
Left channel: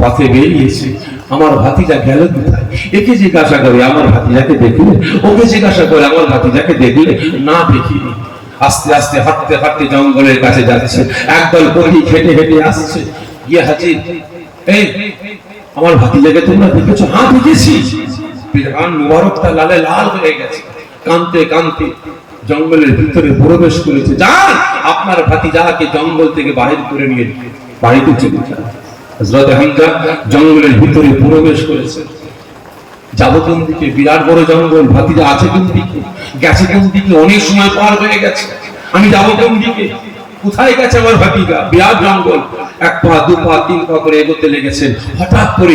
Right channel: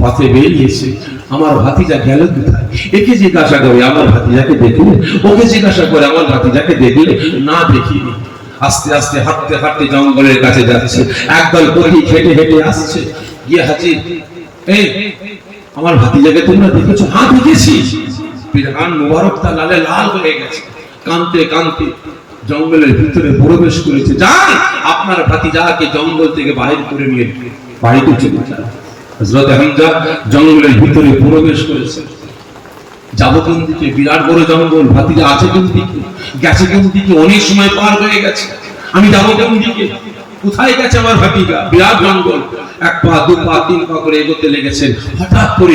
পথে বেরিয়েছে। আমার ভাতিজা গেল কোথায়, একে জিজ্ঞাসা করে আমার ভাতিজাকে দেখলে, ওকে জিজ্ঞাসা করে আমার ভাতিজাকে দেখলে, না দেখিনি। আস্তে আস্তে হাঁটতে হাঁটতে জঙ্গলের কাছে যাচ্ছে, একদল পথিক হেঁটে হেঁটে আসছে, গিয়ে হাজির, এই আমার ভাতিজাকে তোমরা দেখেছো? হ্যাঁ দেখেছি। পিরান মুবারকটা লালে লাল হয়ে গেছে, কাঁদতে কাঁদতে জঙ্গলের ভিতরে প্রবেশ করেছে। যান আপনার ভাতিজাকে জঙ্গল থেকে বাহির করে নিয়ে বাড়িতে চলে যান। হযরত হামজা জঙ্গলের ভিতরে প্রবেশ করেছে। যাবো কোন দিকে? বিরাট বড় জঙ্গল, ভাতিজা আছে কোন দিকে, গেছে কোন দিকে, অনেক সময় পার হয়ে গেছে, আমি যাবো কোন দিকে, কোথায় গেছে আমার ভাতিজা? বিরাট জঙ্গল, এক পা দু পা তিন পা করে এগোতে লেগেছেন। হঠাৎ করে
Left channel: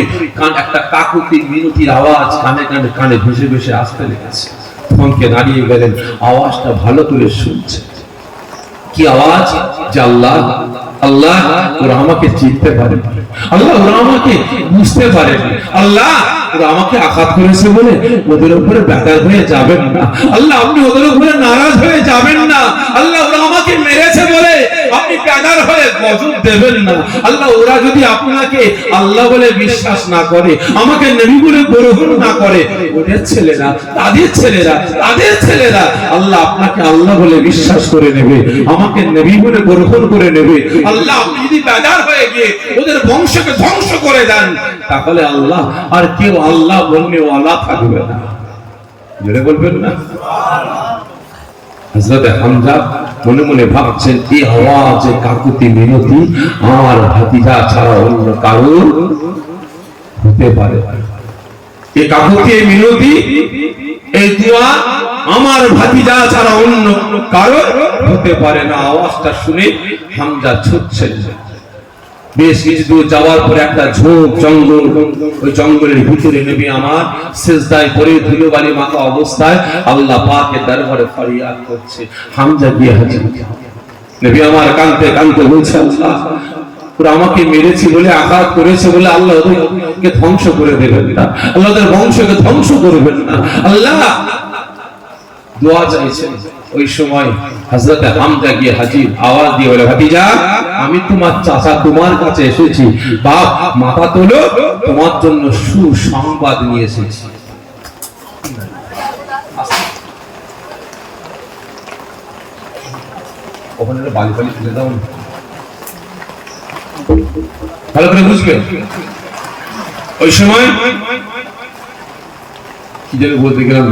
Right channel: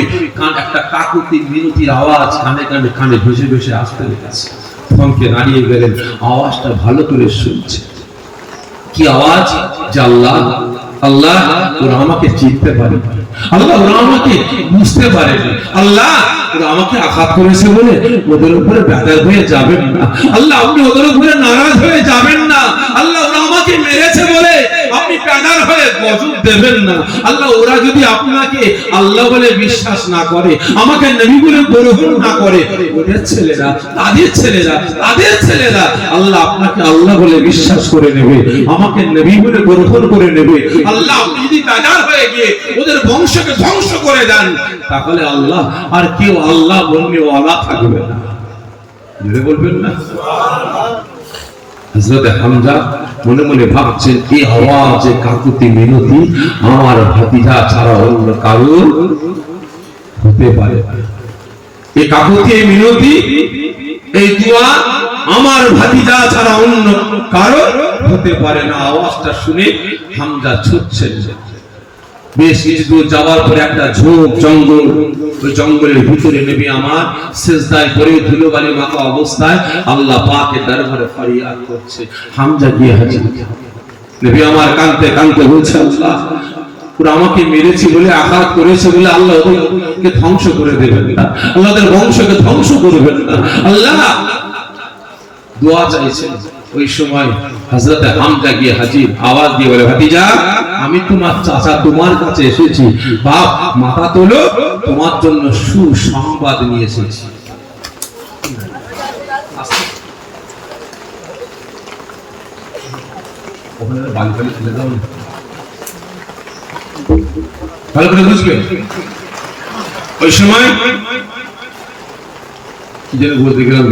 একটা কাকুতির মিনতির আওয়াজ কানে কানে কানে ভেসে ভেসে আসতে লেগেছে। থমকে দাঁড়িয়ে গেলেন, আওয়াজটা ভালো করে শুনছে। কি আওয়াজ? যে আল্লাহ আল্লাহ ওরা আমাকে চিনতে পারে, আল্লাহ ওরা আমাকে বুঝতে পারে, আল্লাহ ওরা আমাকে আঘাত করেছে বলে ওদের উপরে বেকার হয়ে যাবেন না, আল্লাহ আপনি ওদের উপরে নারাজ হয়ে যাবেন না, আল্লাহ ওরা আমাকে মেরেছে বলে আপনি বেকার হয়ে গজব দেবেন না, আল্লাহ ওরা যদি আপনাকে আল্লাহ বলে বিশ্বাস না করে, আমাকে নবী বলে গ্রহণ না করে, ওদের ছেলেরা তাদের ছেলেরা তাদের ছেলেরা আল্লাহ আপনাকে আল্লাহ বলে বিশ্বাস করে নেবে, আমাকে নবী বলে গ্রহণ করে নেবে, আল্লাহ আপনি যদি বেকার হয়ে গিয়ে ওদের বংশকে ধ্বংস করে দেন, তাহলে আল্লাহ আর কেউ আল্লাহ বললে ওয়ালা থাকবে না। জোরে বলবেন না সুবহানাল্লাহ। হযরত হামজা মনে মনে ভাবছেন, এই আওয়াজ কাকুতি মিনতি আমার ভাতিজা ছাড়া অন্য কারো হতে পারে না, এই কাকুতি মিনতি এই দোয়া আমার ভাতিজা ছাড়া অন্য কারো হতে পারে না। আওয়াজটা শুনে হামজা ছুটছেন। বেশ কিছু দূর যাওয়ার পরে একটা ঝোপ জঙ্গল, ওই জঙ্গলের ভিতরে নবী আমার সিজদায় পড়ে ধুলোবালি মাখা অবস্থায় আল্লাহ পাকের দরবারে ফরিয়াদ করছে। হামজা গিয়ে হাজির, নবী আমার কাঁদতে কাঁদতে বলছে, আল্লাহ ওরা আমাকে মেরেছে বলে, আঘাত করেছে বলে আল্লাহ ওদেরকে ধ্বংস করে দেবেন না, আল্লাহ ওদের বংশকে ধ্বংস করবেন না, আল্লাহ দোয়া চাইছেন। ওই সময় হযরত হামজা গিয়ে হাজির, আওয়াজ দিয়ে বলে, ভাতিজা আমি তোমার চাচা তোমার কাছে এসেছি, বাপ মাথা তোলো, তোমার জন্য সুসংবাদ নিয়ে এসেছি। ওখানে বালি বালি তুলে দাও, ভালো করে বুঝবে। ওই সময় কি যেন বলতে গেলাম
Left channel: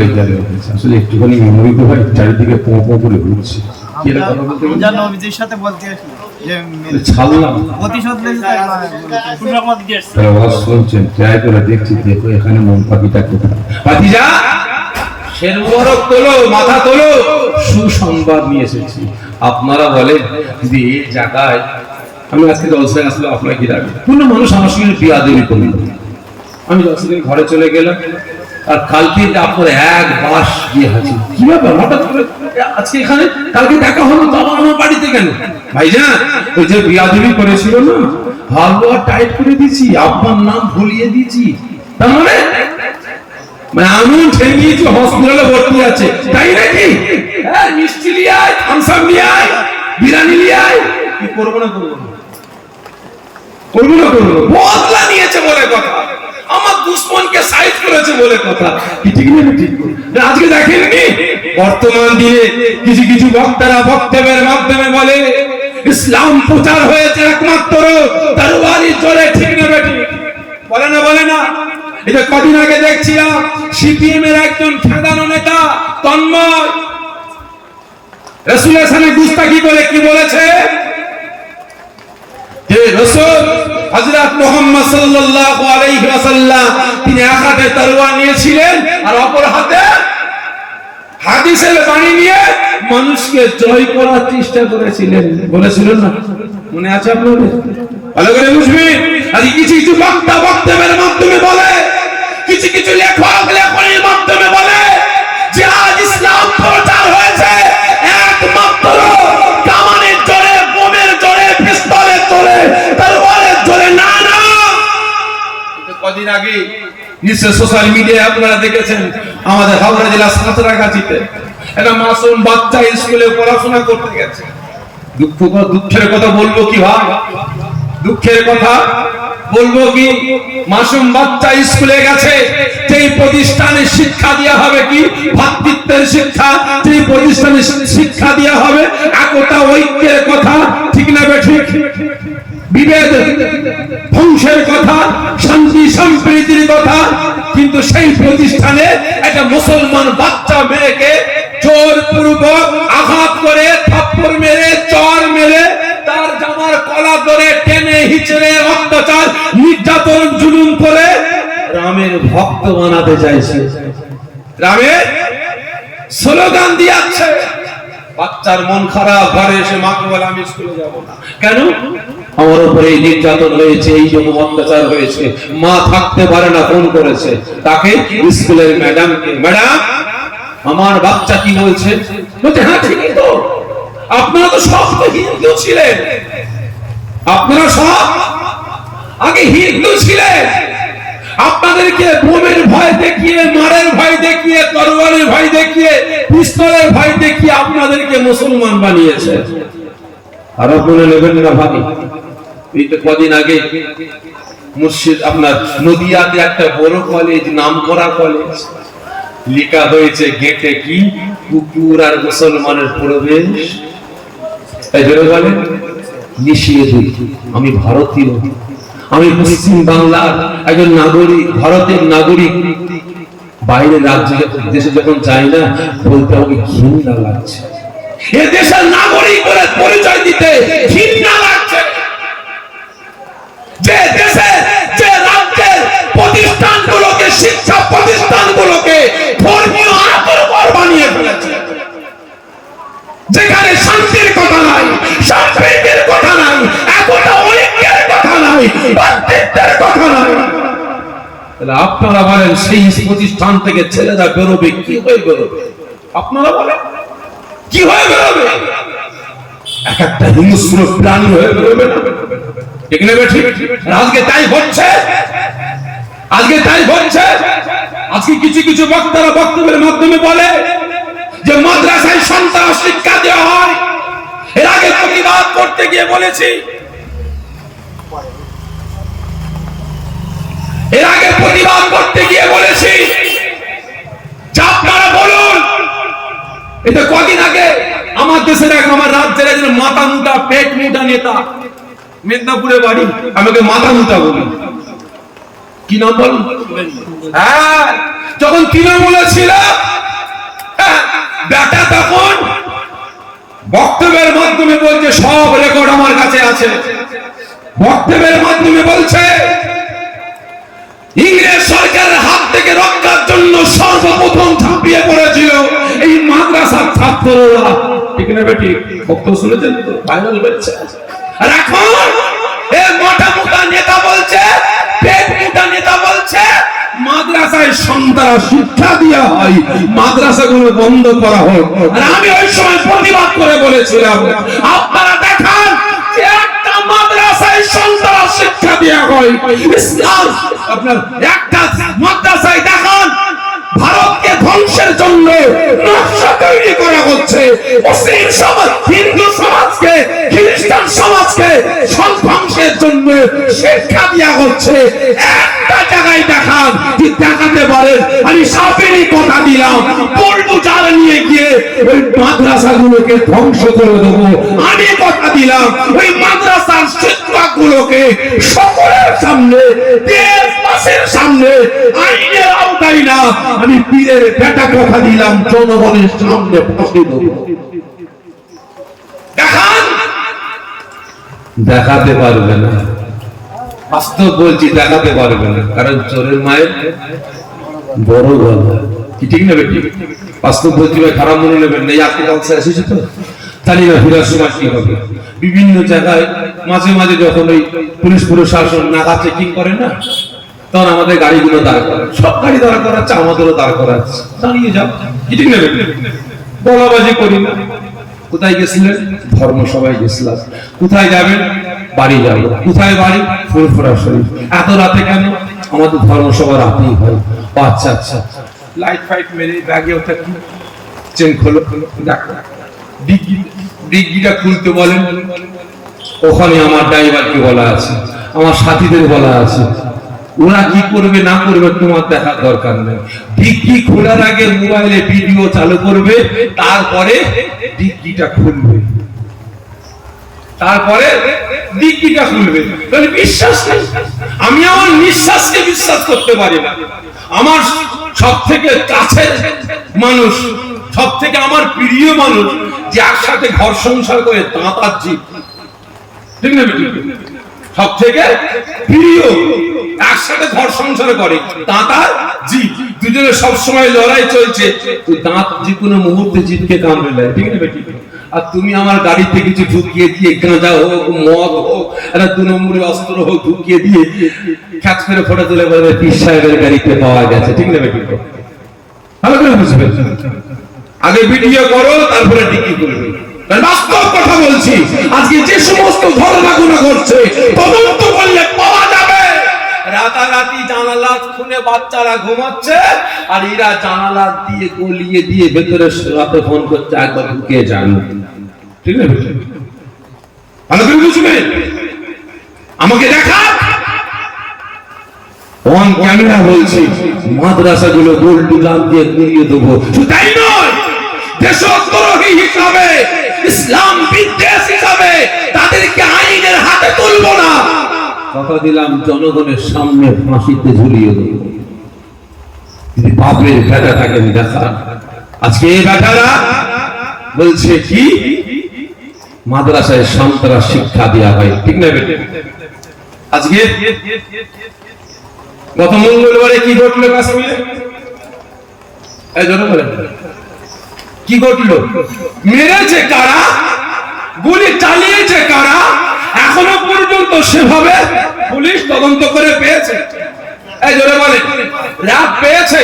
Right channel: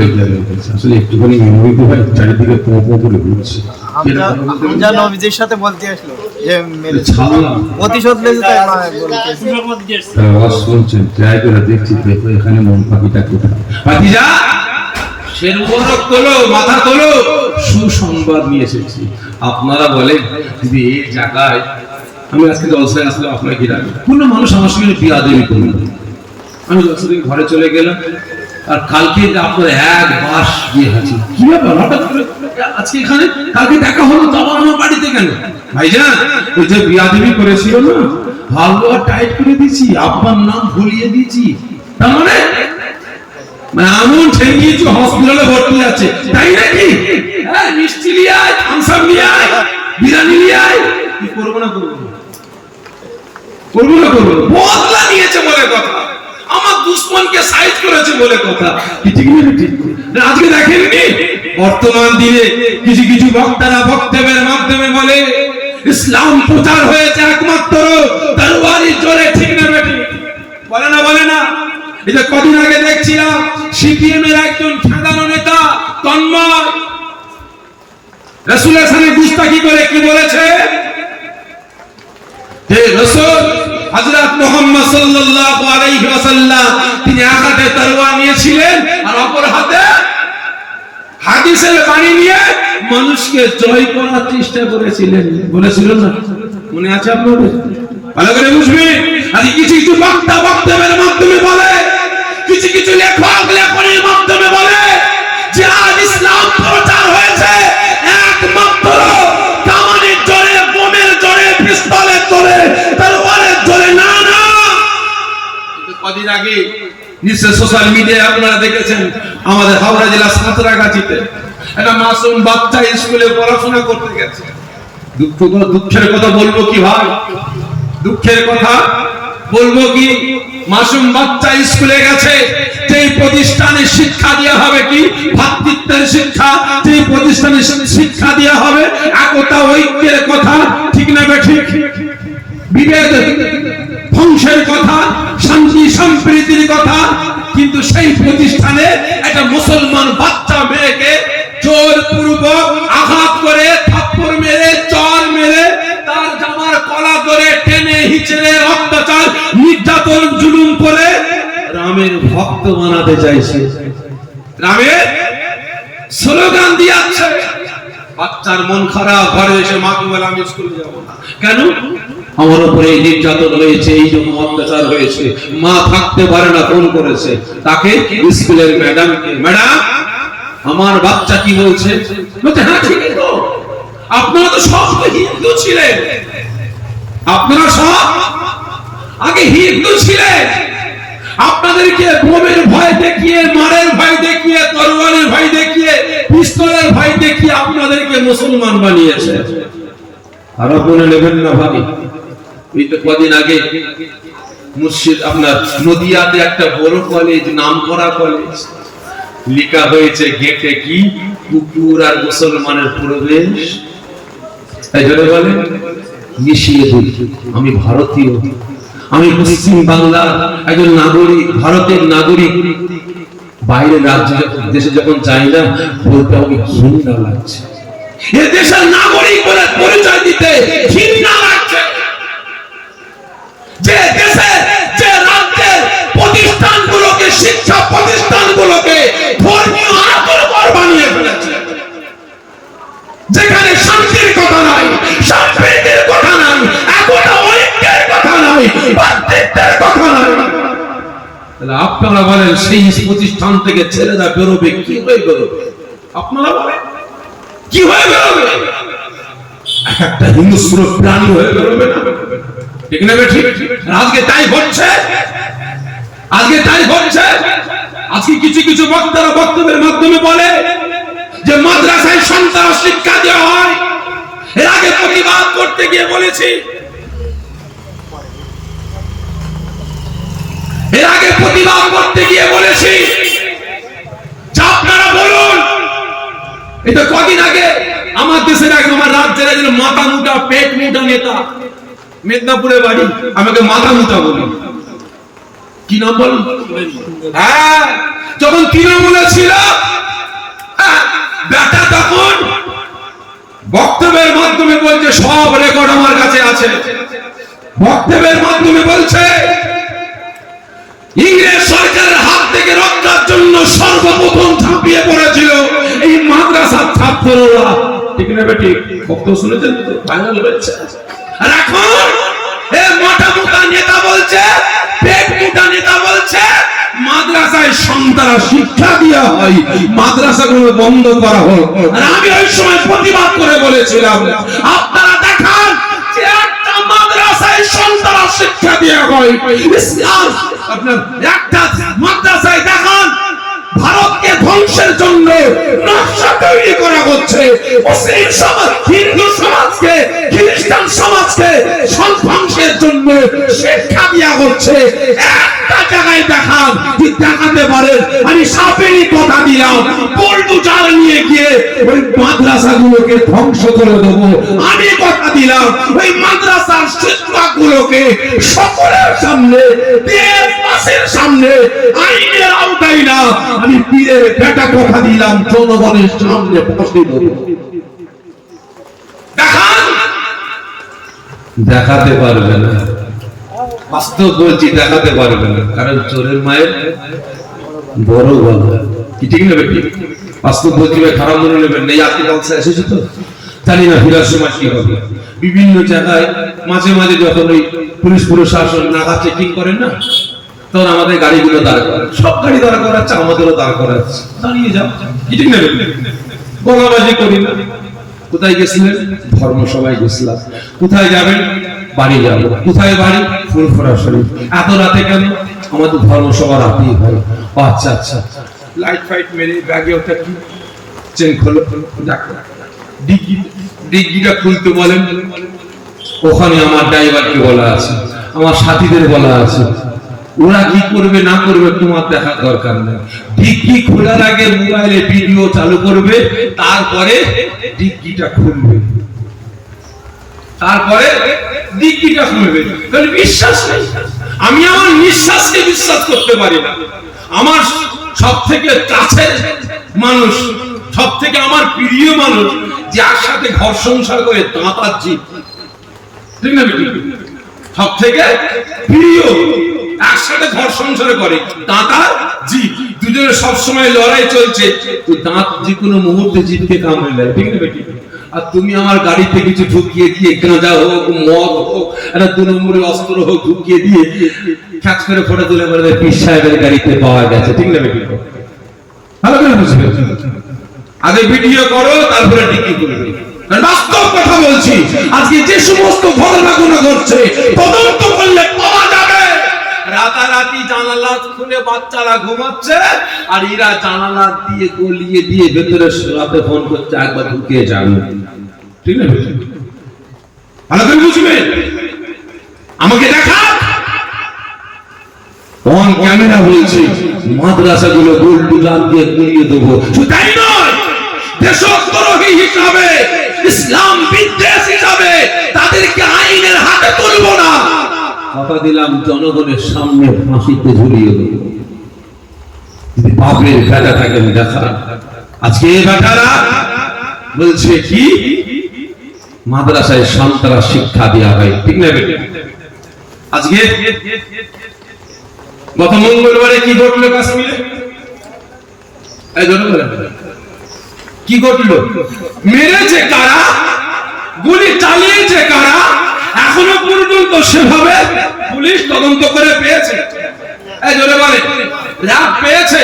আসলে একটুখানি মেমোরি তো হয়, চারিদিকে তোমার করে ঘুরছে। নবীজির সাথে বলতে আসলো যে ছাড়লাম প্রতিশোধ নিতে আওয়াজ শুনছেন, ট্রাই করে দেখছি, দেখো এখানে মন পাখিটা কোথায়। ভাতিজা শের মুবারক তোলো, মাথা তোলো, সুসংবাদ নিয়ে এসেছি। আপনারা বলেন যদি এই জায়গায় আমি আজকে জলসায় আসলাম, আপনার কি রাখবেন? কোনো মানুষ আমার সঙ্গে বিয়াদবি করল, আমি জলসা থেকে ঘরে চলে গেলাম, আর কালকে আপনার এক মাস গিয়ে হাজির, কি ব্যাপার হঠাৎ করে আজকে এখানে, কালকে দেখা হলো তো আমার বাড়িতে কেন? ভাইজান ওই যে বিয়াদবি করেছিল না, ভালো টাইট করে দিয়েছি, আপনার নাম ভুলিয়ে দিয়েছি, তার মানে আমি ঠেঙিয়েছি, হসপিটালে ভর্তি আছে, তাই নাকি? হ্যাঁ মিষ্টি নিয়ে আয়, থামসাপ নিয়ে আয়, বিরিয়ানি নিয়ে আয়, কি করবো না করবো না করবো না করবো, বদলা নিয়েছে বলে কথা, আমার দুশ্মনকে সাইড করেছে বলে কথা, ঠিক না? ঠিক না? আজকে দেখেননি বর্তমান দিনে কিছু কিছু বক্তারা বক্তব্যের মাধ্যমে বলে ইসলাম প্রচার হয়েছে একমাত্র তরবারির জোরে, ঠিক না বেটি? বলে না বলে না? এই যে কদিন আগে দেখছিলাম সিপিএম এর একজন খেদানো নেতা তন্ময় রাসূলের সামনে গুস্তাখি করে কি বলেছে, হে রাসূল হযরত মুহাম্মদ সাল্লাল্লাহু আলাইহি ওয়াসাল্লাম তিনি এক হাতে তরবারি নিয়েছিলেন আর অপর হাতে হাদিসের বাণী নিয়ে মানুষকে জয় করার চেষ্টা করেছিলেন, বলেছিলেন না? মনে আছে আপনাদের? ভালো করে বুঝবেন। আর কিছু কিছু বক্তা বক্তব্যের মাধ্যমে বলে, কিছু কিছু লেখক লেখনের মাধ্যমে বলে যে আজ ইসলাম প্রচার হয়েছে একমাত্র কামানের জোরে, বোমের জোরে, পিস্তলের জোরে, তরবারের জোরে না। না, কদিন আগে নিশ্চয় সোশ্যাল মিডিয়ায় আপনারা দেখেছেন, আমাদের হাওড়া জেলা সাঁতরাগাছিতে একটা মাসুম বাচ্চা স্কুলে পড়াশোনা করতে গেছে। দুঃখের কথা বলবো কি ভাই, দুঃখের কথা, বলবো কি মাসুম বাচ্চা স্কুলে গেছে, সেই প্রতিষ্ঠানে শিক্ষা দেওয়া হবে কি ভ্রাতৃত্বের শিক্ষা, সেই প্রতিষ্ঠানে শিক্ষা দেওয়া হবে একতা ঐক্যের কথা, ঠিক না ঠিক? বিভেদ ধ্বংসের কথা, শান্তি সম্প্রীতির কথা, কিন্তু সেই প্রতিষ্ঠানে একটা মুসলমান বাচ্চা মেয়েকে জোরপূর্বক আঘাত করে, থাপ্পড় মেরে, চর মেরে, তার জামার কলা ধরে টেনে হিচড়ে অত্যাচার নির্যাতন জুলুম করে রামের ভক্ত বানাতে চাইছে, রামের স্লোগান দিয়েছে। বাচ্চার মন খারাপ, ঘরে এসে মাকে বলে আমি স্কুলে যাব না। কেন? আমার উপরে নির্যাতন হয়েছে, এই জন্য অত্যাচার হয়েছে। মা থাকতে পারে না, ফোন করেছে তাকে স্কুলের ম্যাডামকে, ম্যাডাম আমার বাচ্চা কি বলছে? বলছে হ্যাঁ ঠিকই তো, আপনারা তো সব তো হিন্দু ছিলেন, আপনারা সব আগে হিন্দু ছিলেন, আপনাদেরকে বোমের ভয় দেখিয়ে, মারের ভয় দেখিয়ে, তরোয়ারের ভয় দেখিয়ে, পিস্তলের ভয় দেখিয়ে আপনাদেরকে মুসলমান বানিয়েছে। আর আপনারা নেবেন না ভাই। এই তো কদিন আগে মুর্শিদ আপনার নদিয়াতে একটা বড় কলেজ, নামকরা কলেজ, লেখা হয়েছে গেটে কি কুকুর আর মুসলমানের প্রবেশ। তাই জন্য বলেন মিশিয়ে দিই, আমি ভারতীয়, আমি পশ্চিম বাংলার একজন নাগরিক, ভারতের নাগরিক। বাইরে রাজ্যে দেশে যখন যাই না, বলতে আমাকে ঘৃণা লাগছে, এ দেশের নাগরিক বলে পরিচয় দিতে ঘৃণা লাগছে। যে দেশে, যে রাজ্যের প্রতিষ্ঠানগুলোকে, শিক্ষা প্রতিষ্ঠানগুলোকে ধর্মীয় আতঙ্কর বানিয়ে ফেলেছে, যেখানে শান্তির কথা নাই, সম্প্রীতির কথা নাই, একতা ঐক্যের কথা নাই, ভ্রাতৃত্বের কথা নাই, তাহলে আপনারা বলেন সেই প্রতিষ্ঠান থেকে ছেলেরা বেরোবে কি হয়ে বেরোবে? আপনারা বলেন কি হয়ে বেরোবে? এক একটা হিংস্র প্রাণী হয়ে বেরোবে না? ঠিক না ঠিক? আজকে তাই হচ্ছে, আজকে তাই হচ্ছে। আজকে কিছু কিছু বক্তারা বক্তব্যের মাধ্যমে বলে যে মাদ্রাসায় সন্তান শিক্ষা দেওয়া হয়। এর আগে প্রতিবাদ করতে গিয়ে বলেছি, এর আগে প্রতিবাদ করতে গিয়ে বলেছি যে আপনারা বলুন। এটা কদিন আগে আমার দেশের এক, আমার রাজ্যের একজন মাথা মুটা, পেট মুটা নেতা, মেদিনীপুরে বাড়ি, আমাকে মাথা মুটা বলি, কি নাম বলুন? হ্যাঁ, যখন তৃণমূলে ছিল, বেটা তখন বক্তব্যের মাধ্যমে বলছে, সব রেকর্ড আমার কাছে আছে, বক্তব্যের মাধ্যমে বলছে ইংরেজ সরকারের হাত থেকে রক্ষার জন্য সর্বপ্রথম ঝাঁপিয়ে পড়েছিল এই মাদ্রাসার ছাত্ররা। ঠিক না বেটি? বক্তব্য শুনেছেন তো, ভাইরাল হচ্ছে। আর এখন এই মোটা মোটা নেতা বলছে, পেট মোটা নেতা বলছে মাদ্রাসায় সন্তান শিক্ষা দেওয়া হয়, মাদ্রাসাগুলো বন্ধ করা হোক। আর আমি ওই সময় প্রতিবাদ করে বলেছিলাম, আপনারা দেখান যে একটা মাদ্রাসায় সন্তান শিক্ষা দেওয়া হয়, ইসলাম আপনার একটা মাদ্রাসায় দেখান ভারতকে ধ্বংসের জন্য নকশা তৈরি করা হচ্ছে, মুসলিম সমাজ, হিন্দু সমাজকে, খ্রিস্টান সমাজকে ধ্বংসের জন্য শিক্ষা দেওয়া হচ্ছে। একটা জায়গায় দেখান, কি দেখাতে পারেন? আমি সাপেরই কথা দিলাম, পল্টু জাল নিয়ে গিয়ে ওই মাদ্রাসাগুলোকে ধ্বংস করে দেবো। আমি কথা দিলাম ওই মাদ্রাসার শিক্ষকগুলোকে সকলের সামনে, দেশবাসীর সামনে, আইনের আওতায় না, আমি পীরের বেটা কথা দিলাম, জনগণের সামনে বসে দেবো। দেখান, দেখাতে পারবে না, বাস্তব বলছি, দেখাতে পারবে না, কারণ চোরের মায়ের বড় গলা, কি ঠিক না বেটি? বাস্তব বলছি, খারাপ মনে নেবেন না। আপনি কালচার এসেছে তো জানি না ফিরার সময় কি হবে। বিভিন্ন জায়গায় মাঝে মাঝে যখন ওই পুলিশ প্রশাসন নাকা চেকিং করে না, তখন আমাদের গাড়িগুলো দাঁড় করা, সব গাড়ি দাঁড় করাচ্ছে, আমাদেরও দাঁড় করাচ্ছে, দাঁড়িয়ে যাও, কি ঠিক না বেটি? বলাবাজি করি না। কোথায় গেছিলেন? ধর্মসভায় গেছিলাম। কোথায় যাবেন? বাড়ি যাবো। কোথায় বাড়ি? ফুরফুরা শরীফ। এত রাতে কেন? আমাদের ধর্মসভা রাতেই হয়। আচ্ছা আচ্ছা, লাইট ফাইট মেরে ব্যাগে ওটা কি চেন খোলো, দেখো ডিগ্গিটা খুলতে বলেন। ওখানে আমার ড্রাইভারকে বলা আছে, আমার সাথীদের বলা আছে, ওরা কি করবে না করবে তোমার দেখার দরকার নেই। ডিগ্রি খোলার আগে মোবাইলে ভিডিও চালু করবে, তারপরে ডিগ্রিটা খুলবে, তারপরে ডিগ্রিটা খুলবে। তাহলে বিশ্বাস নেই। আমি আমার নিঃশ্বাসকে বিশ্বাস করতে পারি না। আমার সব থেকে কাছের মানুষ, সব থেকে আমার প্রিয় মানুষ, যে একসাথে ঘর সংসার করে দাঁতার জীব, ঠিক না? সব থেকে প্রিয়, একসাথে ঘর সংসার করে দাঁতার জীব, দুজনের সবসময় লড়াই চলছে। দাঁত যে কোনো মুহূর্তে জীবকে কামড়ে নেয়, ঠিক না? আর তুমি আমার গাড়িতে কিছু ঢুকিয়ে দিয়ে, গাঁজা হোক, মদ হোক, একটা 2 নম্বরের অস্ত্র হোক, ঢুকিয়ে দিয়ে খ্যাচ করে ফটো তুলে বলবে পীর সাহেবের গাড়িতে পাওয়া গেছে, ঠিক না? ভালো করে বুঝবে, আগে ভিডিও করো, তারপরে ডিগ্রি করবে। বাস্তব কথা বলছি, আজকে যে সমস্ত ঘটনা ঘটছে তদন্ত করলে পাওয়া যাবে রাতারাতি জানালা খুলে বাচ্চারা ঘুমাচ্ছে, আর এরা জানালা দিয়ে গলিয়ে দিয়ে ভেতরে রাতে ফোন করছে, একবার ঢুকে যান, ঠিক না? ভালো করে বুঝবেন, আমাকে দেখা অন ক্যামেরা বলছি, মাদ্রাসাগুলো গোল দুলান দিয়ে গুলিয়ে দেবো। শুধু তাই নয়, দেশদ্রোহী হিসাবে, ইসলাম বিদ্বেষ হিসাবে তাদেরকে আইনের হাতে তুলবো না, কথা দিলাম, জনগণের সামনে ফাঁসিতে ঝুলিয়ে দেবো। যদি বাপের বেটা থাকে দেখা, আজকে এই বেটারা বলছে কি মাদ্রাসায় সন্তান শিক্ষা দেওয়া হয়, ঠিক না? আজকে গত মঙ্গলবারে কি ঘটলো কাশ্মীরে? কি ঘটলো? মেরেছে কারা, গুলি চালিয়েছে কারা, এখনো পর্যন্ত সেভাবে পুলিশ তদন্ত করে পেয়েছে? রাত পেয়েছে?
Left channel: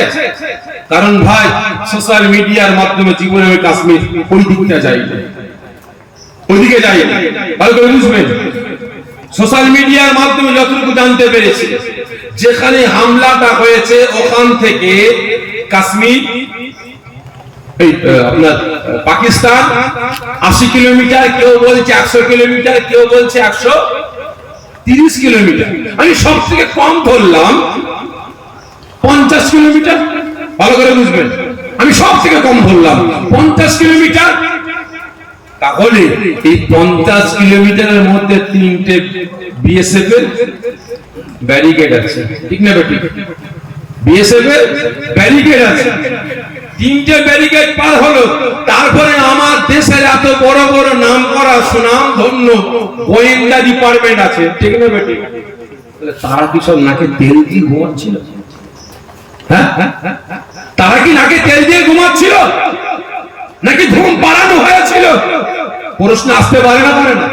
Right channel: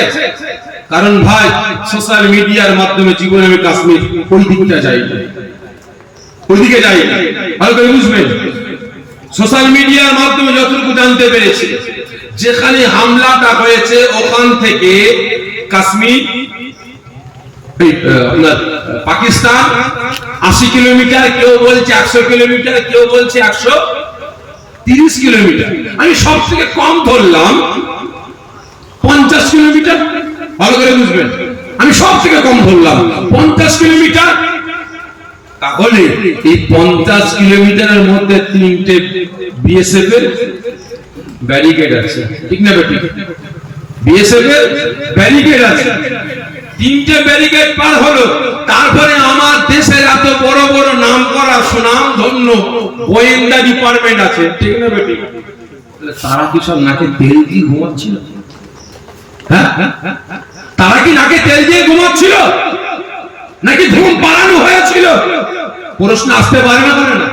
কারণ ভাই, সোশ্যাল মিডিয়ার মাধ্যমে জীবনে আমি কাশ্মীর ওই দিকটা যাই, ওইদিকে যাই, ভালো করে বুঝবেন। সোশ্যাল মিডিয়ার মাধ্যমে যতটুকু জানতে পেরেছি, যেখানে হামলাটা হয়েছে ওখান থেকে কাশ্মীর, আপনার পাকিস্তান 80 কিলোমিটার, কেউ বলছে 100 কিলোমিটার, কেউ বলছে 130 কিলোমিটার। আমি সব থেকে কম ধরলাম 50 কিলোমিটার, ভালো করে বুঝবেন। আমি সব থেকে কম ধরলাম 50 কিলোমিটার। তাহলে এই 50 কিলোমিটারের মধ্যে 3টে বিএসএফ এর ব্যারিকেড আছে, ঠিক না? বিএসএফ এর ব্যারিকেড আছে, 3টে ব্যারিকেড পার হলো। তারপরে আমার দেশের এত বড় বড় নাম করা সুনাম ধন্য গোয়েন্দা ডিপার্টমেন্ট আছে, ঠিক না? তারা কি সব নাকে তেল দিয়ে ঘুমাচ্ছিল? হ্যাঁ, তারা কি নাকে তেল দিয়ে ঘুমাচ্ছিল, নাকি ঘুম পাড়ানো হয়েছিল? প্রশ্ন আসতে পারে না, পারে না?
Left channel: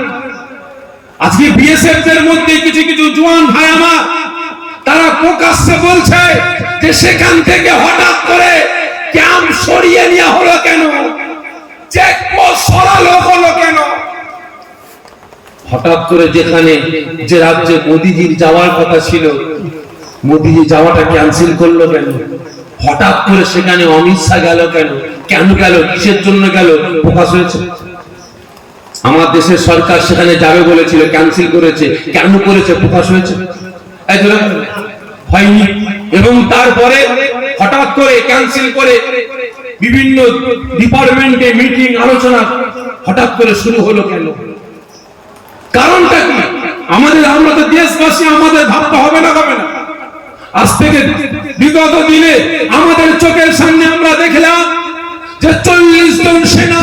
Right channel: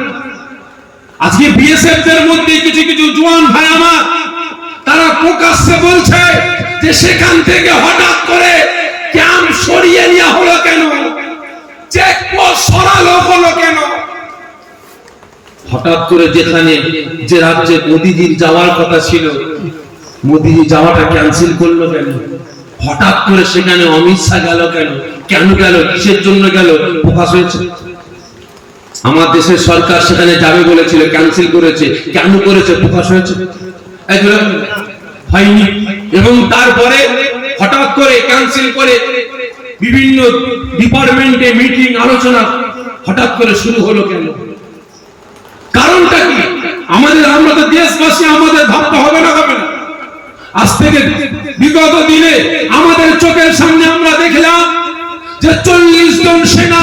আজকে বিএসএফ এর মধ্যে কিছু কিছু জওয়ান ভাই আমার, তারা প্রকাশ্যে বলছে যে সেখান থেকে হঠাৎ করে ক্যাম্প সরিয়ে নেওয়া হলো কেন, চেকপোস্ট সরানো হলো কেন? হঠাৎ করে যেখানে যে রাজ্যে মোদিজির যাওয়ার কথা ছিল, মোদিজি যাওয়াটা ক্যান্সেল করলো কেন? হঠাৎ করে সেখানে অমিত শাহ গেল কেন? কেন গেল, কিসের জন্য গেল, প্রকাশ হয়েছে। আমার দেশের সরকার সেখানে যাবে বলেছিল, ক্যান্সেল করেছে, কেন করেছে, প্রকাশ হয়েছে। হয়নি। এবং তারপরে হঠাৎ করে ক্যান্সেল করে বিভিন্ন ডিপার্টমেন্টে মিটিং আলোচনা হঠাৎ করে শুরু হলো কেন? কারণটা কি? আমরা তো দেশবাসী, আমাদের ভাবতে হবে না, হবে না? আজ থেকে বিগত দিনে আমাদের চোখের সামনে আমরা দেখলাম যে 40 জন সেনা,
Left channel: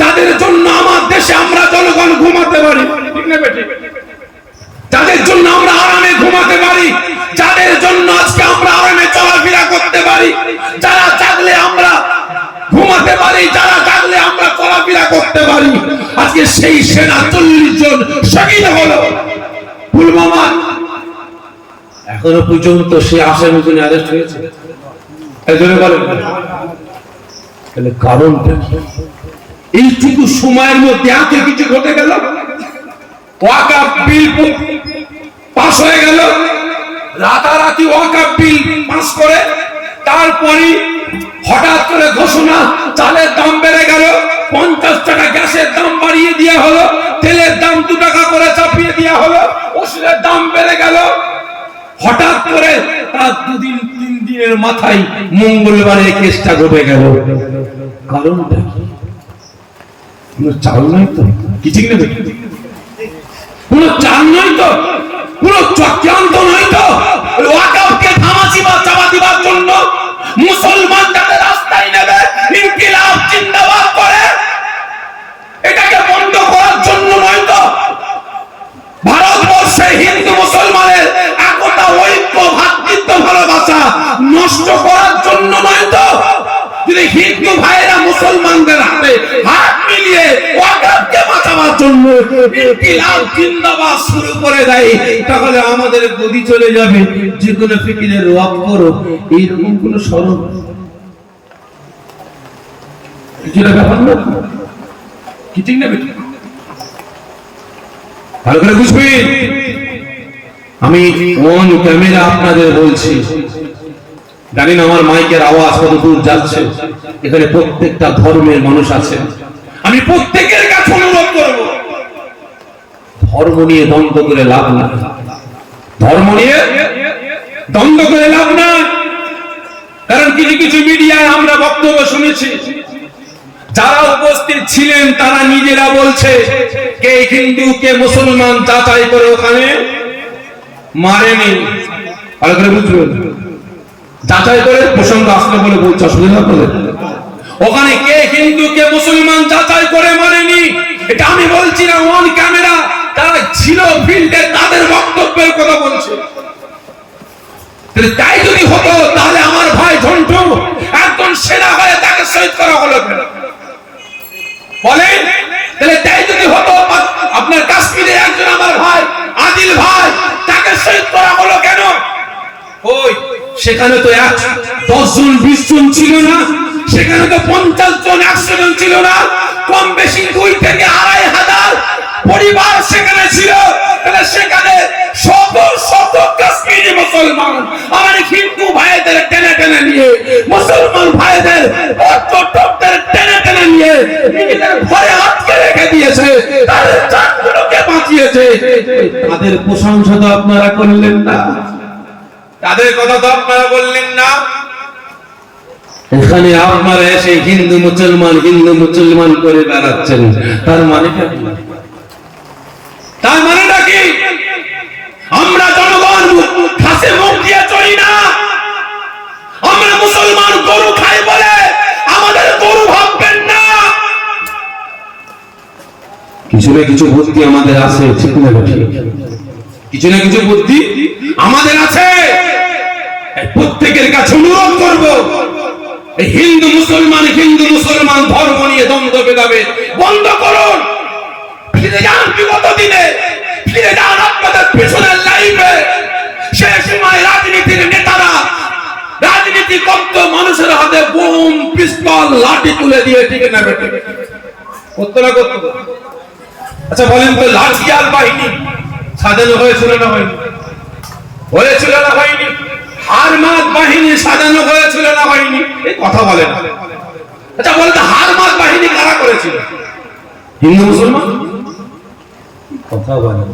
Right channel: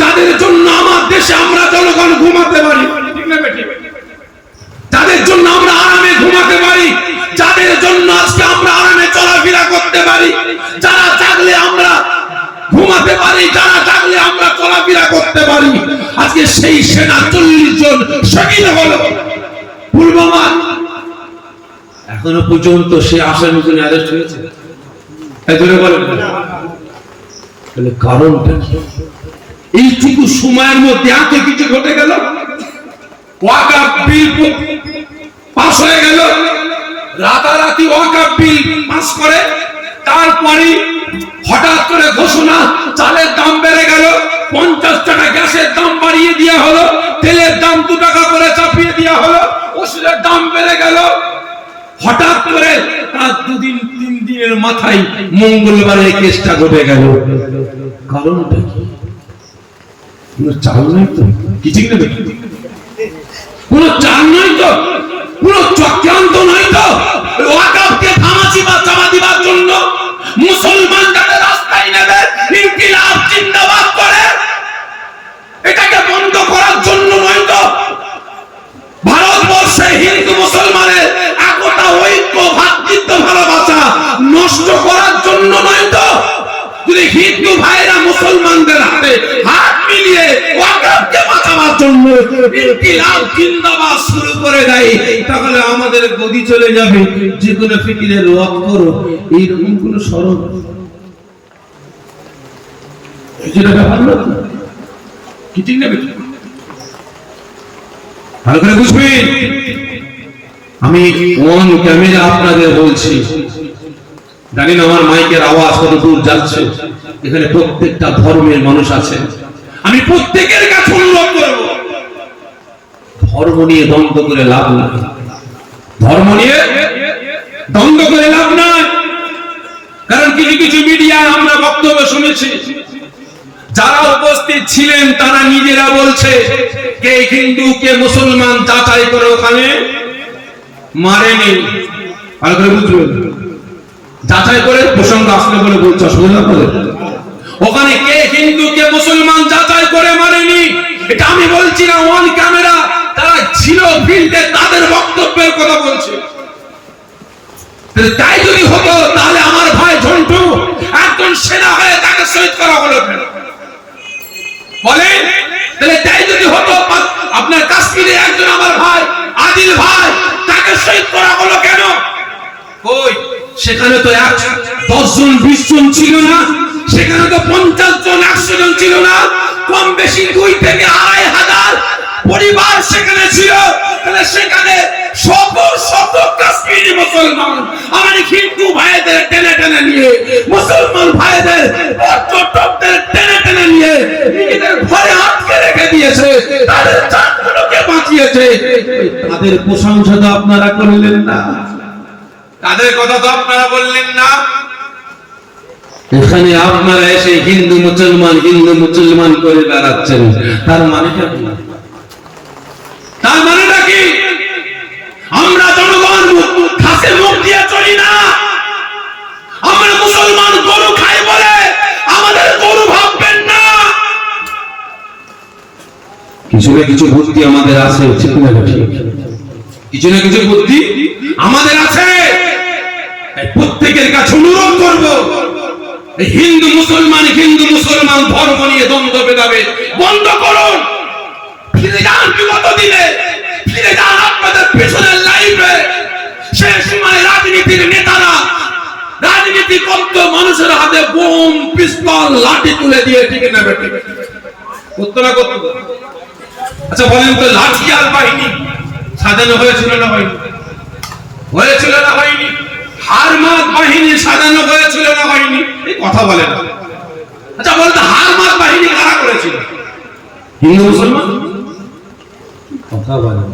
যাদের জন্য আমার দেশে আমরা জনগণ ঘুমাতে পারি, ঠিক না? যাদের জন্য আমরা আরামে ঘুমাতে পারি, যাদের জন্য আজকে আমরা আরামে চলাফেরা করতে পারি, যারা জাগলে আমরা ঘুমাতে পারি, যারা জাগলে আমরা চলাফেরা করতে পারি, আজকে সেই সেনা 40 জন শহীদ হলো পুলওয়ামা। এখনো পর্যন্ত সে আসামিগুলো অ্যারেস্ট হয়েছে? তাহলে কারণটা কি? এইটুকু সময়ের মধ্যে এত কিছু ঘটে গেল। ওয়াকফ বিল পাস হয়ে গেল, রাতারাতি ওয়াকফ বিল পাস করে তারপরে হঠাৎ করে ঘোষণা, চালের দাম বেড়ে গেল, 50 টাকা গ্যাসের দাম বাড়িয়ে দেওয়া হলো, তেলের দাম 2 টাকা করে চাপিয়ে দেওয়া হলো, ওষুধের ওষুধের দাম বেড়ে গেল, হঠাৎ করে তার 2-3 দিনের মাথায় মঙ্গলবারে কেসটা ঘটে গেল। কারণটা কি? কোনো চাল নাই তো, কি ঠিক নেবে? কোনো চাল নাই তো, কোনো চক্রান্ত নাই তো। ওয়াকফকে ধামাচি বা চাপা দিবার জন্য মুসলমান যাতে রাস্তায় নেবে ইনকিলাব জিন্দাবাদ করে, এটাকে বন্ধ করার জন্য নয় তো। ভারতবর্ষে হিন্দু মুসলমানের একতা, ঐক্য, ভ্রাতৃত্ব ভালোবাসা নষ্ট করার জন্য নয় তো। যদি হিন্দু ভাইরা মুসলমানদের হাতে হাত মিলিয়ে ওয়াকফকে বাঁচাবার জন্য ইনকিলাব জিন্দাবাদ শুরু করে দেয়, তাহলে আমাদের গদি চলে যাবে যে কোনো ফিকিরের লক্ষ্য এইরকম কোন স্মরণ। যেটা ভাবলো কি ঠিক না বেটা? ভালো করে বুঝবেন, আমি অন ক্যামেরা আপনাদের বলছি, জানি না আমার মাইকের আওয়াজ কত দূর যাচ্ছে। এখানে প্রত্যেকটা ধর্মের মানুষ আছে, আমি প্রত্যেকের কাছে অনুরোধ করব, ধর্ম নিয়ে দ্বন্দ্ব করে লাভ নাই। ধর্ম নিয়ে দ্বন্দ্ব করে লাভ নাই। কারণ কিছু কিছু মিডিয়ায় আমরা বক্তব্য শুনেছি, যারা উপস্থিত ছিলেন তারা নিজেরা বলছে কে হিন্দু কে মুসলমান যাচাই করে ওখানে মারেনি। ভালো করে বুঝবেন, যাচাই করে প্রসঙ্গ আসলে বলে বলছে, অসুবিধা করে ওখানে কে হিন্দু কে মুসলমান যাচাই করে মারেনি। এটা আমি বলছি না, অন ক্যামেরা তারা ছিল ফিল্ডে, তাদের বক্তব্যের কথা বলছে। তাই যদি হতো তাহলে আমার ভাই ঝন্টু একজন সেনা হয়ে তাকে শহীদ করা হলো কেন বলেন? তাহলে তাই যদি হতো আপনার কাশ্মীরের একজন আমার ভাই আদিল ভাই, তাকে শহীদ করা হলো কেন? ওই সেখানে তো 10 জন 20 জন ছিল না, সেখানে তো 50 জন 100 জন ছিল না, কম বেশি 2 থেকে 2,500 পরিবার সেখানে ছিল। তাহলে সেখানে শত শত কাশ্মীরি মুসলমান আমার হিন্দু ভাইদের টেনে টেনে নিয়ে, মুসলমান ভাইদের পর্যটকদের টেনে টেনে নিয়ে নিজেদের ঘরে আটকে রেখে দিয়েছে, তাদের জানগুলোকে বাঁচিয়েছে। তাদের প্রশংসা তো আপনারা করলেন না, তাদের কথা তো আপনারা বললেন না। এখানে আপনারা এসে হিন্দু মুসলমান করে বেড়াচ্ছেন, তার মানেটা কি? তার মানেটা কি? আমরা জনগণ ঘাসে মুখ দিয়ে চলি না। আমরা মুসলমান গরু খাই বলে আমাদের গরু ভাববেন না। কিছু না কিছু বুদ্ধি আমাদের আছে, ঠিক না ঠিক? কিছু না কিছু বুদ্ধি আমাদের আছে। প্রত্যেকের কাছে অনুরোধ করব, হিন্দু মুসলমান ধর্ম নিয়ে দ্বন্দ্ব ভেদাভেদ বন্ধ করুন। ফিরে যান বিগত দিনে, ফিরে যান আপনাদের পেছনের লাইফে। সেই সময় রাজনীতির নেতারা রাজনীতি করত, মানুষের হাতে বোম পিস্তল লাঠি তুলে দিয়ে, ঠিক না বেটে? করতো না করতো? আচ্ছা বলেন তো, লাঠিয়াল বাহিনী স্বাধীন হয়েছিল না হয়নি? হয়েছিল না হয়নি? হারমাত বাহিনী স্বাধীন হয়েছিল না হয়নি? এই কথা বলেন। আচ্ছা বলতে হারমাত বাহিনী কারা করেছিল? হিন্দু মুসলমান? কথা বলেন।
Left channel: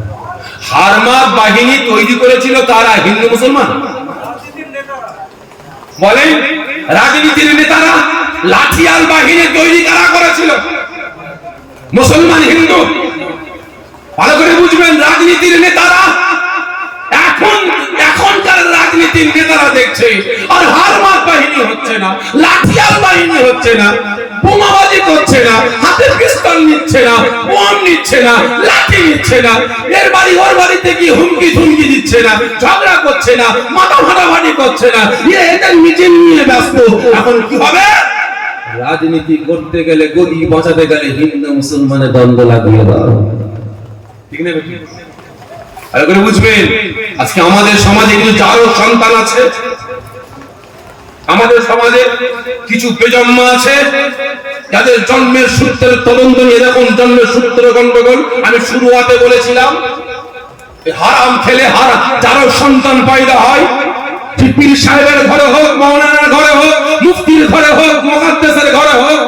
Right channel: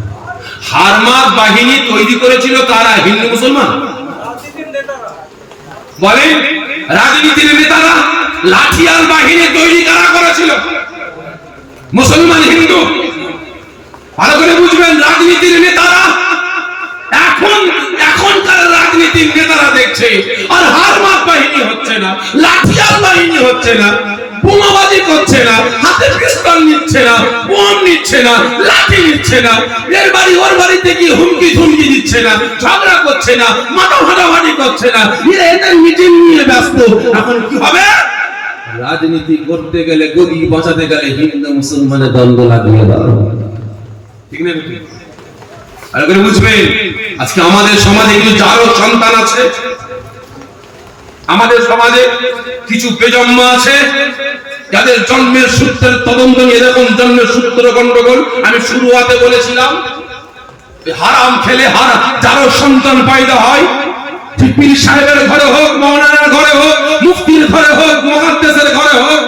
হারমাত বাহিনী তৈরি করেছিল কারা? হিন্দু মুসলমান? বলেন। রাজনীতির নেতারা লাঠিয়াল বাহিনী তৈরি কারা করেছিল? মুসলমান হিন্দু? ভালো করে বুঝবেন, রাজনীতির নেতারা এখনকার রাজনীতির নেতারা দেখছে আর হারমাত বাহিনী হচ্ছে না, লাঠিয়াল বাহিনী হচ্ছে না, বোমাবাজি করছে না, হাতে পিস্তল নিচ্ছে না, বোম নিচ্ছে না, লাঠি নিচ্ছে না, এর বাড়ি ওর বাড়িতে গিয়ে হুমকি ধুমকি দিচ্ছে না, ঝগড়া করছে না, মাথা ফাটাফাটি করছে না, এদের মিটিং নিয়ে ব্যস্ত। এখন কি হবে? রাজনীতি করতে গেলে, গদি বাঁচাতে গেলে হিন্দু মুসলমানের দ্বন্দ্ব লাগিয়ে দাও, ঠিক না? আর করে বুঝবেন, আজকে আমাদের সমাজে কিছু যারও সন্তান আছে, আমাদের সমাজে কিছু বেজন্মা আছে যাদের জন্মের সূত্রের তদন্ত নিয়ে, এরকম জন্মের সূত্র গন্ডগোল। আমি শুরুয়াতে বলেছিলাম, হারাম খেলে যারও সন্তান পয়দা হয়, পীর সাহেবের ঘরে হোক, মাওলানার ঘরে হোক, মুফতির ঘরে হোক, মুহাদ্দিসের ঘরে হোক,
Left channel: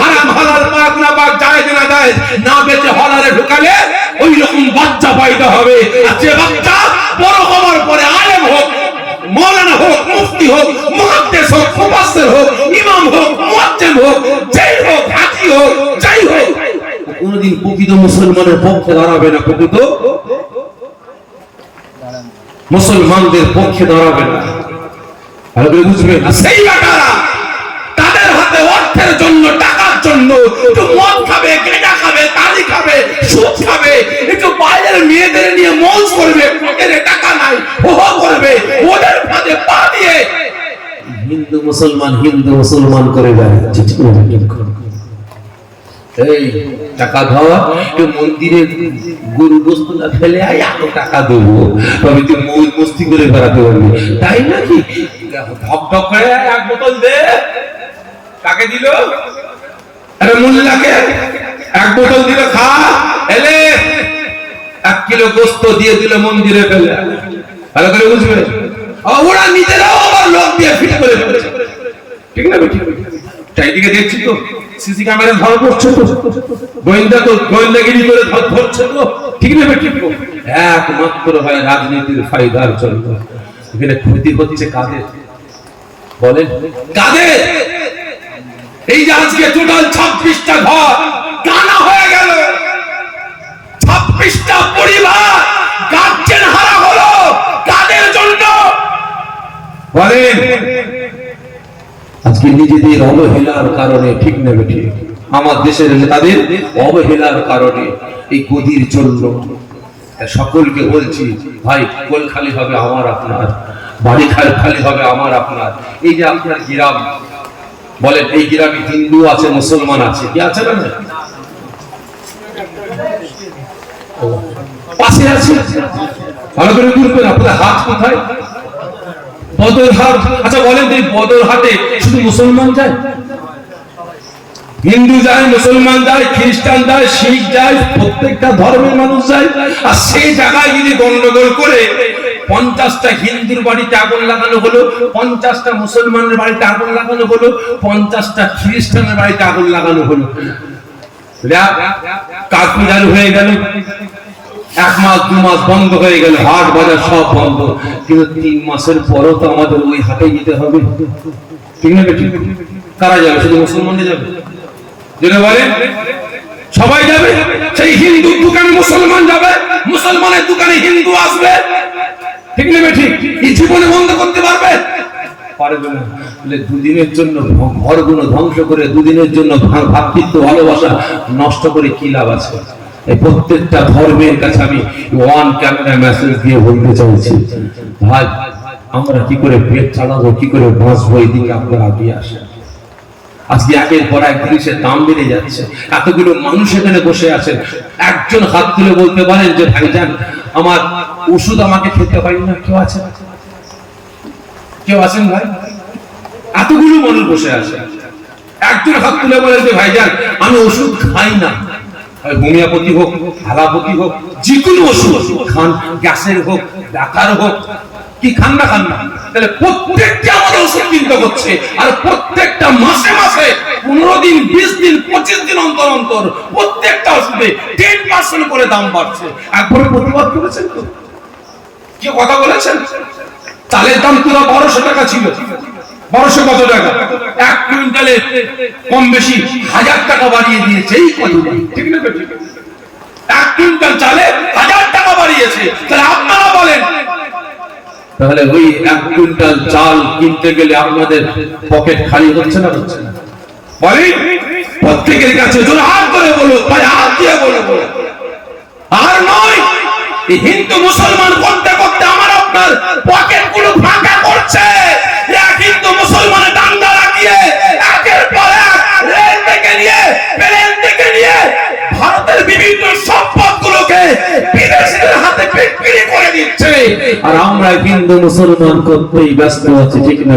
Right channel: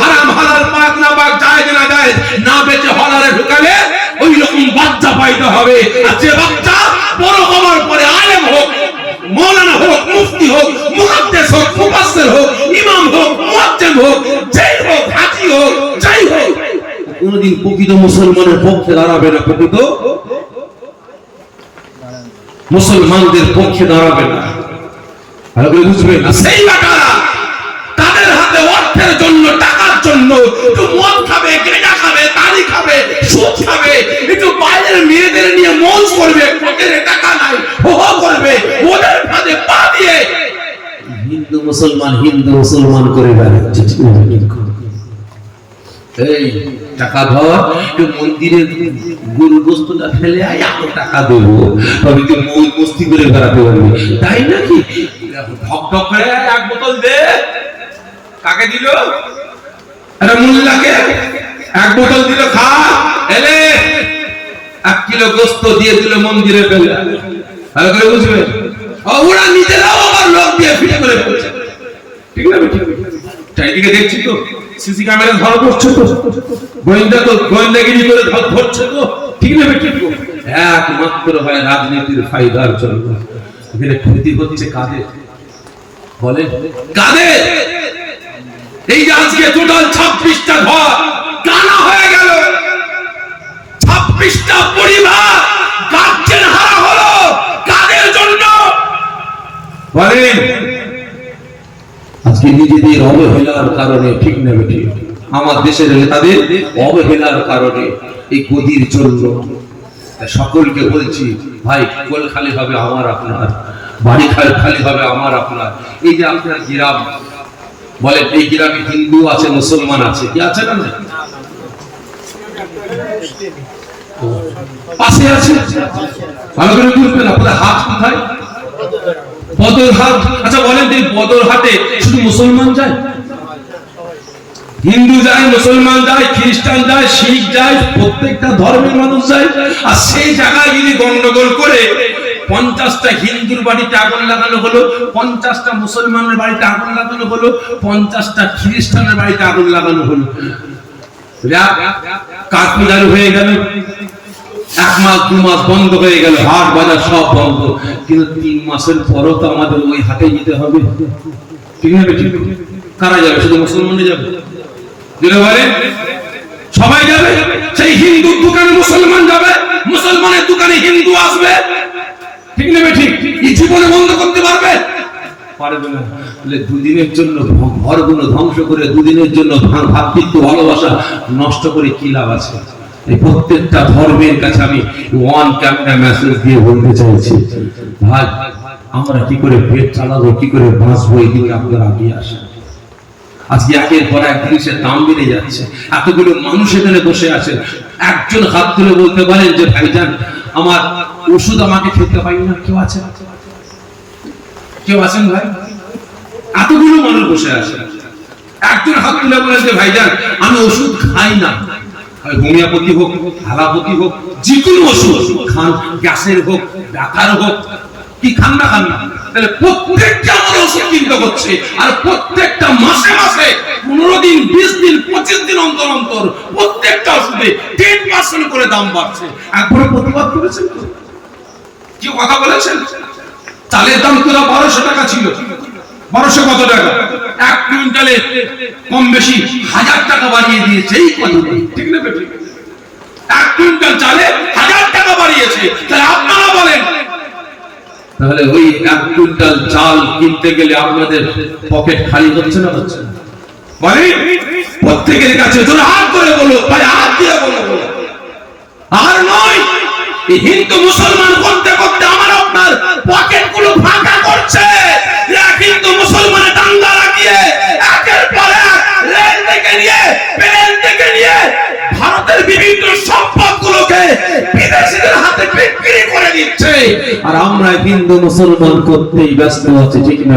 হারাম হালাল পাক না পাক, জায়েজ না জায়েজ না বেঁচে হলারে ঢুকালে ওই রকম বাচ্চা পয়দা হবে। আর যে বাচ্চা মৌলানা হোক, মুফতি হোক, মুহাদ্দিস হোক, মুফাসসির হোক, ইমাম হোক, মুয়াজ্জিন হোক, যেই হোক, হাজী হোক, যাই হোক, কোনদিন প্রকৃত মুসলমানের পক্ষে দাঁড়াবে না, প্রকৃত মুসলমানদের পক্ষে দাঁড়াবে না। ভালো করে বুঝবেন। সেই বেটারা তাদের হাতে অর্থের জন্য, টাকার জন্য একটু মদ খাবে, গাঁজা খাবে, তালি খাবে, সুদ খাবে, একটু বাইরের মেয়েদের নিয়ে মৌজ করবে, পকেটে টাকা নাই, হো হো করবে, ওদের ফাঁদে পা দিয়ে হিন্দু মুসলমান করে বেড়াচ্ছে। এই টাকা ধর, একটু মন্দিরে গরু বস্তু না ফেলে আয়, এত টাকা দেবো, তবে তুই মৌজ মস্তি করে বেড়াতে পারবি, তাই নাকি? ঢক ঢক করে এক বোতল দে। কাকে দিল? আরে মুল্লাকে এক বোতল দিল, খা। এলে 1 কিলো গোস্ত দিয়ে দিল মন্দিরে ফেলে। ভালো করে বুঝবে। ওরা নিজেরাও আবার লোক দিয়ে ফিট করে ফেলেছে। ঠিক না? ঠিক। চারিদিকে দেখছি তো, সিসি ক্যামেরা ধরা পড়ছে তো, গোয়েন্দাগিরি করে ধরছে তো, ঠিক না? ঠিক। একমাত্র হয় রাজনীতির ফায়দার জন্য। এখানে ক্ষতি হচ্ছে কাদের বলেন? কাদের? এই যে আজকে টোটাল 26টা ঘর কানা হয়ে গেল, 26টা পরিবার গার্জেন হারা হলো, কাদের জন্য বলেন? আজকে নিজেদের অবহেলার কারণে, ঠিক না ঠিক? আমার দেশের তাদের অবহেলার কারণে, এই গদির জন্য। সকলকে বলছি ভাই, কোল খালি হবে আমার আপনার, বাড়ি খালি হবে আমার আপনার। এই যে আপনার গ্রাম বলেন, এই গ্রামে হিন্দু আছে, মুসলমান আছে, কি আছে না? পাশে আছে। ভালো করে বুঝবেন। আপনার হাত কোথায়? বদরহাট। আচ্ছা বলেন, এই বদরহাটে শুধু মুসলমান যায়? হিন্দু যায়, মুসলমান যায়, খ্রিস্টান যায়, শিখ যায়, প্রত্যেকটা ধর্মের মানুষ যায়। আর সেই জায়গায় যদি গন্ডগোল করে 50টা হিন্দুর বাড়িতে আগুন লাগানো হলো, 50টা মুসলমানের বাড়িতে আগুন লাগানো হলো, 50টা খ্রিস্টানের বাড়িতে আগুন লাগানো হলো, কাঠমিজার হয়ে গেল, 1 মাস 2 মাস বন্ধ হয়ে গেল, হাট বাজার সব বন্ধ। কিন্তু 3 মাসের পরও তো আমাদের ওই হাটে যেতে হবে, ঠিক না? কারা যাবে? শুধু মুসলমানরা যাবে? যেটা বলে সবাই যাবে। সেই হিন্দুর দোকানে মুসলমান যাবে, মুসলমানের দোকানে হিন্দু আসবে, ঠিক না? ঠিক। এই জীবনে বন্ধ করতে পারবে? পারবে না। দুদিনের জন্য ঘরগুলো ধ্বংস করে, দুদিনের জন্য ভ্রাতৃত্ব ভালোবাসা নষ্ট করে কি লাভ আছে? এই প্রত্যেকটা ধর্মের কাছে আমি ওয়ান ক্যামেরা মেসেজ দিয়ে বলতে চাইছি, ভাই আমরা কি করে পেট চালাবো, কি করে বাঁচবো, এই দিকে আপনারা এগিয়ে আসেন। আজকে একের পর এক জিনিসের দাম বেড়ে যাচ্ছে, এতগুলো মানুষ এখানে বসে আছে, একজন হাত তুলে বলতে পারেন যে ভাইজান আমার ওষুধ আমাকে খেতে পারি না? কেউ আছে? কেউ আছেন ভাই? এতগুলো মানুষ বসে আছে, একজন হাত তুলে বলেন যে ভাইজান আমি ওষুধ খাই না। হোমিওপ্যাথি হোক, অ্যালোপ্যাথি হোক, যে কোনো ওষুধ খান, গ্যাসের হোক, ব্যথার হোক, কি খান না? তাহলে প্রত্যেকটা আমাদের ওষুধ কিনতে হচ্ছে, আর প্রত্যেকটা মাসে মাসে 15 দিন, 20 দিন, 25 দিন অন্তর অন্তর প্রত্যেকটা ওষুধে 10% করে দাম বাড়ছে। একবারে প্রতিবাদ করেছেন তো? কি কথা বলেছেন? চালের দাম পুরো 1200 টাকা ছিল, 1200 কত টাকা? 1 কুইন্টালে কম বেশি 1000 টাকা বাড়িয়ে দিয়েছে। এই কথা ঠিক না? 1 কুইন্টাল চালে 1000 টাকা বাড়িয়েছে। তাহলে আপনারা বলেন, তাহলে ওই 1 কুইন্টাল চাল কিনতে গেলে আপনাদের পকেট খালি হচ্ছে না? হচ্ছে না? বলেন প্রত্যেকের কাছে জোরে হাত করে বলো, ভাই হাত দিয়ে বলো, আর নয় এই হিন্দু মুসলমান করতে করতে আমার আপনার পকেট গুলো ফাঁকা করছে। এক হিন্দু মুসলমানের দাঙ্গা লাগিয়ে একের পর এক রেল থেকে নিয়ে, প্লেন থেকে নিয়ে ভারতের বিভিন্ন সম্পদগুলোকে বিদেশিদের হাতে বিক্রি করে দিচ্ছে, আর আমরা হিন্দু মুসলমান করতেই ব্যস্ত আছি, ঠিক না?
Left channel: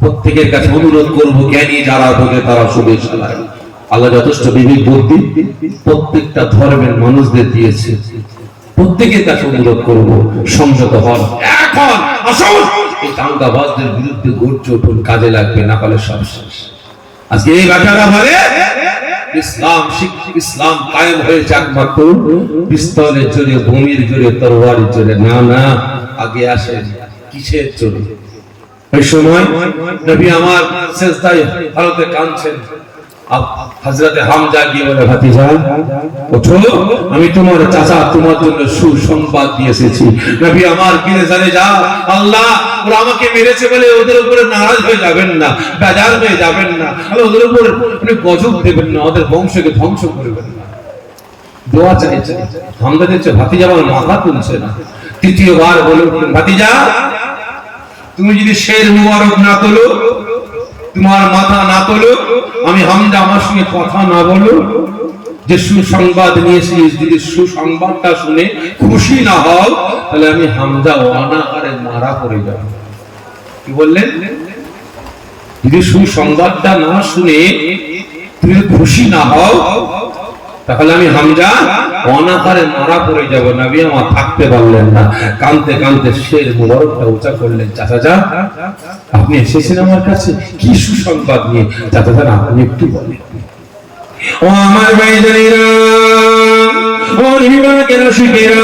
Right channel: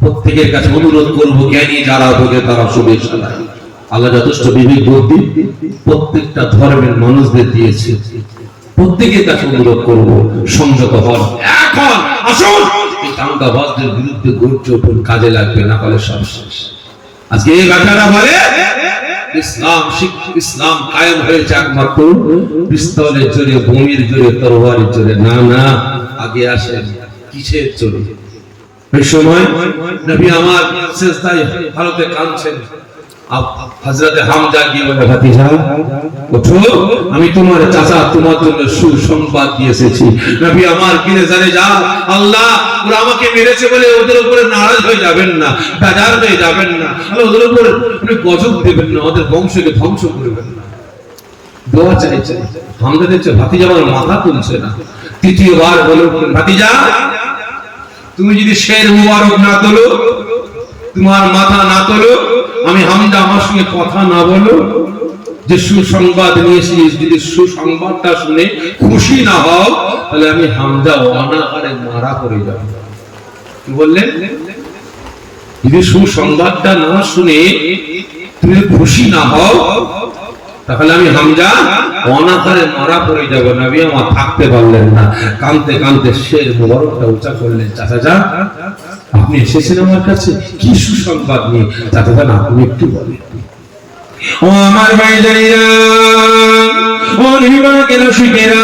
প্রত্যেকের কাছে অনুরোধ করবো, জ্ঞানী যারা বোঝে তারা শুভেচ্ছা চালায়। আল্লাহ যথেষ্ট বিবেক বুদ্ধি প্রত্যেকটা ধর্মের মানুষদের দিয়েছে। প্রত্যেকের কাছে অনুরোধ করবো, সংযত হন। এখন আসুন এই দাঙ্গাবাজদের বিরুদ্ধে গর্জে উঠুন, কাজে লাগবে, না হলে সব শেষ। আজকে এই ব্যাপারটা বলে ইসলাম কায়েম হয়েছে একমাত্র পিস্তলের জোরে, ভূমির জোরে, তরবারের জোরে না। আগে আসেন কিসের জন্য? ওই সময় নবী আমার সিজদায় হালতে কাঁদছেন। হযরতে হামজা গিয়ে বলে, ভাতিজা ওঠো, আমি তোমার চাচা তোমার জন্য সুসংবাদ দিয়ে এসেছি। নবী আমার গিয়ে জানে, যা আল্লাহ ওরা আমাকে মেরেছে বলে ওদের উপরে নারাজ হয়ে যাবেন না, বেজার হয়ে যাবেন না, ওদের উপরে আপনি গজব দেবেন না, ওদের বংশকে ধ্বংস করবেন না। দোয়া চাইছে। হামজা দেখছে ভাতিজা আমার মাথা তুলছে না। তৃতীয়বার বলে উঠলেন, ভাতিজা তুমি যদি শের মুবারক না তোলো, তোমার মাথা না তোলো, আমি হামজা আমার সঙ্গে কথা না বলো, যে সুসংবাদ নিয়েছি, যদি সুসংবাদটা শুনে খুশি না হও, তাহলে আমি হামজা অনাহারে মারা পড়ে যাব। কি বললেন? যদি সুসংবাদটা না শুনে তুমি খুশি না হও, তাহলে আমি হামজা অনাহারে মারা পড়ে যাব। নবী আমার থাকতে পারলেন না, কাঁদতে কাঁদতে শের মুবারকটা উঁচা করলেন। চাচা যা, আপনি এসেছেন আমার কাছে কি সুসংবাদ নিয়ে? চাচা যান, আপনি একটু বলেন। ও আমার ভাইজানেরা, ও নিবাকের শিকেরা,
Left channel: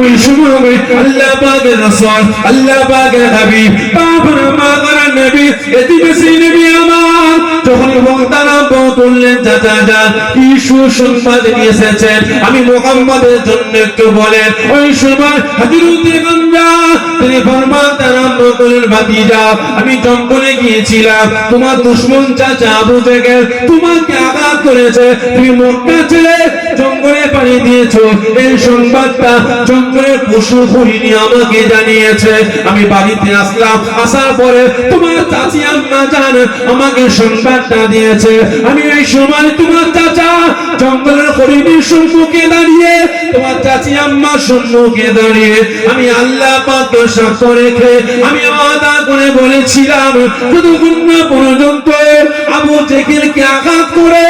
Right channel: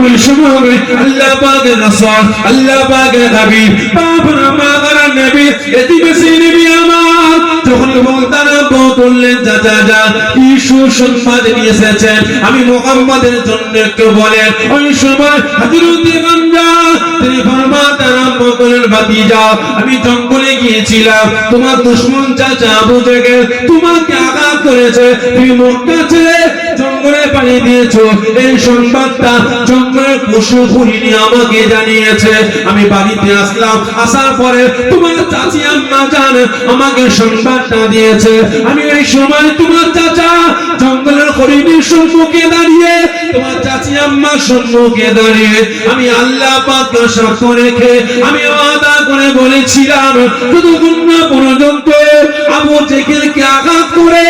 ওই সময় আল্লাহ পাকের রাসূল, আল্লাহ পাকের হাবিব, বাবার মাদার নবী, এতিমেসি নবী আমার যখন বলতারা বললেন, চাচা যান কি সুসংবাদ নিয়ে এসেছেন, আমি মুহাম্মাদের জন্য একটু বলেন। ওই সময় হযরত হামজা তিনি ফরমাতে আরম্ভ করলেন, ভাতিজা আমি জঙ্গলে গিয়েছিলাম, তোমার দুশমন চাচা আবু জেহেল তোমাকে আঘাত করেছে, তুমি মক্কা ছেড়ে জঙ্গলে পাড়ি দিয়েছো, এই সংবাদটা জঙ্গলের পশু হরিণী আমাকে জানিয়েছে। আমি বাড়িতে আসলাম, আসার পরে তোমার চাচি আম্মা জান আমাকে সংবাদটা দিয়েছে। আমি এই সময় তোমার চাচা জঙ্গলের হরিণীর সম্মুখে দাঁড়িয়ে, তোমার চাচি আম্মার সম্মুখে দাঁড়িয়ে আমি আল্লাহ পাককে সাক্ষ্য রেখে আমি ওয়াদা করে বলেছিলাম, যতক্ষণ না পর্যন্ত আবু জেহেলকে আঘাত করে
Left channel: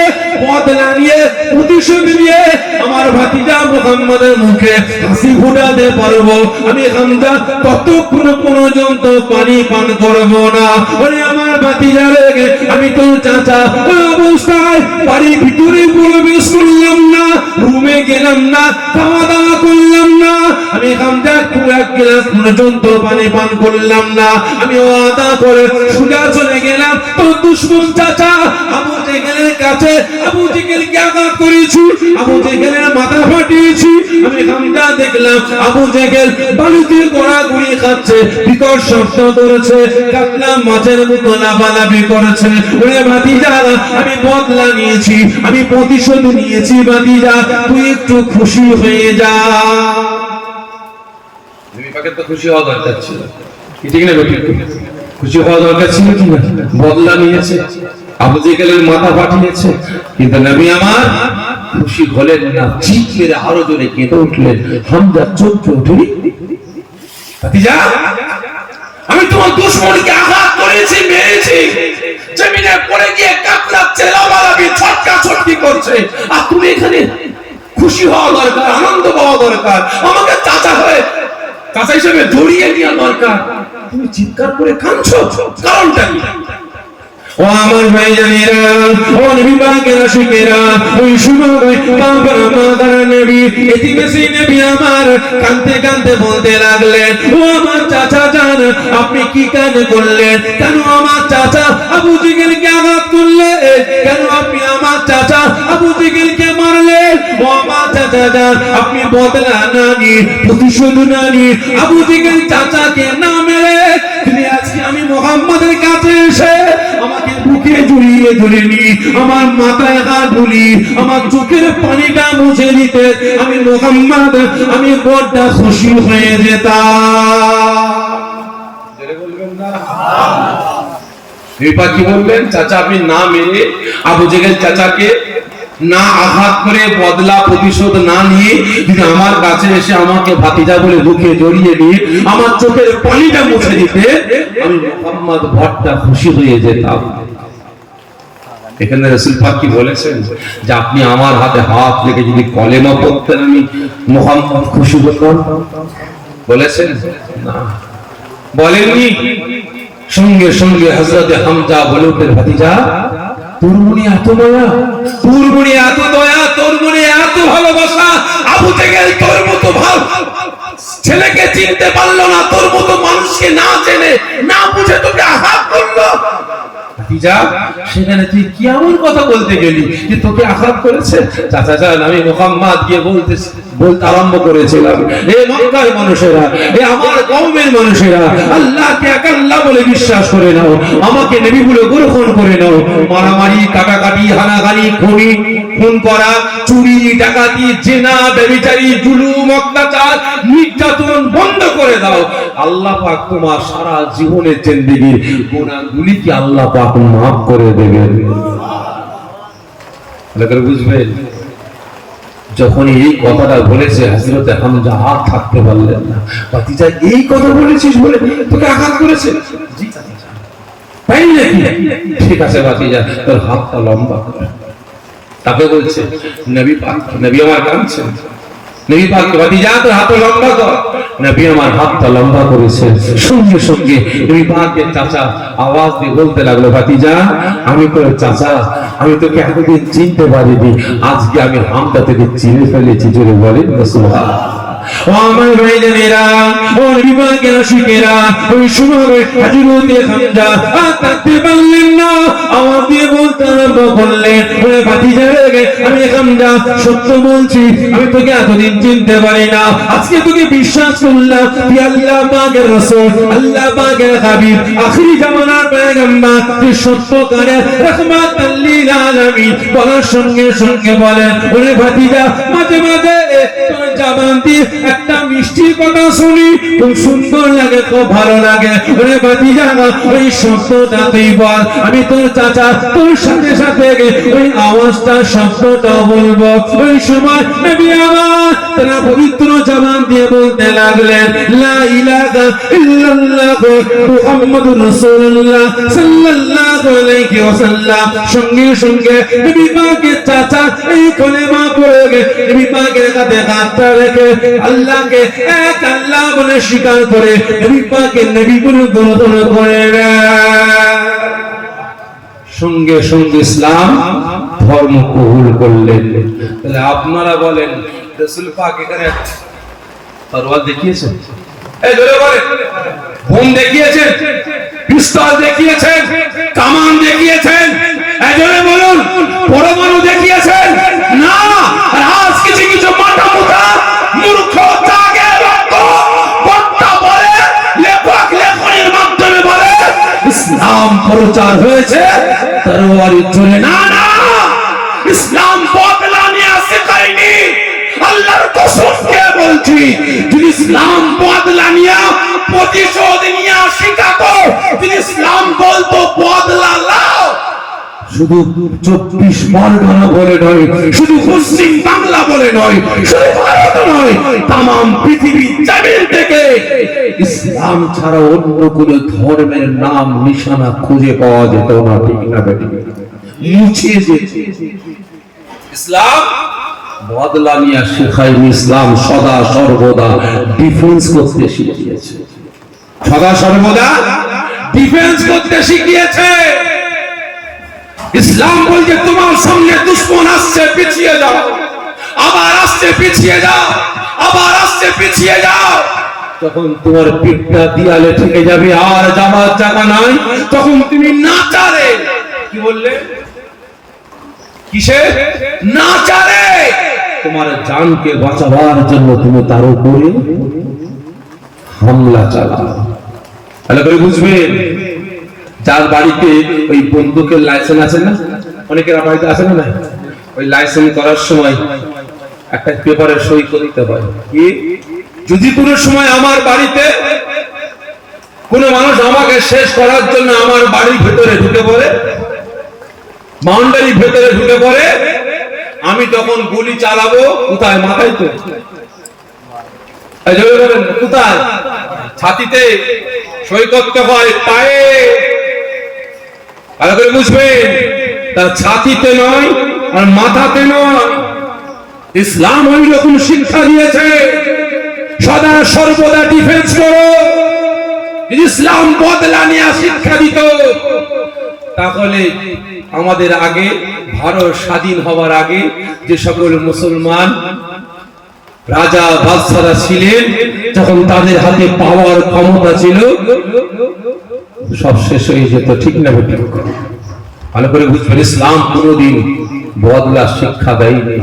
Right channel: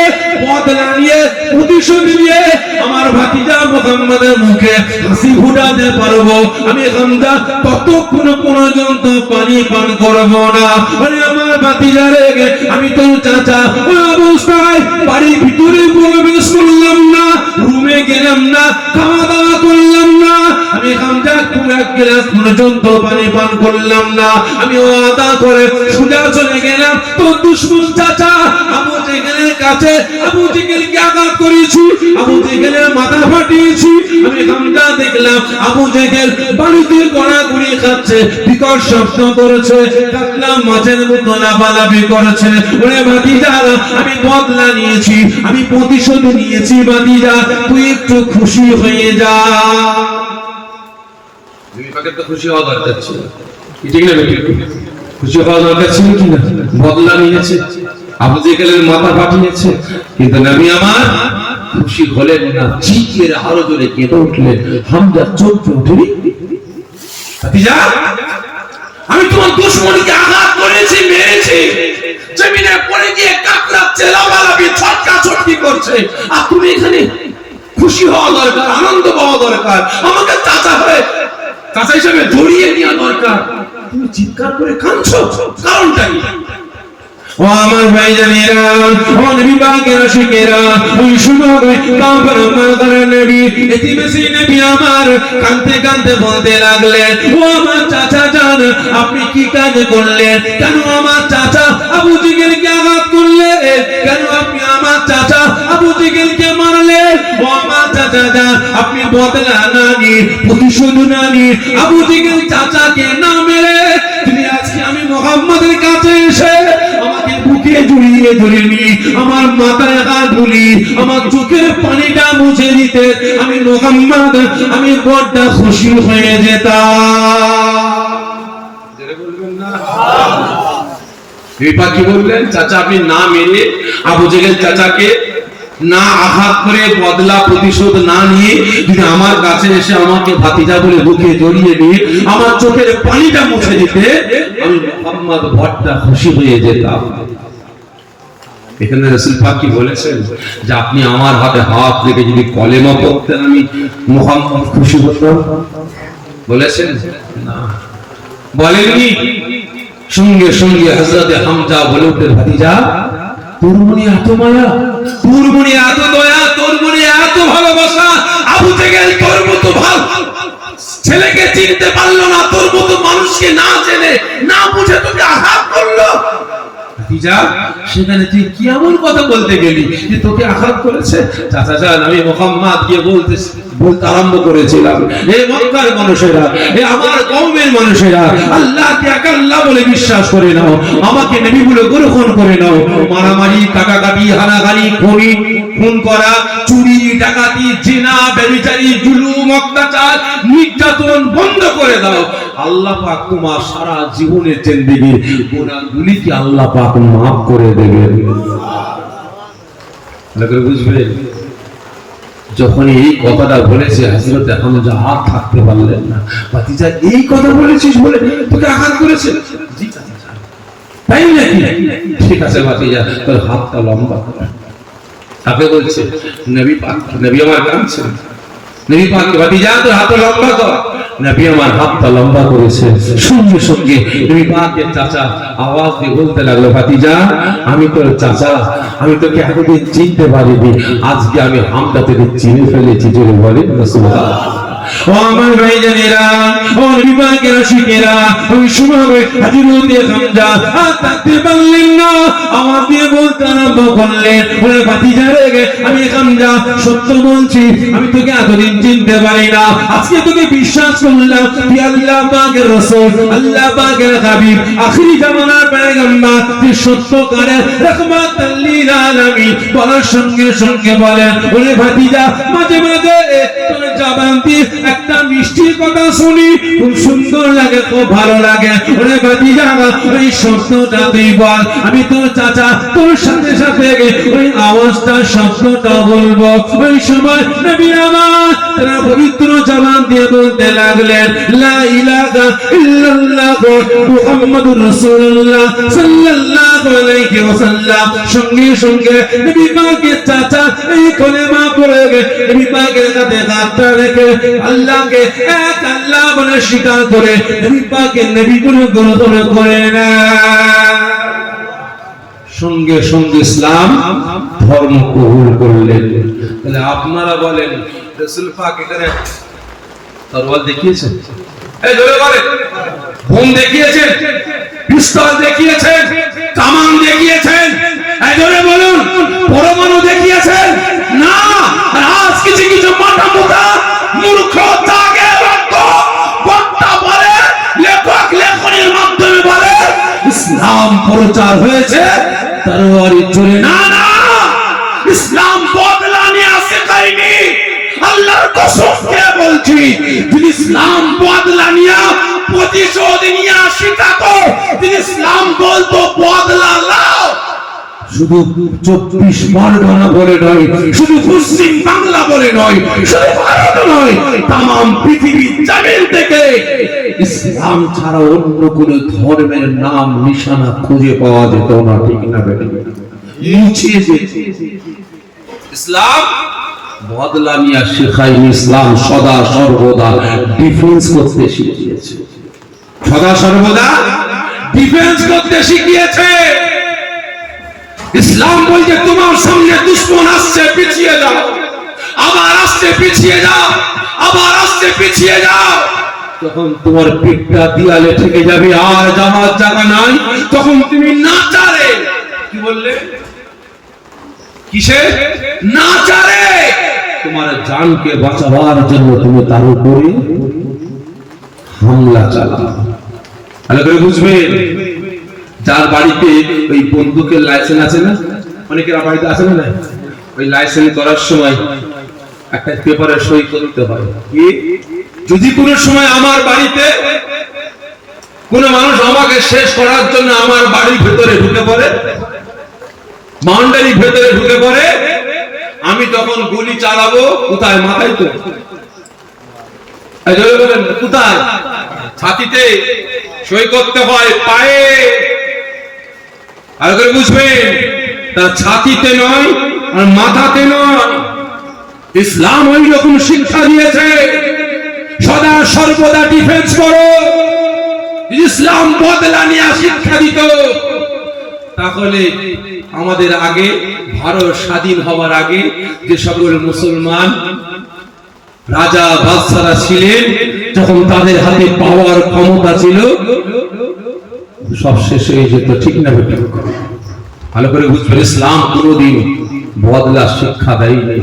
বদলা নিয়ে প্রতিশোধ নিয়ে আমার ভাতিজা মুহাম্মাদের মুখে হাসি ফুটাতে পারবো, আমি হামজা ততক্ষণ পর্যন্ত পানি পান করব না। আরে আমার ভাতিজা রে, আমি তোর চাচা অবস্থায় বাড়ির ভিতরে প্রবেশ করলাম না, রুমে গেলাম না, খাওয়া দাওয়া করলাম না, আমি হামজা এক গ্লাস পর্যন্ত পানি পান করলাম না। আমি ওয়াদা করে সোজা চলে গেলাম তোর দুশমন চাচা আবু জেহেলের কাছে। আবু জেহেলকে আঘাত করেছি, আবু জেহেলের মাথা ফাটিয়েছি। আমি হামজা দেখলাম আবু জেহেল বাড়িতে গড়াগড়ি খাচ্ছে, বিকট শব্দ করেছে, কাকলা মাছের মতো লাফালাফি করেছে। ওরে ভাতিজা, আমি বদলা নিয়েছি, আমি প্রতিশোধ নিয়েছি। ভাতিজা তুই একটু খুশি হয়ে যা। তো খুশি হওয়া দরকার ছিল, ঠিক না? খুশি হওয়া দরকার ছিল কিনা? বদলা নিয়েছে, আবু জেহেলের মাথা ফাটিয়েছে, কিন্তু নবী আমার খুশি হলেন না, চিৎ মেরে আরো জোরে কেঁদে উঠলেন। হামজা চমকে উঠে, ভাতিজা আমি তোমার দুশমনকে আঘাত করেছি, মেরেছি, জমিনে পড়ে গিয়ে কাতরাচ্ছে, লাফালাফি ছটকা ছটকি করছে, আর তুমি এখানে খুশি হওয়া দরকার, আনন্দ পাওয়া দরকার, আমাকে চাচা হয়ে চাচা হিসেবে জড়িয়ে নেওয়া দরকার, তুমি চিৎকার করে কাঁদছো, কারণটা কি? ও আমার ভাইজানেরা, ও নবী পাকের আশিকেরা, ওই সময় বাবার মাদার নবী, এতিমেসি নবী আমার কাঁদতে কাঁদতে বলতে লাগলেন, ও আমার চাচা জান আপনি কি কাজ করলেন? কেন আমার চাচা আবু জেহেলকে আঘাত করলেন? কেন আপনি আমার চাচা আবু জেহেলকে মারলেন? ও আমার চাচা জান আপনি বদলা না নিয়ে, প্রতিশোধ না নিয়ে আবু জেহেল চাচাকে না মেরে তিনি আজকে আমি মুহাম্মাদের কাছে এসে আমাকে বুকে জড়িয়ে ধরে নিয়ে আমার মাথায় হাত বুলিয়ে আমার চোখের পানিটা মুছে দিতে আমি মুহাম্মদ, আমি বড় খুশি হয়ে যেতাম। জোরে বলবেন না? বিপা কি বললেন? চাচা আপনি না মেরে আবু জেহেল চাচাকে না আঘাত করে বদলা প্রতিশোধ না নিয়ে যদি আমার কাছে এসে আমাকে ভাতিজা বলে বুকে জড়িয়ে নিয়ে আমার চোখের পানিটা মুছে দিতে আমি মুহাম্মদ বড় খুশি হয়ে যেতাম। এখানে রাসূল পাক কি বলেছেন যে আপনি আমার হাতে হাত রেখে যদি কলেমা পড়তেন আমি মুহাম্মদ খুশি হতাম? বলেছেন না, বলেননি। সঙ্গে সঙ্গে হযরত হামজা বলে উঠলেন, ভাতিজা তোর মনে এত মায়া, তোর মনে এত দয়া, তোর মনে এত ভালোবাসা, আবু জেহেল তোর মতো ভালো ছেলেকে চিনতে পারলো না, তোর মতো মানুষকে না জেনে না বুঝে তোকে আঘাত করলো। ভাতিজা, সেখানে তুই কি এমন কথা বলতে গেলি যে তোকে আঘাত করেছে? চাচা যান, আমি মুহাম্মদ গিয়ে বলতে আরম্ভ করেছিলাম, হে মক্কার মানুষেরা, হে আমার কওমের মানুষেরা, আল্লাহকে এক আল্লাহ বলে বিশ্বাস করে নাও, আমাকে নবী বলে গ্রহণ করে নাও। মারামারি, কাটাকাটি, হানাহানি, খুন করা, চুরি, ডাকাতি, জিনা, ব্যভিচারী, জুলুম, অত্যাচার, নির্যাতন বন্ধ করে দাও। আল্লাহ পাক তোমার সারা জীবনের জিন্দেগির গুনাহগুলিকে আল্লাহ পাক মাফ করে দেবেন। লোকের বুঝবেন, যখন এই কথাটা বলেছে হযরত হামজা হাত থাকতে পারলেন না। ভাতিজা, এই কথা বলেছিস বলে তোকে আঘাত করেছে? জি ভাতিজা। তাই নাকি? ঠিক আছে ভাতিজা, তোর হাতটা লম্বা কর। তাকে বলছে নবী পাক, নবী আমার কাঁদছেন, নবী পাক, ভাতিজা তোর হাত লম্বা কর। নবী আমার হাতটা লম্বা করেছে। সঙ্গে সঙ্গে নবী পাকের চাচা আওয়াজ দিয়ে বলতে লাগলো, ভাতিজা আমি তোর চাচা, আমি তোকে এতদিন চিনতে পারিনি, আজকে আমি হামটা থেকে চিনে ফেলেছি। জোরে বলেন সুবহানাল্লাহ। আমার ভাইজানেরা, ও নবী পাকের আশিকেরা, ওই সময় হযরত হামজা হাঁটতে পারলেন না, আওয়াজ দিয়ে বলতে আরম্ভ করলেন, ওরে ভাতিজা রে, আমি হামজা সত্য বলছি, আমি তোকে এতদিন চিনতে পারি না, আজকে তোকে বিশ্বাস করলাম তুই আল্লাহ পাকের রাসূল, আল্লাহ পাকের হাবিব, আখিরি জামানার পয়গম্বর, তুই সত্যকারের রাহমাতুল লিল আলামিন। বলার সঙ্গে সঙ্গে বলেন, ওরে ভাতিজা, মাঝে মাঝে তোর জবান দিয়ে একটা মিষ্টি কথা শুনি, খুব সুন্দর লাগে, খুব ভালো লাগে। ওরে ভাতিজা, ওই শব্দটা তুই বল, আমি তোর চাচা তোর সাথে সাথে ওই আওয়াজটা শব্দটা বলবো। ওই সময় নবী আমার তারা পবিত্র জবান দিয়ে বলতে লাগলেন, লা ইলাহা ইল্লাল্লাহ মুহাম্মাদুর রাসূলুল্লাহ সাল্লাল্লাহু আলাইহি ওয়াসাল্লাম। সঙ্গে সঙ্গে নবী পাকের চাচা এই কলেমা পড়ে নবী পাকের কাঁধে হাতটা রেখে আল্লাহকে এক আল্লাহ বলে স্বীকার করে নবী পাকের নবী বলে গ্রহণ করে নেয়। সঙ্গে সঙ্গে ইসলাম ধর্ম কবুল করলেন। তাহলে আপনারা বলেন, রাসূল পাক এখানে তরোয়ার দেখিয়েছেন? এই জোরে বলেন, বোম দেখিয়েছেন, পিস্তল দেখিয়েছেন, কামান দেখিয়েছেন? এই জোরে বলুন, পরমাণু দেখিয়েছেন? না। আজ কিছু কিছু মাথা মুখা মূর্খ জাগে রক্ত বক্তা বলে, লেখক লেখনের মাধ্যমে বলে ইসলাম প্রচার হয়েছে, তরবারি চলে না। না, ইসলাম বদলা নিয়ে আসে করেনি। আল্লাহর কসম খেয়ে বলছি, যদি ইসলাম বদলা নিয়ে প্রতিশোধ নিয়ে শিখাতো, যদি ইসলাম বলতো বদলা লাও, শুধু 24 পরগনা বলে নয়, শুধু পশ্চিম বাংলা বলে নয়, শুধু ভারত নয়, তাম পৃথিবীর জমিন থেকে ইসলাম ছাড়া অন্য কোন ধর্মের নাম নিশানা খুঁজে পাওয়া যেত না। ঠিক না বেটি? মুছিয়ে যেত। ইসলাম বদলা নিয়ে শেখায়নি, ইসলাম সদা সর্বদা ডিফেন্স করতে শিখিয়েছে, সদা সর্বদা ডিফেন্স করতে শিখিয়েছে। ইসলাম বলতে তোমার সামনে দুশমন আসছে, পিছিয়ে যাও, আবার আসছে, পিছিয়ে যাও, আবার আসছে, পিছিয়ে যাও। তখন তোমার পিঠটা দেয়ালে ঠেকে যাবে, আর যাওয়ার জায়গা নাই, তখন তুমি না চারে, কি বললে, কিসে না চারে, তোমার জানকে বাঁচাবার জন্য তুমি তার উপরে হামলা চালাও। ভালো করে বুঝবেন, যার বাড়িতে ওই বন্দুকের লাইসেন্স আছে না, অনেকের বাড়িতে আছে না, ওই লাইসেন্স করার সময় একটা পেপারে সই করতে হয়। কি, যদি কোনো সময় আমার বাড়িতে কোনো মানুষ আমাকে শেষ করার জন্য আমার বাড়ির ভেতরে ঢুকে পড়ে, বাউন্ডারির ভেতরে ঢুকে পড়ে, আমি তখন গুলি চালাবো কোথায়? মাথায় তো। কোথায়? ছাতিতে। সই করতে হয় পায়ে। ভালো করে বুঝবেন, তার ছাতিতে নয় আর মাথাতে নয়। ইসলাম ওই রকম শিক্ষা দিয়েছে, সদা সর্বদা ডিফেন্স করো। ইসলাম বদলা নিয়ে শিক্ষা দিত, তাহলে আমাদের আগে ভারত স্বাধীন হওয়ার আগে যে সকল মুসলমান রাজা বাদশারা ছিলেন, যখন তাদের হাতে পাওয়ার ক্ষমতা ছিল সব শেষ হয়ে যেত, ঠিক না বেঠিক? ভালো করে বুঝবেন, ইসলাম কোনোদিন বদলা শিক্ষা দেয়নি।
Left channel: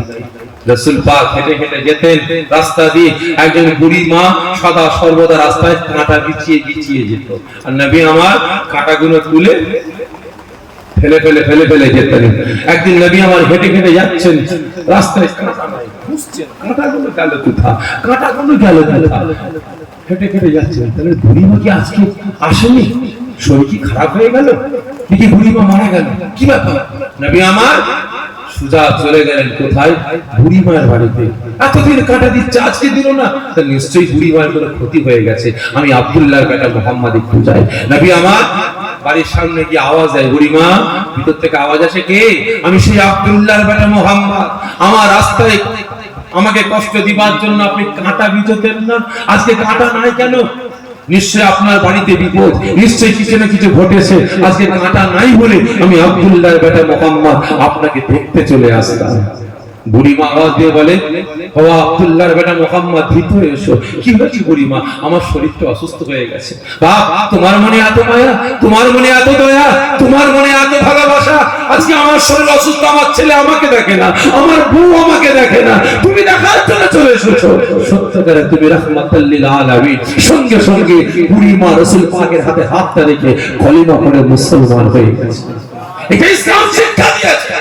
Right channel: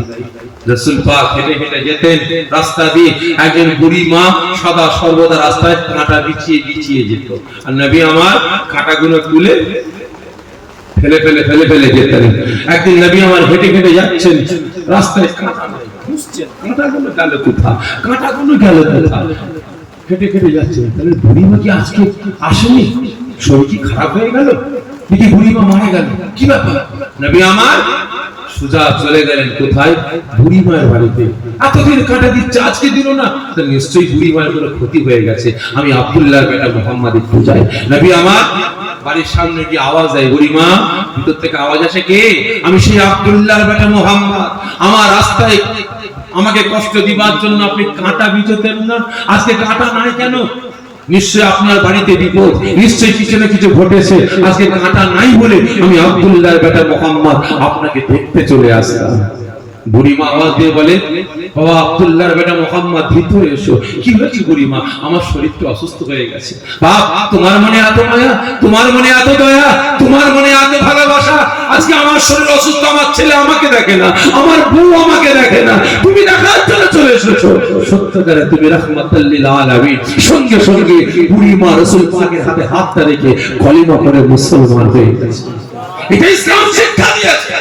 রাসূল পাক হেঁটে হেঁটে যেতেন রাস্তা দিয়ে, একজন বুড়ি মা সদা সর্বদা রাস্তায় কাঁটা বিছিয়ে বিছিয়ে যেত, আর নবী আমার কাঁটাগুলো তুলে ফেলে ফেলে ফেলে ফেলে যেতেন। একদিন নবী আমার হেঁটে হেঁটে যাচ্ছেন, রাস্তায় কাঁটা নাই, বুঝছেন কাঁটাগুলো গেল কোথায়, কাঁটাগুলো গেল কোথায়, হেঁটে হেঁটে যাচ্ছেন। তাহলে বুড়ি মা কি আজকে আসেনি? শরীর কি খারাপ হয়ে গেল নাকি বুড়ি মা মারা গেল? কি ব্যাপার? নবী আমার সুজা চলে গেলেন কোথায়? বুড়ি মায়ের বাড়িতে। এতদিন কাঁটা দিচ্ছে, আজকে দিল না, তা নিশ্চয়ই বুড়ি মায়ের কোনো ক্ষতি হয়ে গেছে। আমি আব্দুল্লাহর বেটা মুহাম্মদ একটু যাই। নবী আমার বাড়ির সামনে গিয়ে আওয়াজ দেয়, বুড়ি মা। ভিতর থেকে আওয়াজ আসে, কে? আমি সেই আব্দুল্লাহর বেটা মুহাম্মদ। আমার রাস্তায় আমাকে কষ্ট দিবার জন্য আপনি কাঁটা বিছোতেন না, আজকে কাঁটা নাই কেন? নিশ্চয় আপনার বাড়িতে বিপদ, নিশ্চয়ই কিছু না কিছু ঘটেছে, আজকে কাঁটা নাই বলে আমি আব্দুল্লাহর বেটা মুহাম্মদ আপনাকে দেখতে চলে আসলাম। বুড়িমা আওয়াজ দিয়ে বলে, ও আব্দুল্লাহর বেটা মুহাম্মদ, ভিতরে এসো। কি হয়েছে বুড়িমা? আমার শরীরটা অসুস্থ হয়ে গেছে। বাপ, তোমার মনে এত মায়া, তোমার মনে এত দয়া, তোমার মনে এত ভালোবাসা, আজকে আমার শরীর অসুস্থ, আমার ছেলে আমাকে দেখে না, আমার বউ আমাকে দেখে না, তুমি দেখার জন্য চলে এসেছো। সত্যকারে তুমি রাহমাতুল লিল আলামিন। সঙ্গে সঙ্গে বুড়িমা রাসূল পাকের হাতে হাতটা রেখে কলিমা পড়ে মুসলমান হয়ে গেছে। এটা ইসলাম শিক্ষা দিয়েছে।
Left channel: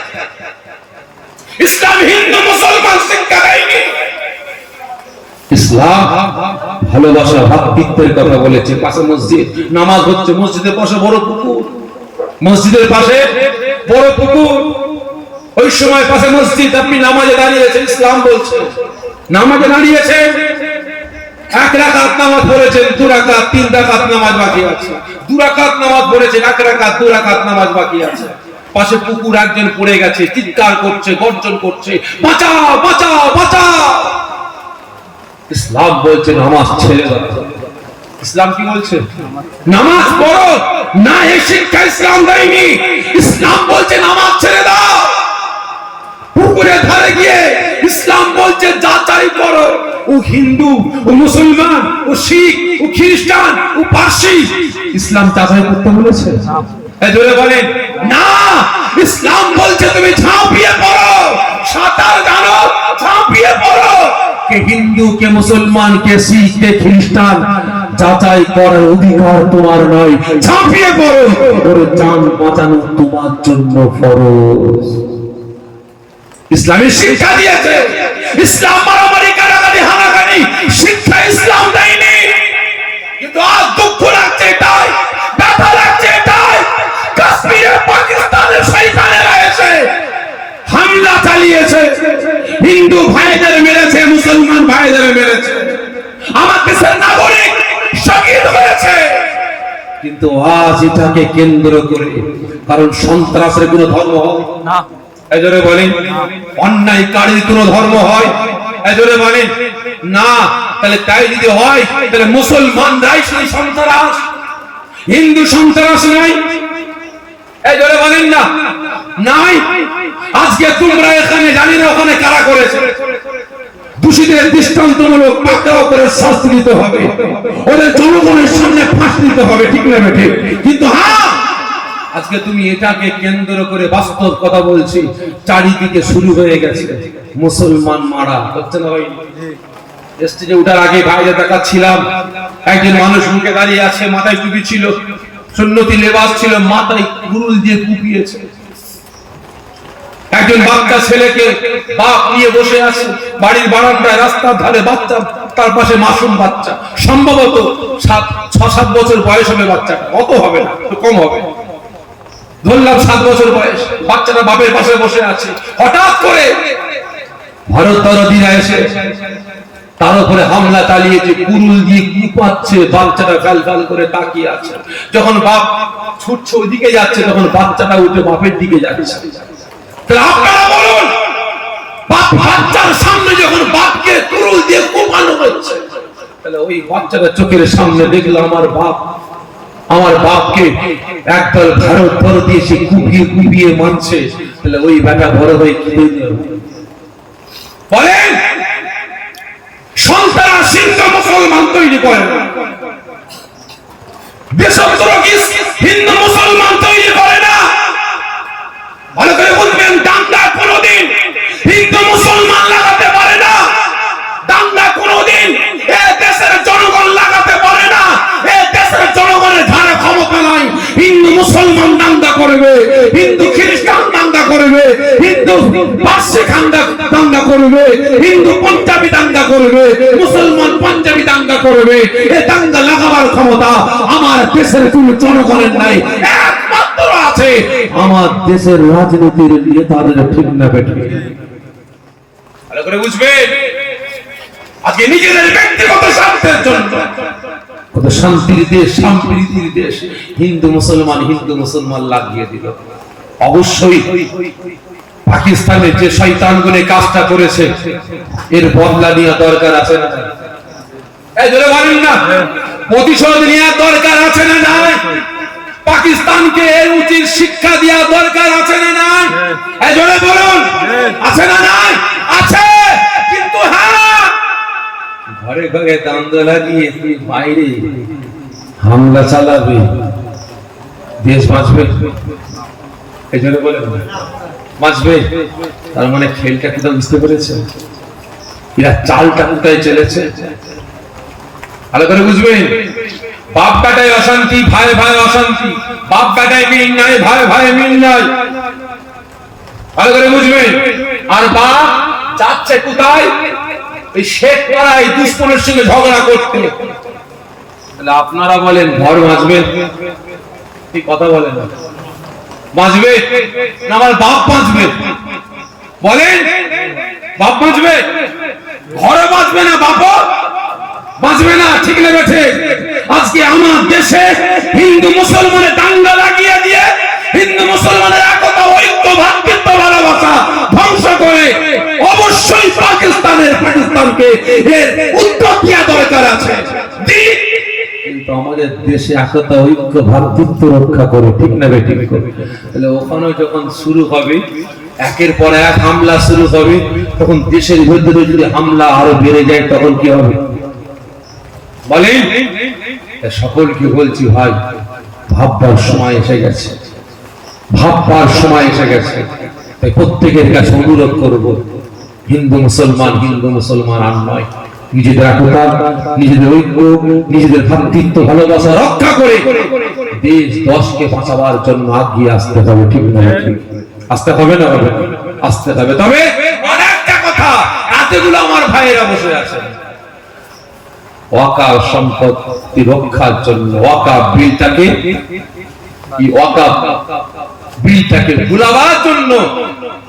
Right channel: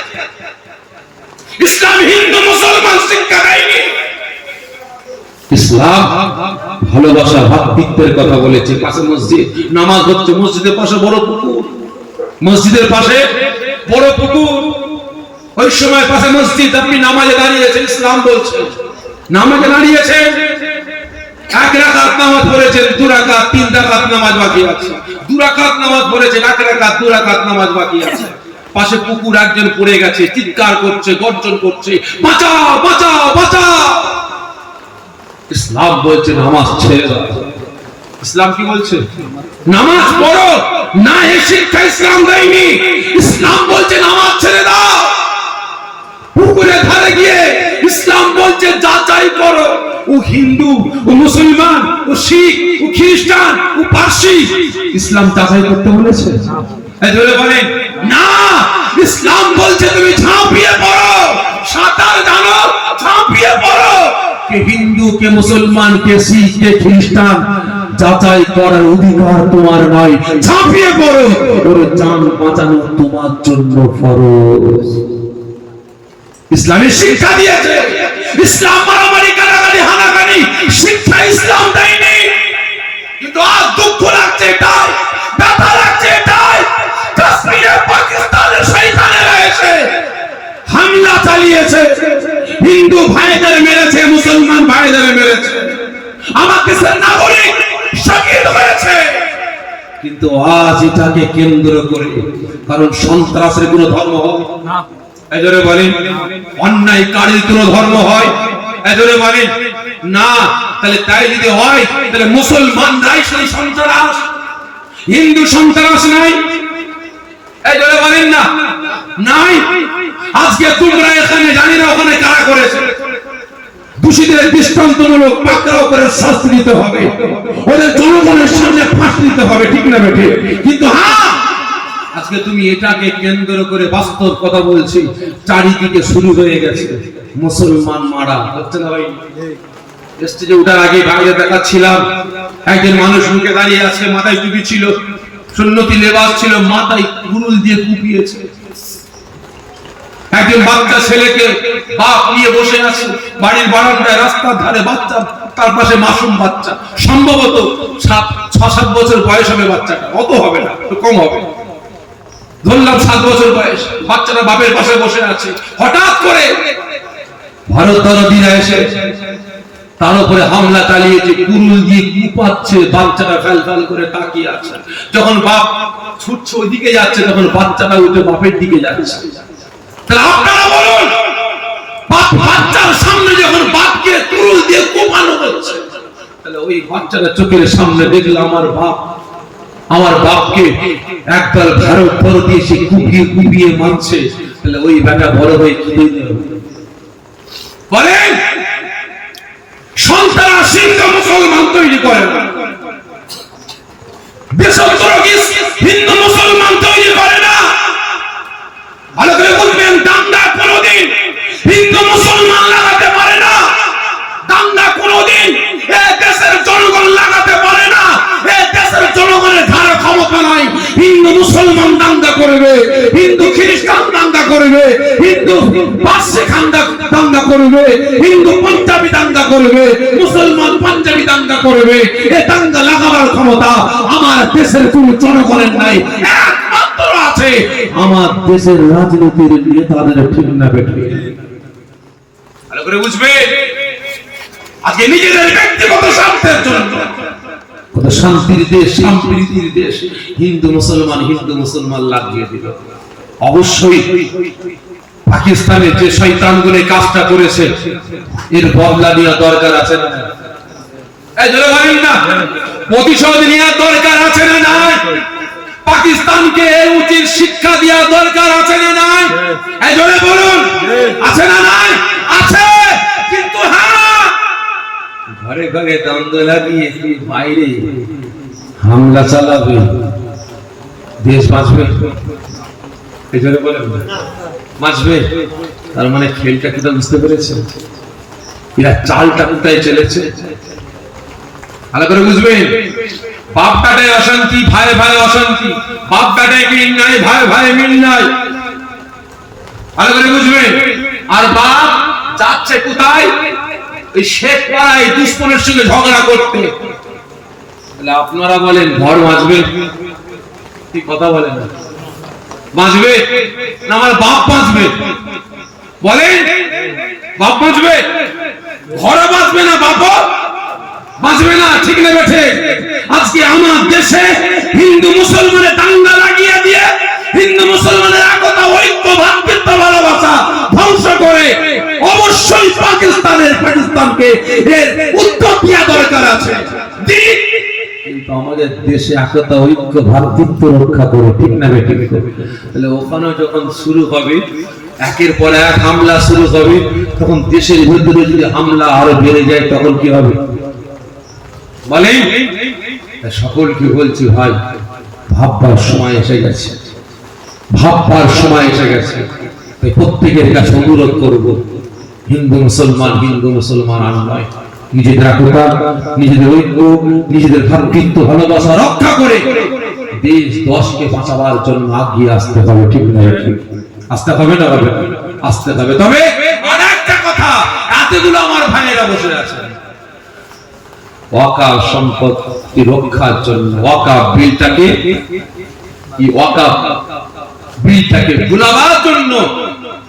ইসলাম হিন্দু মুসলমান শিক্ষা দেয়নি। ইসলাম ভালোবাসা, ভ্রাতৃত্বের কথা বলেছে। পাশে মসজিদ, নামাজ হচ্ছে, মসজিদের পাশে বড় পুকুর, মসজিদের পাশে বড় পুকুর, ওই সময় পাশে মসজিদ, আপনি নামাজে দাঁড়িয়েছেন, ইসলাম বলছে নামাজে দাঁড়িয়েছেন, এক রাকাত নামাজ পড়েছেন, দু রাকাত, তিন রাকাত নামাজ বাকি আছে, দু রাকাত নামাজ পড়েছেন, এক রাকাত, দু রাকাত নামাজ বাকি আছে। পাশে পুকুর, একজন পড়ে গেছে, চিৎকার করছে, গর্জন করছে, বাঁচাও বাঁচাও বাঁচাও। ইসলাম বলছে নামাজ ছেড়ে দাও। ইসলাম কি বলছে? নামাজ পড়ো না, এই শিক্ষা ইসলাম দেয়নি। ইসলাম বলছে নামাজ ছেড়ে দাও। পুকুরের ধারে গিয়ে ইসলাম বলছে যাচাই করো, ও হিন্দু, ও মুসলমান, ও শিখ, ও খ্রিস্টান, ও পারসি, ইসলাম যাচাই করতে বলেছে? এজন্য বলেন না, ইসলাম বলছে তুমি ঝাঁপিয়ে পড়ো, সাঁতার জানো, ঝাঁপিয়ে পড়ো। কে হিন্দু, কে মুসলমান, কে শিখ, কে খ্রিস্টান, যাচাই করার অধিকার তোমার নয়। ঝাঁপিয়ে পড়ো, ওর জান বাঁচানো তোমার জন্য ফরজ। ইসলামের শিক্ষা দিয়েছে। ইসলাম মারামারি, কারাগারি, হানাগানি শিক্ষা ইসলাম দেয়নি। কিন্তু আজ দুঃখ লাগছে এটাই, ব্যথা লাগছে এটাই, কাশ্মীরে পাকিস্তানের শয়তানেরা এসে হামলা চালিয়েছে, হিন্দু ভাইদের মেরেছে, মুসলমান ভাইদের মেরেছে, আমার দেশের নাগরিক শহীদ হয়েছে। কিন্তু আজ এটাকে কেন্দ্র করে, কারণ সন্ত্রাসের কোনো ধর্ম হয় না, এজরে বলেন অন্যায়কারীর কোনো ধর্ম হয়, এজরে বলেন না। তাহলে তাই যদি হয়, তাহলে মুসলমানরাই সেই সন্ত্রাস, হিন্দু সন্ত্রাস নাই, এজরে বলেন না নাই। আজকে তোমরা এখানে জানি না ওখানে কারা করেছে, দোষীদের দৃষ্টান্তমূলক পাকড়াও করে শাস্তি দিতে হবে, ওদের জনগণের সামনে ফাঁস দিতে হবে, ঠিক না বেঠিক? কিন্তু হ্যাঁ, আজকে তুমি এটাকে কেন্দ্র করে বাস্তব কথা বলছি, চারিদিকে শুরু হয়ে গেছে মুসলমান মারা হচ্ছে না ভাই। স্টেজে ওঠার আগে বাইরে দেখাচ্ছিলাম, একজন মানুষ মুখে দাঁড়িয়ে আছে, মাথায় টুপি ছিল, সুন্নতি লেবাস ছিল, মাথায় কুরুল দিয়ে কুপিয়েছে। একজন বাচ্চা ছেলেকে বাপ নিয়ে বসে আছে বাড়ির বারান্দায়, রাস্তার ধারে বাচ্চা, তার পাশে মাসুম বাচ্চা, সম্ভবত 6-7 বছর বয়স হবে বাচ্চাটা, অত হবে না, একটু কম হবে, ধরলাম 7 বছর বয়স। বাচ্চাটা বাপের পাশে বসে আছে, হঠাৎ করে ভারতীয়রা এসে তার উপরে হামলা চালিয়েছে, কুরুল দিয়ে কুপাচ্ছে, বাচ্চাটা ফ্যাল ফ্যাল করে তাকিয়ে আছে। যখন বাপ ছুটছে ওইদিকে যাচ্ছে, তখন বাচ্চাটা উঠে বাপের দিকে যাচ্ছে। আপনারা বলুন, বাচ্চার সামনে যখন বাপকে কুরুল দিয়ে কোপানো হচ্ছে, তাহলে ওই বাচ্চাটা চোখের সামনে দেখলো আমার বাপকে একদল ভারত বড় দিয়ে সে কুপিয়ে কুপিয়ে মানছে, তাহলে ওই বেটা বড় হয়ে কি বলেন? সন্তান সিংহ মুসলমান তৈরি তৈরি করে না, দেশদ্রোহী হিন্দু মুসলমান তৈরি করে না। ভালো করে বলবেন, দাঙ্গা কোনোদিন হিন্দু মুসলমান লাগাতে পারে না, দাঙ্গা কোনোদিন এই দেশের জনগণ লাগাতে পারে না। এই দেশের জনগণের ধারে ক্ষমতা নাই। হিন্দু মুসলমান দাঙ্গা করবে, হিন্দু খ্রিস্টান দাঙ্গা করবে, হিন্দু পার্সি দাঙ্গা করবে, হিন্দু পাঞ্জাবি দাঙ্গা করবে, মুসলমান পাঞ্জাবি দাঙ্গা করবে। এই দাঙ্গা লাগাবার ক্ষমতা আমার দেশের কোন জনগণের নাই, একমাত্র আছে আমার দেশের রাজনীতির নেতাদের। ঠিক না বেঠিক? ভালো করে বুঝবেন, আজকে নিজেদের ব্যক্তিগত স্বার্থের জন্য কত শান্তির দেশ, সম্প্রীতির দেশ, হিন্দু মুসলমান লাগিয়ে দিল। অবশ্যই পাকিস্তানে যে শয়তানগুলো কাজটা করেছে এর বদলা নেওয়া দরকার আছে না? এই জোরে বলেন না, প্রতিশোধ নেওয়া দরকার আছে না নাই? পাকিস্তানকে এই উচিত শিক্ষা দেওয়া দরকার আছে না নাই? এই জোরে বলুন, আছে না নাই? আছে। কিন্তু হ্যাঁ, ঘরে ঘরে দ্বন্দ্ব লাগিয়ে তুই বাইরে হামলা চালাবে, দেশ বাঁচবে? এই জন্য বলে বাঁচবে? তার মানে খেলটা কি বুঝতে পেরেছে? এরা চালটা কোথায় চলেছে ভালো করে বুঝবেন। বাপ বেটায় অশান্তি, ভাই ভাই অশান্তি, বাপ বেটায় মিল নাই, ভাই ভাই মিল নাই, ভালো করে বুঝবেন। আর বাপ যাচ্ছে কোথায়? ওই শেখ পাড়ায় দুশ্মনের সঙ্গে ঝগড়া করতে। তাহলে আপনারা বলেন ঘর বাঁচবে? কি কথা বলেন, বাঁচবে না আমার বাপ বাঁচবে? বলেন, বাপ বাঁচবে? ঘরে বাঁচবে না, বাপ বাঁচবে না? ঠিক না বেঠে? আজকে আমার দেশে হিন্দু মুসলমানের দাঙ্গা লাগিয়ে দিয়ে হিন্দু মুসলমানের একতা, ঐক্য, ভ্রাতৃত্ব, ভালোবাসা ধ্বংস করে অবশ্যই পাকিস্তানকে এর উত্তর দেওয়া দরকার আছে। কিন্তু আমাদের দেশে একতা, ঐক্য, ভ্রাতৃত্ব রক্ষা করে। ঠিক না বেঠিক? তাহলে ওখানে যখন শুরু হবে, একের পর এক হামলা শুরু হবে, তখন দেশের ভিতরে যদি হামলা আরো বেড়ে যায় তখন কি হবে বলেন? সকলকে বলছি ভাই, ভাববার সময় এসে গেছে, ভাববার সময় এসে গেছে। তাই প্রত্যেকের কাছে অনুরোধ করব, হিন্দু মুসলমান আর নয়, নিজেদের একতা, নিজেদের ঐক্য, নিজেদের ভ্রাতৃত্ব, ভালোবাসা রক্ষা করে দেশ দশকে বাঁচাবার জন্য এগিয়ে আসতে হবে। ঠিক না? আসতে হবে না? হবে, আসতে হবে। তবে অনেকটা কথা, এতগুলো আমার ভাইয়েরা বসে আছে ওয়াকাফ সম্পত্তি রক্ষার জন্য, ওয়াকাফ বিলটাকে ভুলাবার জন্য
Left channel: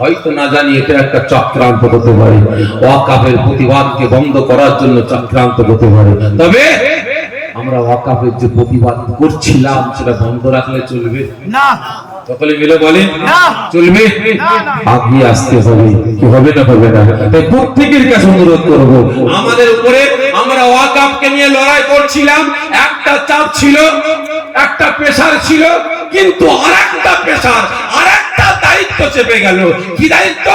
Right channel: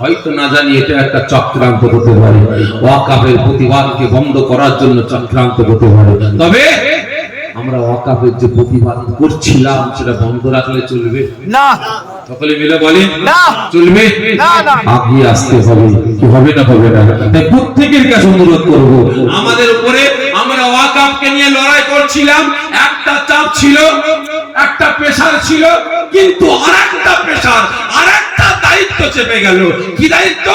হয়তো না জানি এটা একটা চক্রান্ত হতে পারে, ওয়াকাফের প্রতিবাদকে বন্ধ করার জন্য চক্রান্ত হতে পারে। তবে আমরা ওয়াকাফের যে প্রতিবাদ করছিলাম সেটা বন্ধ রাখলে চলবে না? সকলে মিলে বলেন, চলবে? আগিয়ে আসতে হবে। কি হবে না? হবে না? তাই প্রত্যেকের কাছে অনুরোধ করব, আমাদের উপরে আমরা ওয়াকাফকে নিয়ে লড়াই করছিলাম, একটা চাপ ছিল, একটা প্রেসার ছিল, কিন্তু আরেকটা প্রেসার, আরেকটা দায়িত্ব চেপে গেল। কি দায়িত্ব?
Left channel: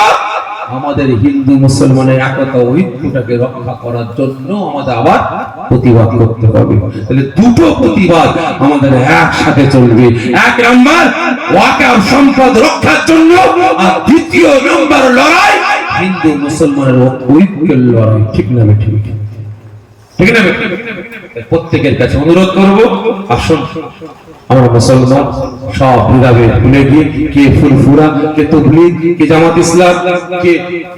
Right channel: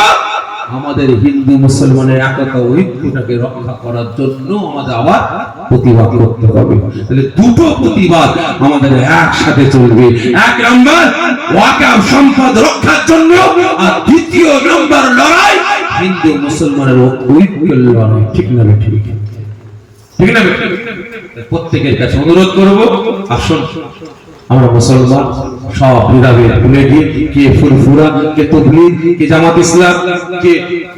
আমাদের হিন্দু মুসলমানের একতা, ঐক্যটাকে রক্ষা করার জন্য আমাদের আবার প্রতিবাদ করতে হবে। তাহলে দুটো প্রতিবাদ আমাদের একসাথে চলবে। এক নাম্বার ওয়াকাফ সম্পদ রক্ষার জন্য, আর দ্বিতীয় নাম্বার লড়াই হিন্দু মুসলমানের ঐক্যের লড়াই। ঠিক না? ঠিক না? প্রত্যেকের কাছে অনুরোধ করব, আসুন আমরা মুসলমান সব বিভাগে ভুলে গিয়ে, কে ফুরফুরা, কে তবলিগ, কে জামাত ইসলাম, কে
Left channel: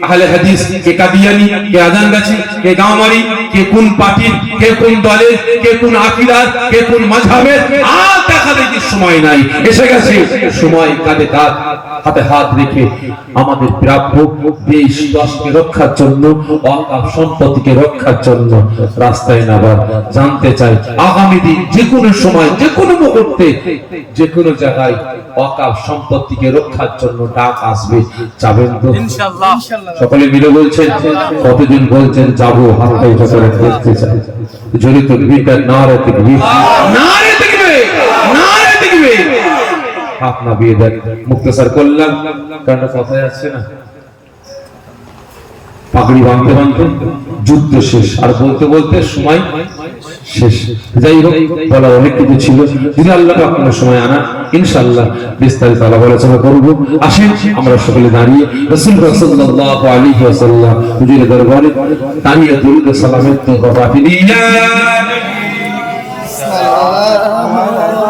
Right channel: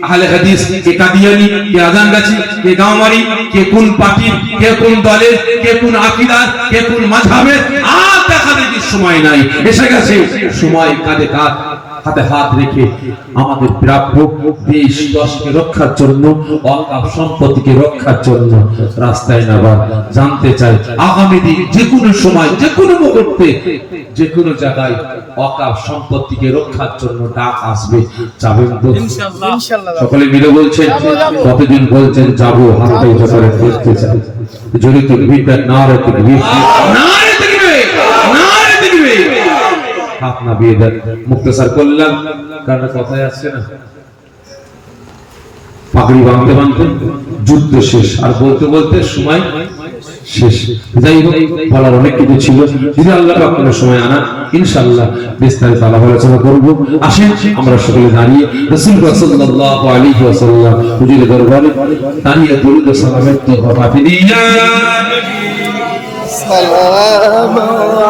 আহলে হাদিস, কে কাদিয়ানি, কে আজানগাছি, কে গাঁওয়ারি, কে কোন পার্টি, কে কোন দলের, কে কোন আকীদার, কে কোন মাযহাবের, আর দেখা দেখি সময় নাই। এসে গেছে সময়, কাঁধে কাঁধ, হাতে হাত রেখে আমাদের প্রাপ্য দেশ দশকে রক্ষার জন্য, ওয়াকাফ সম্পত্তিকে রক্ষার জন্য রাস্তায় নামা। জানতে চাই আগামী দিন যে কোনো সময়, যে কোনো মুহূর্তে, যে কোনো জায়গায় ওয়াকাফ সম্পত্তিকে রক্ষার জন্য ডাক আসবে। যাবেন তো ইনশাআল্লাহ? সকলে মিলে বলছেন, কতদিন বলছেন যাবো? হাতটা উঁচু করে দেখতে চাই। জড়িত বিদাত নারে তাকবীর, নারে তাকবীর, নারে তাকবীর। আপনার বিয়ে দেন মুক্তসর করলাম, কারণ কথায় আসছে না। পাগড়ি বাঁধতে বাঁধতে যুদ্ধ শেষ, আর বলতে বলতে সময় শেষ। যাই হোক, বলা অনেক কিছু ছিল, যদি আল্লাহ পাক কোনো সময় আনা ইনশাআল্লাহ বিস্তারিত আলোচনা করব। আসেন আমরা সকলে দাঁড়িয়ে রাসূল সাল্লাল্লাহু আলাইহি ওয়াসাল্লাম হুজুরের দরবারে দাঁড়িয়ে দরুদ ও সালামের তোহফা দিয়ে সালাম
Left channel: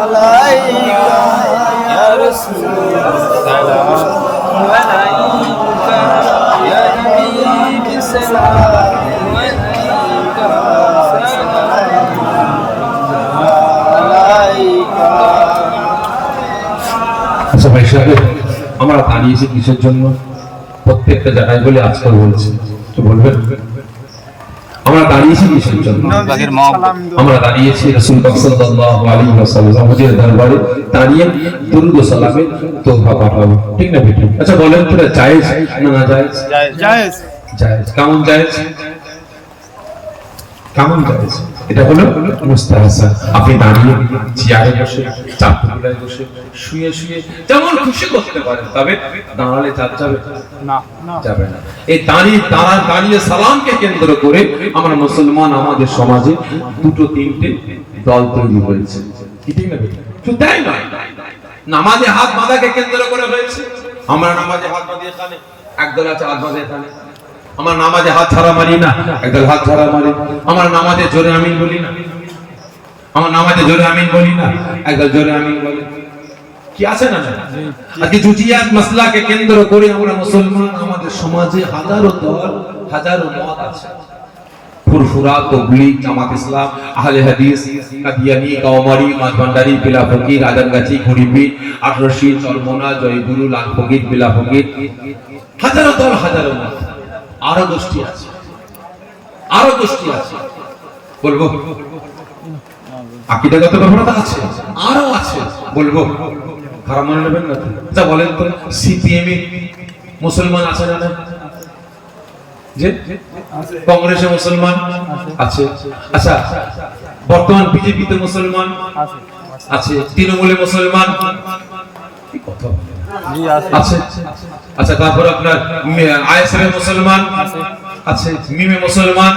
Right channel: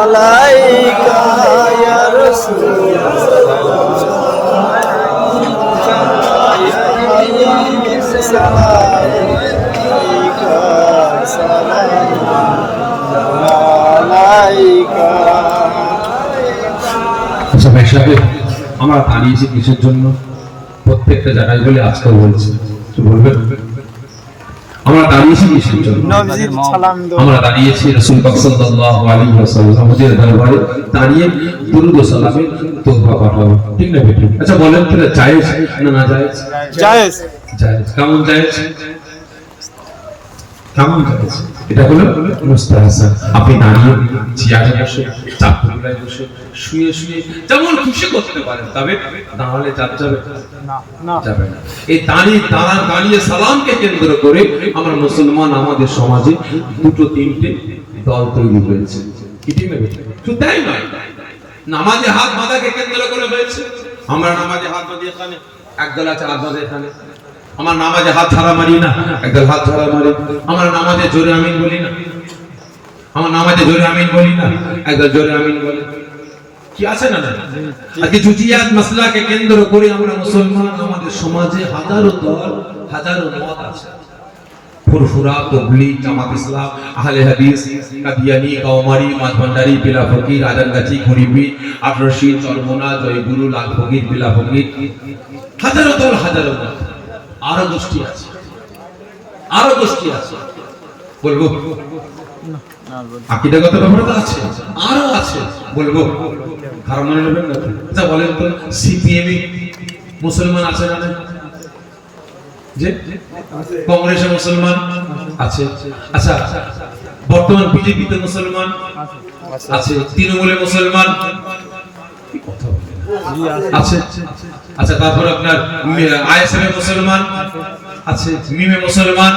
আলাইকা ইয়া রাসূলুল্লাহ আচ্ছা ভাই সাহেব, আমরা দাঁড়িয়েছি কিসের জন্য? প্রত্যেকটা জায়গায় বলে আজকে বলছি, বলবেন আমরা দাঁড়িয়েছি কিসের জন্য? আমরা দাঁড়িয়েছি রাসূল সাল্লাল্লাহু আলাইহি ওয়াসাল্লাম হুজুরের দরবারে দাঁড়িয়ে দরুদ ও সালামের তোহফা পাঠাবো, ঠিক না বেটি? আচ্ছা বলেন তো, জায়েজ না না জায়েজ? জায়েজ। জায়েজ। কেমন জায়েজ? কেমন জায়েজ? এটা হলো মুস্তাহাসান। আপনি দাঁড়িয়ে চেয়ারে বসে, চাপড়ায় বসে, শুয়ে শুয়ে যেমন খুশি করতে পারেন, তবে দাঁড়ালে যাবে না না যাবে না। এই দাঁড়িয়ে সালামকে কেন্দ্র করে আমরা মুসলমান আমাদের সমাজে দুটো তিনটে দল তৈরি হয়েছে, কি ঠিক না বেটি? শুধু তাই নয়, নামাজে হাত বাঁধাকে কেন্দ্র করে হয়েছে। আমরা নামাজে হাত বাঁধি এখানে, একদল আছে হাত বাঁধে এখানে। আমার নামাজে হাত ছাড়া মারি না, একদল হাত ছাড়া মারি। আমার নামাজে জোরে আমিন বলি না, আমার নামাজে জোরে আমিন বলি না, একদল জোরে আমিন বলে। কি আছে না? আজকে জুজিয়াত মাসলাকে কেন্দ্র করে আমরা মুসলমান আমাদের সমাজে হাজারো দল, হাজারো মত আছে। ফুরফুরা, তাবলীগ, জামাত ইসলাম, আহলে হাদিস, কাদিয়ানী, কাওমারি, মাঝভান্ডারি, বেলা ফকির, আদানগাছি, গরিবি, আটরশি, চরমোনা, জয়গুরু, লাল ফকির, বেলা ফকির, হাজারো দল, হাজারো মত। আরো গোষ্ঠী আছে, আরো গোষ্ঠী আছে, বলবো আকীদাগত ব্যাপারটা আছে, আরো আছে, বলবো খারাপ মনে নেবেন না। আচ্ছা বলেন তো, সিপিএম মুসলমান আছে না? যে কংগ্রেসে মুসলমান আছে। আচ্ছা বর্তমান বিজেপিতে মুসলমান আছে, তৃণমূলে মুসলমান আছে। আচ্ছা তারপর আপনার আইএসএফ মুসলমান আছে, মিমে মুসলমান,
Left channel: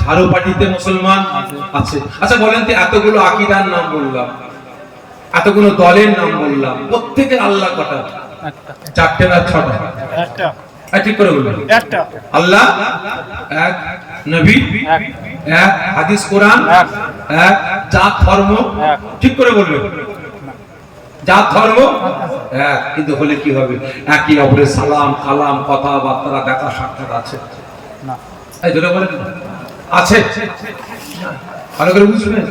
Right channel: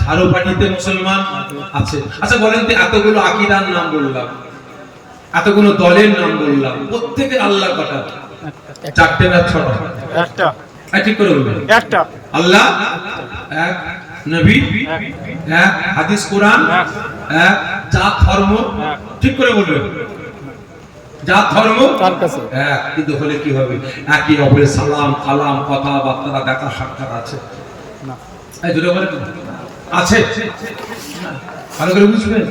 ঝাড়ু পার্টিতে মুসলমান আছে। আচ্ছা বলেন তো, এতগুলো আকীদার নাম বললাম, এতগুলো দলের নাম বললাম, প্রত্যেকের আল্লাহ কটা? চারটে না ছটা? একটা। ঠিক করে বলবেন। একটা। আল্লাহ এক, নবী এক, হাদিস কোরআন এক, জাত ধর্ম ঠিক করে বলবেন। জাত ধর্ম এক, কিন্তু হলে কি হবে? একই অপরের সালাম কালাম কথাবার্তা দেখা সাক্ষাৎ আছে না? এই দুটো বলে আছে। ভালো করে বুঝবেন,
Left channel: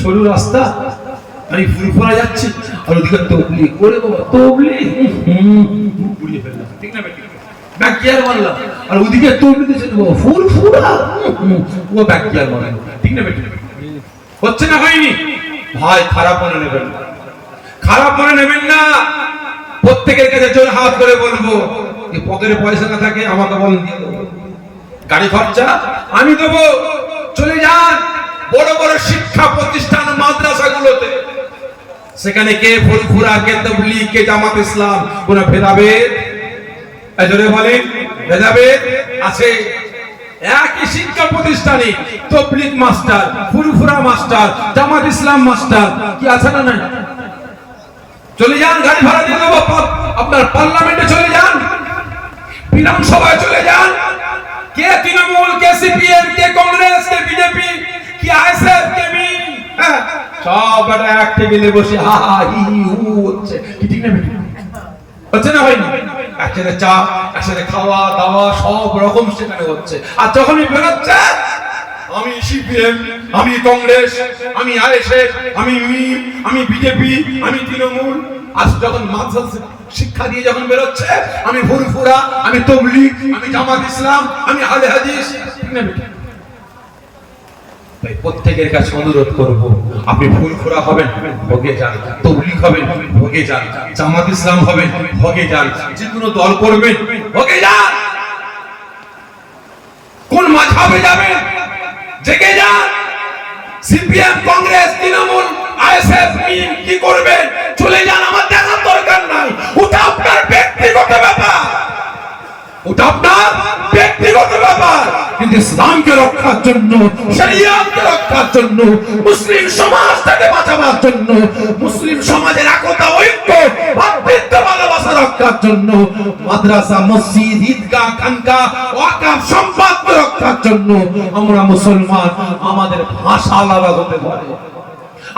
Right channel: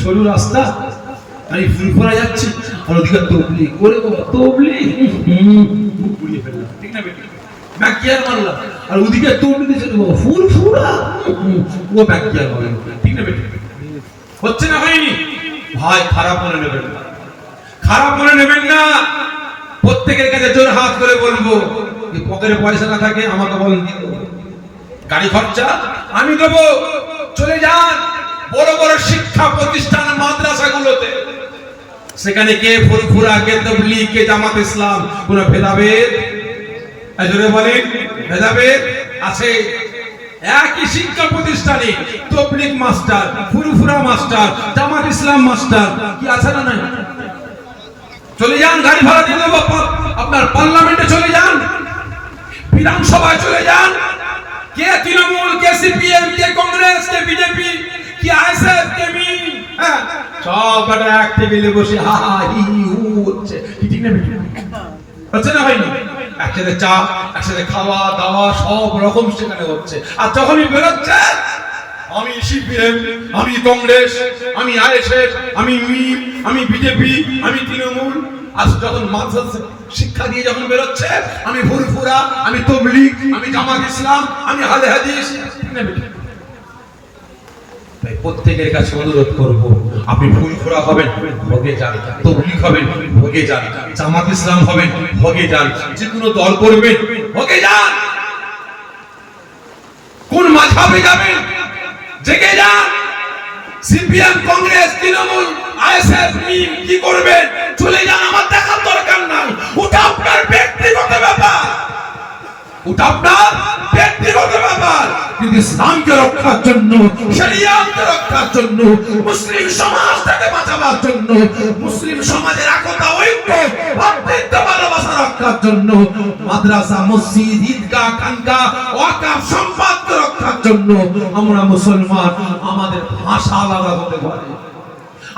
সরু রাস্তা, আমি ফুরফুরা যাচ্ছি আর ওদিকে তবলিগ করে, তবলিগ পুড়িয়ে ফেললাম, ঠিক না বেটি? ব্যাকিয়ার মারলাম আর ওদিকে তবলিগ দিচ্ছে ফুরফুরা, ও ব্যাকিয়ার মারলাম, ঠিক না বেটি? হচ্ছে না হয়নি? ভাই খারাপ মনে নেবেন না, খারাপ মনে নেবেন না। প্রত্যেকের কাছে জোর হাত করে বলবো, পকেটে পয়সা না থাকে আমাকে বলেন, গাড়ি খরচা আমি দেবো, চলে যান বড় বড় শিক্ষা প্রতিষ্ঠান মাদ্রাসাগুলোতে, সেখানে কে ফুরফুরা, কে তাবলীগ, কে জামাত ইসলাম, কোন ভেদাভেদ জোরে বলেন ভেদাভেদ আছে? একই শিক্ষা প্রতিষ্ঠানে তাবলীগ মাস্টার, ফুরফুরা মাস্টার, জামাত ইসলাম মাস্টার, কি আছে না? না চলে যান, গাড়ি ভাড়া দিয়ে দেবো, আপনার পার্লামেন্টে চলে যান, বিধানসভায় চলে যান, কে তৃণমূল, কে সিপিএম, কে কংগ্রেস, কে বিজেপি, কি আইএসএফ, কে মিম, সব এক টেবিলে বসে হা হা হি হি হু হচ্ছে, ঠিক না? হচ্ছে না ভাই? একসাথে চা, একসাথে খাওয়া দাওয়া সব রকম সেখানে হচ্ছে। আর যখনই বেরোচ্ছে, আমি সিপিএম, আমি কংগ্রেস, আমি আইএসএফ, আমি মিম, আমি বিজেপি, আমি তৃণমূল, আর যখন মাদ্রাসা শিক্ষা দিয়ে যখন বেরোচ্ছে, আমি ফুরফুরা, আমি তাবলীগ, আমি জামাত ইসলাম, আমি আহলে হাদিস, ঠিক না? তাই প্রত্যেকের কাছে অনুরোধ করব, আপনি ফুরফুরা হবেন, ভোগে যান, তাবলীগ হবেন, ভোগে যান, জামাত ইসলাম হবেন, ভোগে যান, যে কোনো দল করবেন, ভোগে যান। কোন মাযহাবে যাবেন, জেগে যান। সিপিএম, কংগ্রেস, তৃণমূল, আইএসএফ, মিম কি করবেন, চলে যান, আমার দেখার দরকার নাই। ওটা আপনার ব্যক্তিগত ব্যাপার, ওটা আপনার ব্যক্তিগত ইসলামকে রক্ষার জন্য, শরিয়াতকে রক্ষার জন্য, মুসলিম সমাজটাকে বাঁচাবার জন্য, মুসলিম সমাজের একতা, ঐক্য, ভাতৃত্ব, ভালোবাসা রক্ষার জন্য, মাদ্রাসা, মসজিদ, ঈদগাহ, খানকাহ, ওয়াকফ সম্পদ রক্ষার জন্য আমরা মুসলমান আমাদের ভাষা আলাদা হতে পারে,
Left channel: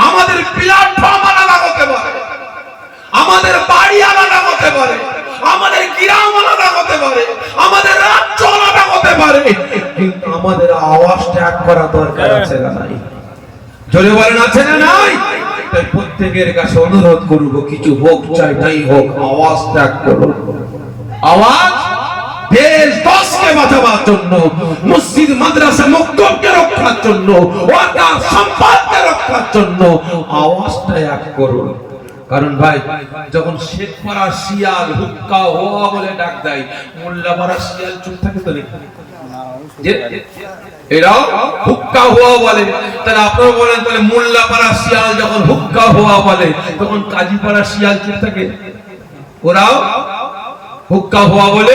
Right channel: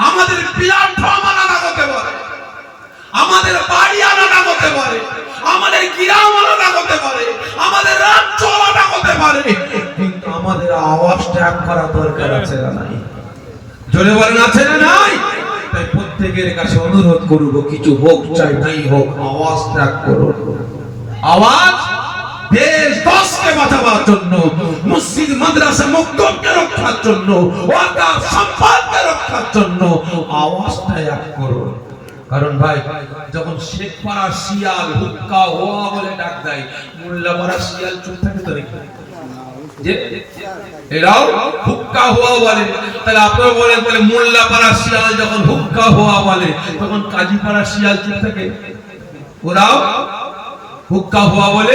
আমাদের প্ল্যাটফর্ম আলাদা হতে পারে, আমাদের বাড়ি আলাদা হতে পারে, আমাদের গ্রাম আলাদা হতে পারে, আমাদের রাজ্য আলাদা হতে পারে, কিন্তু আমাদের আওয়াজ ত্যাগ করা দরকার আছে না নাই? জোরে বলেন আছে না নাই? তাই প্রত্যেকের কাছে অনুরোধ করব, কিছু হোক চাই নাই হোক, আওয়াজ ত্যাগ করো। আওয়াজ দেশ দেশকে বাঁচাবার জন্য, মসজিদ, মাদ্রাসা, মক্তবকে রক্ষার জন্য, ওয়াকফ সম্পদকে রক্ষার জন্য আওয়াজ ত্যাগ করো। কারণ ভাই, যখন শেখপাড়া শিয়াল হুক্কা হওয়া বলে ডাক দেয়, মোল্লাপাড়া শিয়াল চুপ থাকে তো নাকি? এরাও হুক্কা হওয়া বলে, তাহলে আপনারা বলেন, তাহলে মোল্লাপাড়া শিয়াল যখন হুক্কা হওয়া বলে, তখন কাজীপাড়া শিয়াল চুপ থাকে? ওরাও হুক্কা হওয়া বলে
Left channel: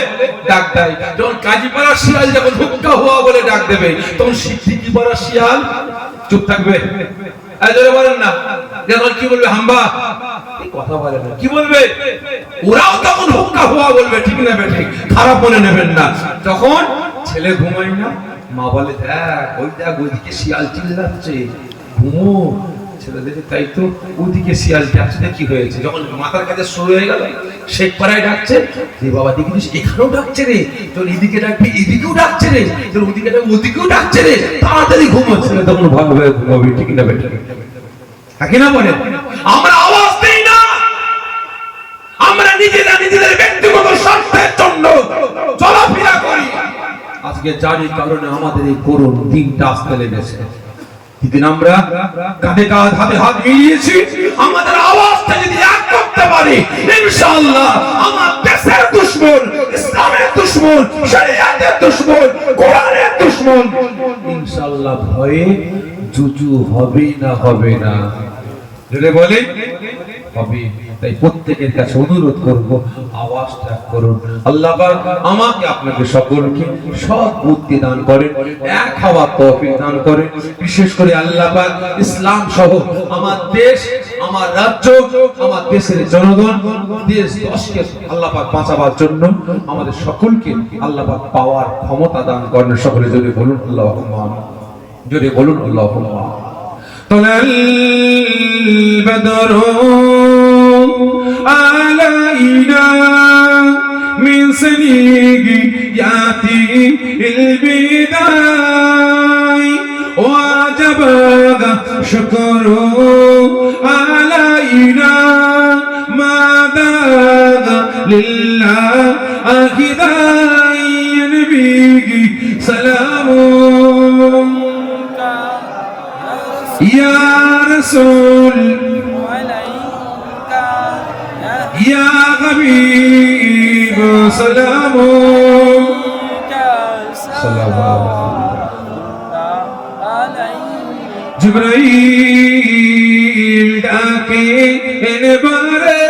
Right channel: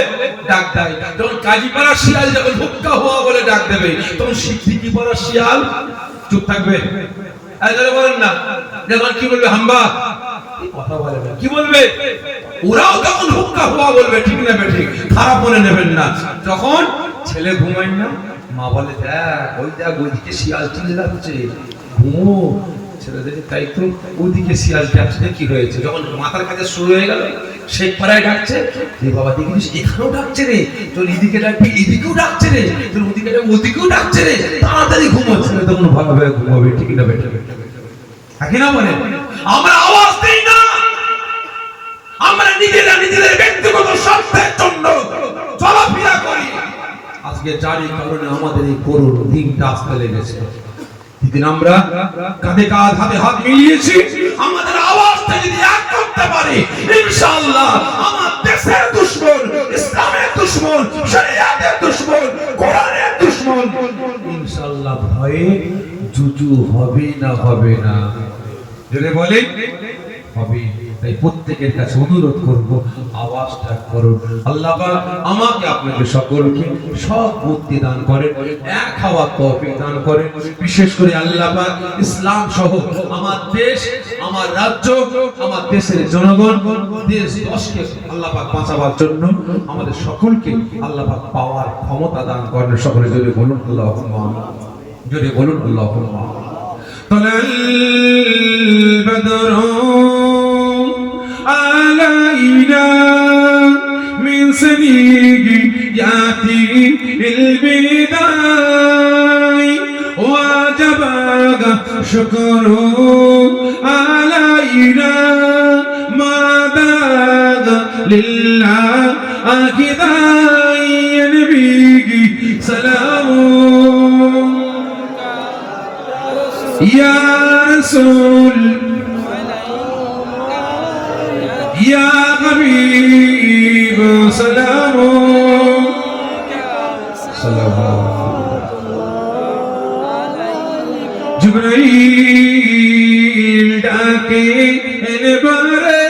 ডাক দেয়। যখন কাজীপাড়া শিয়াল যখন হুক্কা হওয়া বলে ডাক দেবে, তখন সিদ্দিকীপাড়া শিয়াল চুপ থাকবে? এদের বলেন না, যখন কি বলবে? হাম্বা কথা বলে না, কি বলবে? ওরাও তখন হুক্কা হওয়া বলবে, ঠিক না বেঠিক? খারাপ মনে নেবেন না। তখন ছেলে ঘুমায় না, মা বলে দেখ ওই দেখ ওদিকে শিয়াল চিল্লাচ্ছে, ঘুমো। ছেলে দেখে তাই তো, ওদিকে শিয়াল ডাকছে, কি হয়েছে? যখন মাথার কাছে শুরু হয়ে গেল, শেখ পাড়ায় ডাকছে, রে বাবা দেখিস এখানেও ডাকছে রে, তোর এদিকে ডাকবি এদিকেও ডাকছে রে, তোর ওদিকে ডাকবি ওদিকেও ডাকছে রে, তাড়াতাড়ি ঘুমো। ছেলে তখন ভাবে ঘুমাবে, ঠিক না বেঠিক? থাকি না বলে আমরা আওয়াজ দেই না, আমরা নিজেদের ব্যক্তিগত স্বার্থের জন্য চলাফেরা করি। আজকে যারই কারণে আমাদের এই করুণ দিনটা আসতে লেগেছে, কিন্তু আমরা কাঁধে কাঁধ, হাতে হাত মিলিয়েছি। আমাদের আওয়াজটা যদি এক করতে পারি, ইনশাআল্লাহ আমার দেশের দুশমন, ইসলামের দুশমন, শরিয়াতের দুশমন, কোরআনের দুশমন ইনশাআল্লাহ ভয়ে জুজু হবে না, হবে না? বলে বলেন হবে। তাই প্রত্যেকের কাছে অনুরোধ করব, আওয়াজ ত্যাগ করুন। আল্লাহ পাক আমাকে আপনাকে সকলকে সৎ বুদ্ধি দান করেন, এক হওয়ার তৌফিক দান করেন। বিশেষ করে আল্লাহ পাক ইসলাম সহ আমার দেশ, আমার রাজ্য, আমার দেশের জনগণ, দেশ দেশকে আল্লাহ পাক বাঁচাবার জন্য আমাদের সকলকে আল্লাহ পাক পাওয়ার ক্ষমতা দান করেন। সকলে জোরে বলুন আল্লাহুম্মা আমিন, জোরে বলুন আল্লাহুম্মা আমিন। طلع البدر علينا من سنياتي البداي وجب شكر علينا ما داغ لله أكداي نبي سلام يا رسول يا حبيب سلام سلام جبرائيل ডাকে এবারে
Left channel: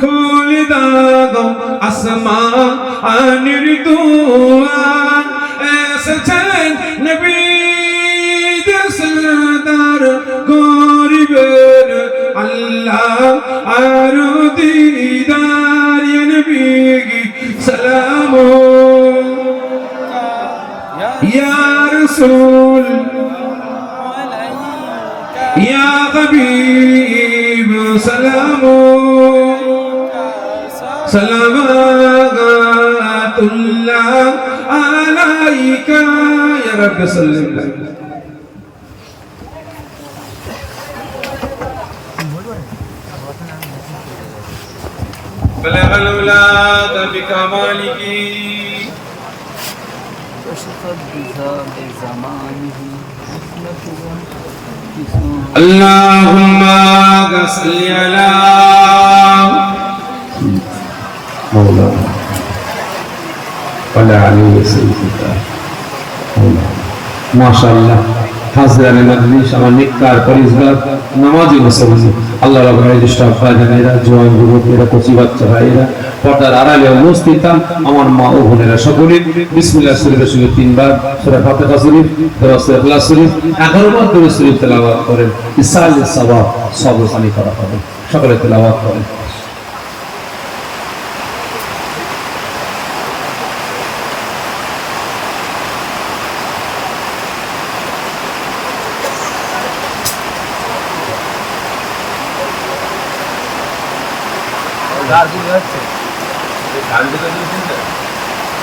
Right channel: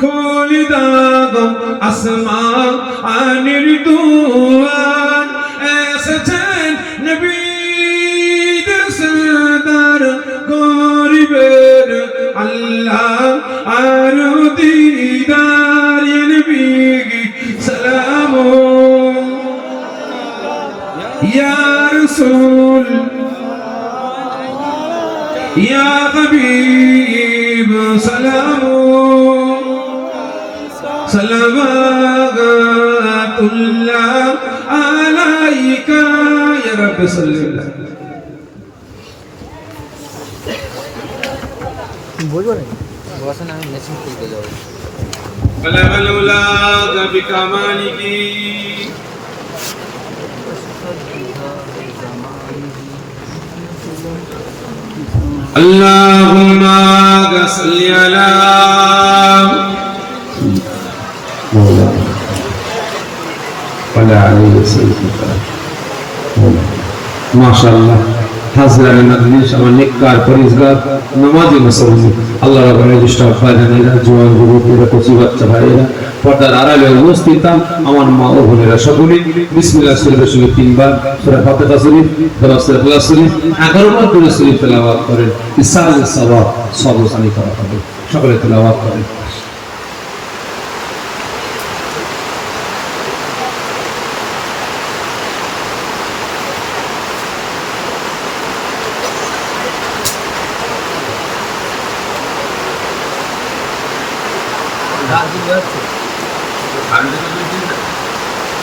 খোল দাও আসমানের দুয়ার, এসেছেন নবী গরিবের আল্লাহ আর দিদার নবী সালাম ইয়া রাসূল ইয়া হাবিব সালাম সালাওয়াতুল্লাহ আলাইকা ইয়া রাব্বি সাল্লাল্লাহু بلغ الأولاد بكماله اللهم صل على مولانا وعلى آله وسلم ما شاء الله হাজরানে মাজলিস, আমার নেককার পরিজগার নামাজি মুসলমান, আল্লাহ রাব্বুল ইসলাম ফায়দানিরা, জওয়ান যুবকেরা, কচি বাচ্চা ভাইয়েরা, পর্দার আড়ালে উপস্থিত আমার মা ও বোনেরা সকলে বিসমিল্লাহ শরীফের সঙ্গে 3 বার সূরা ফাতিহা শরীফ, সূরা ইখলাস শরীফ 11 বার করে শরীফ তেলাওয়াত করেন। ইসাল সাওয়াব সবসানি করা হবে, সকলে তেলাওয়াত করেন।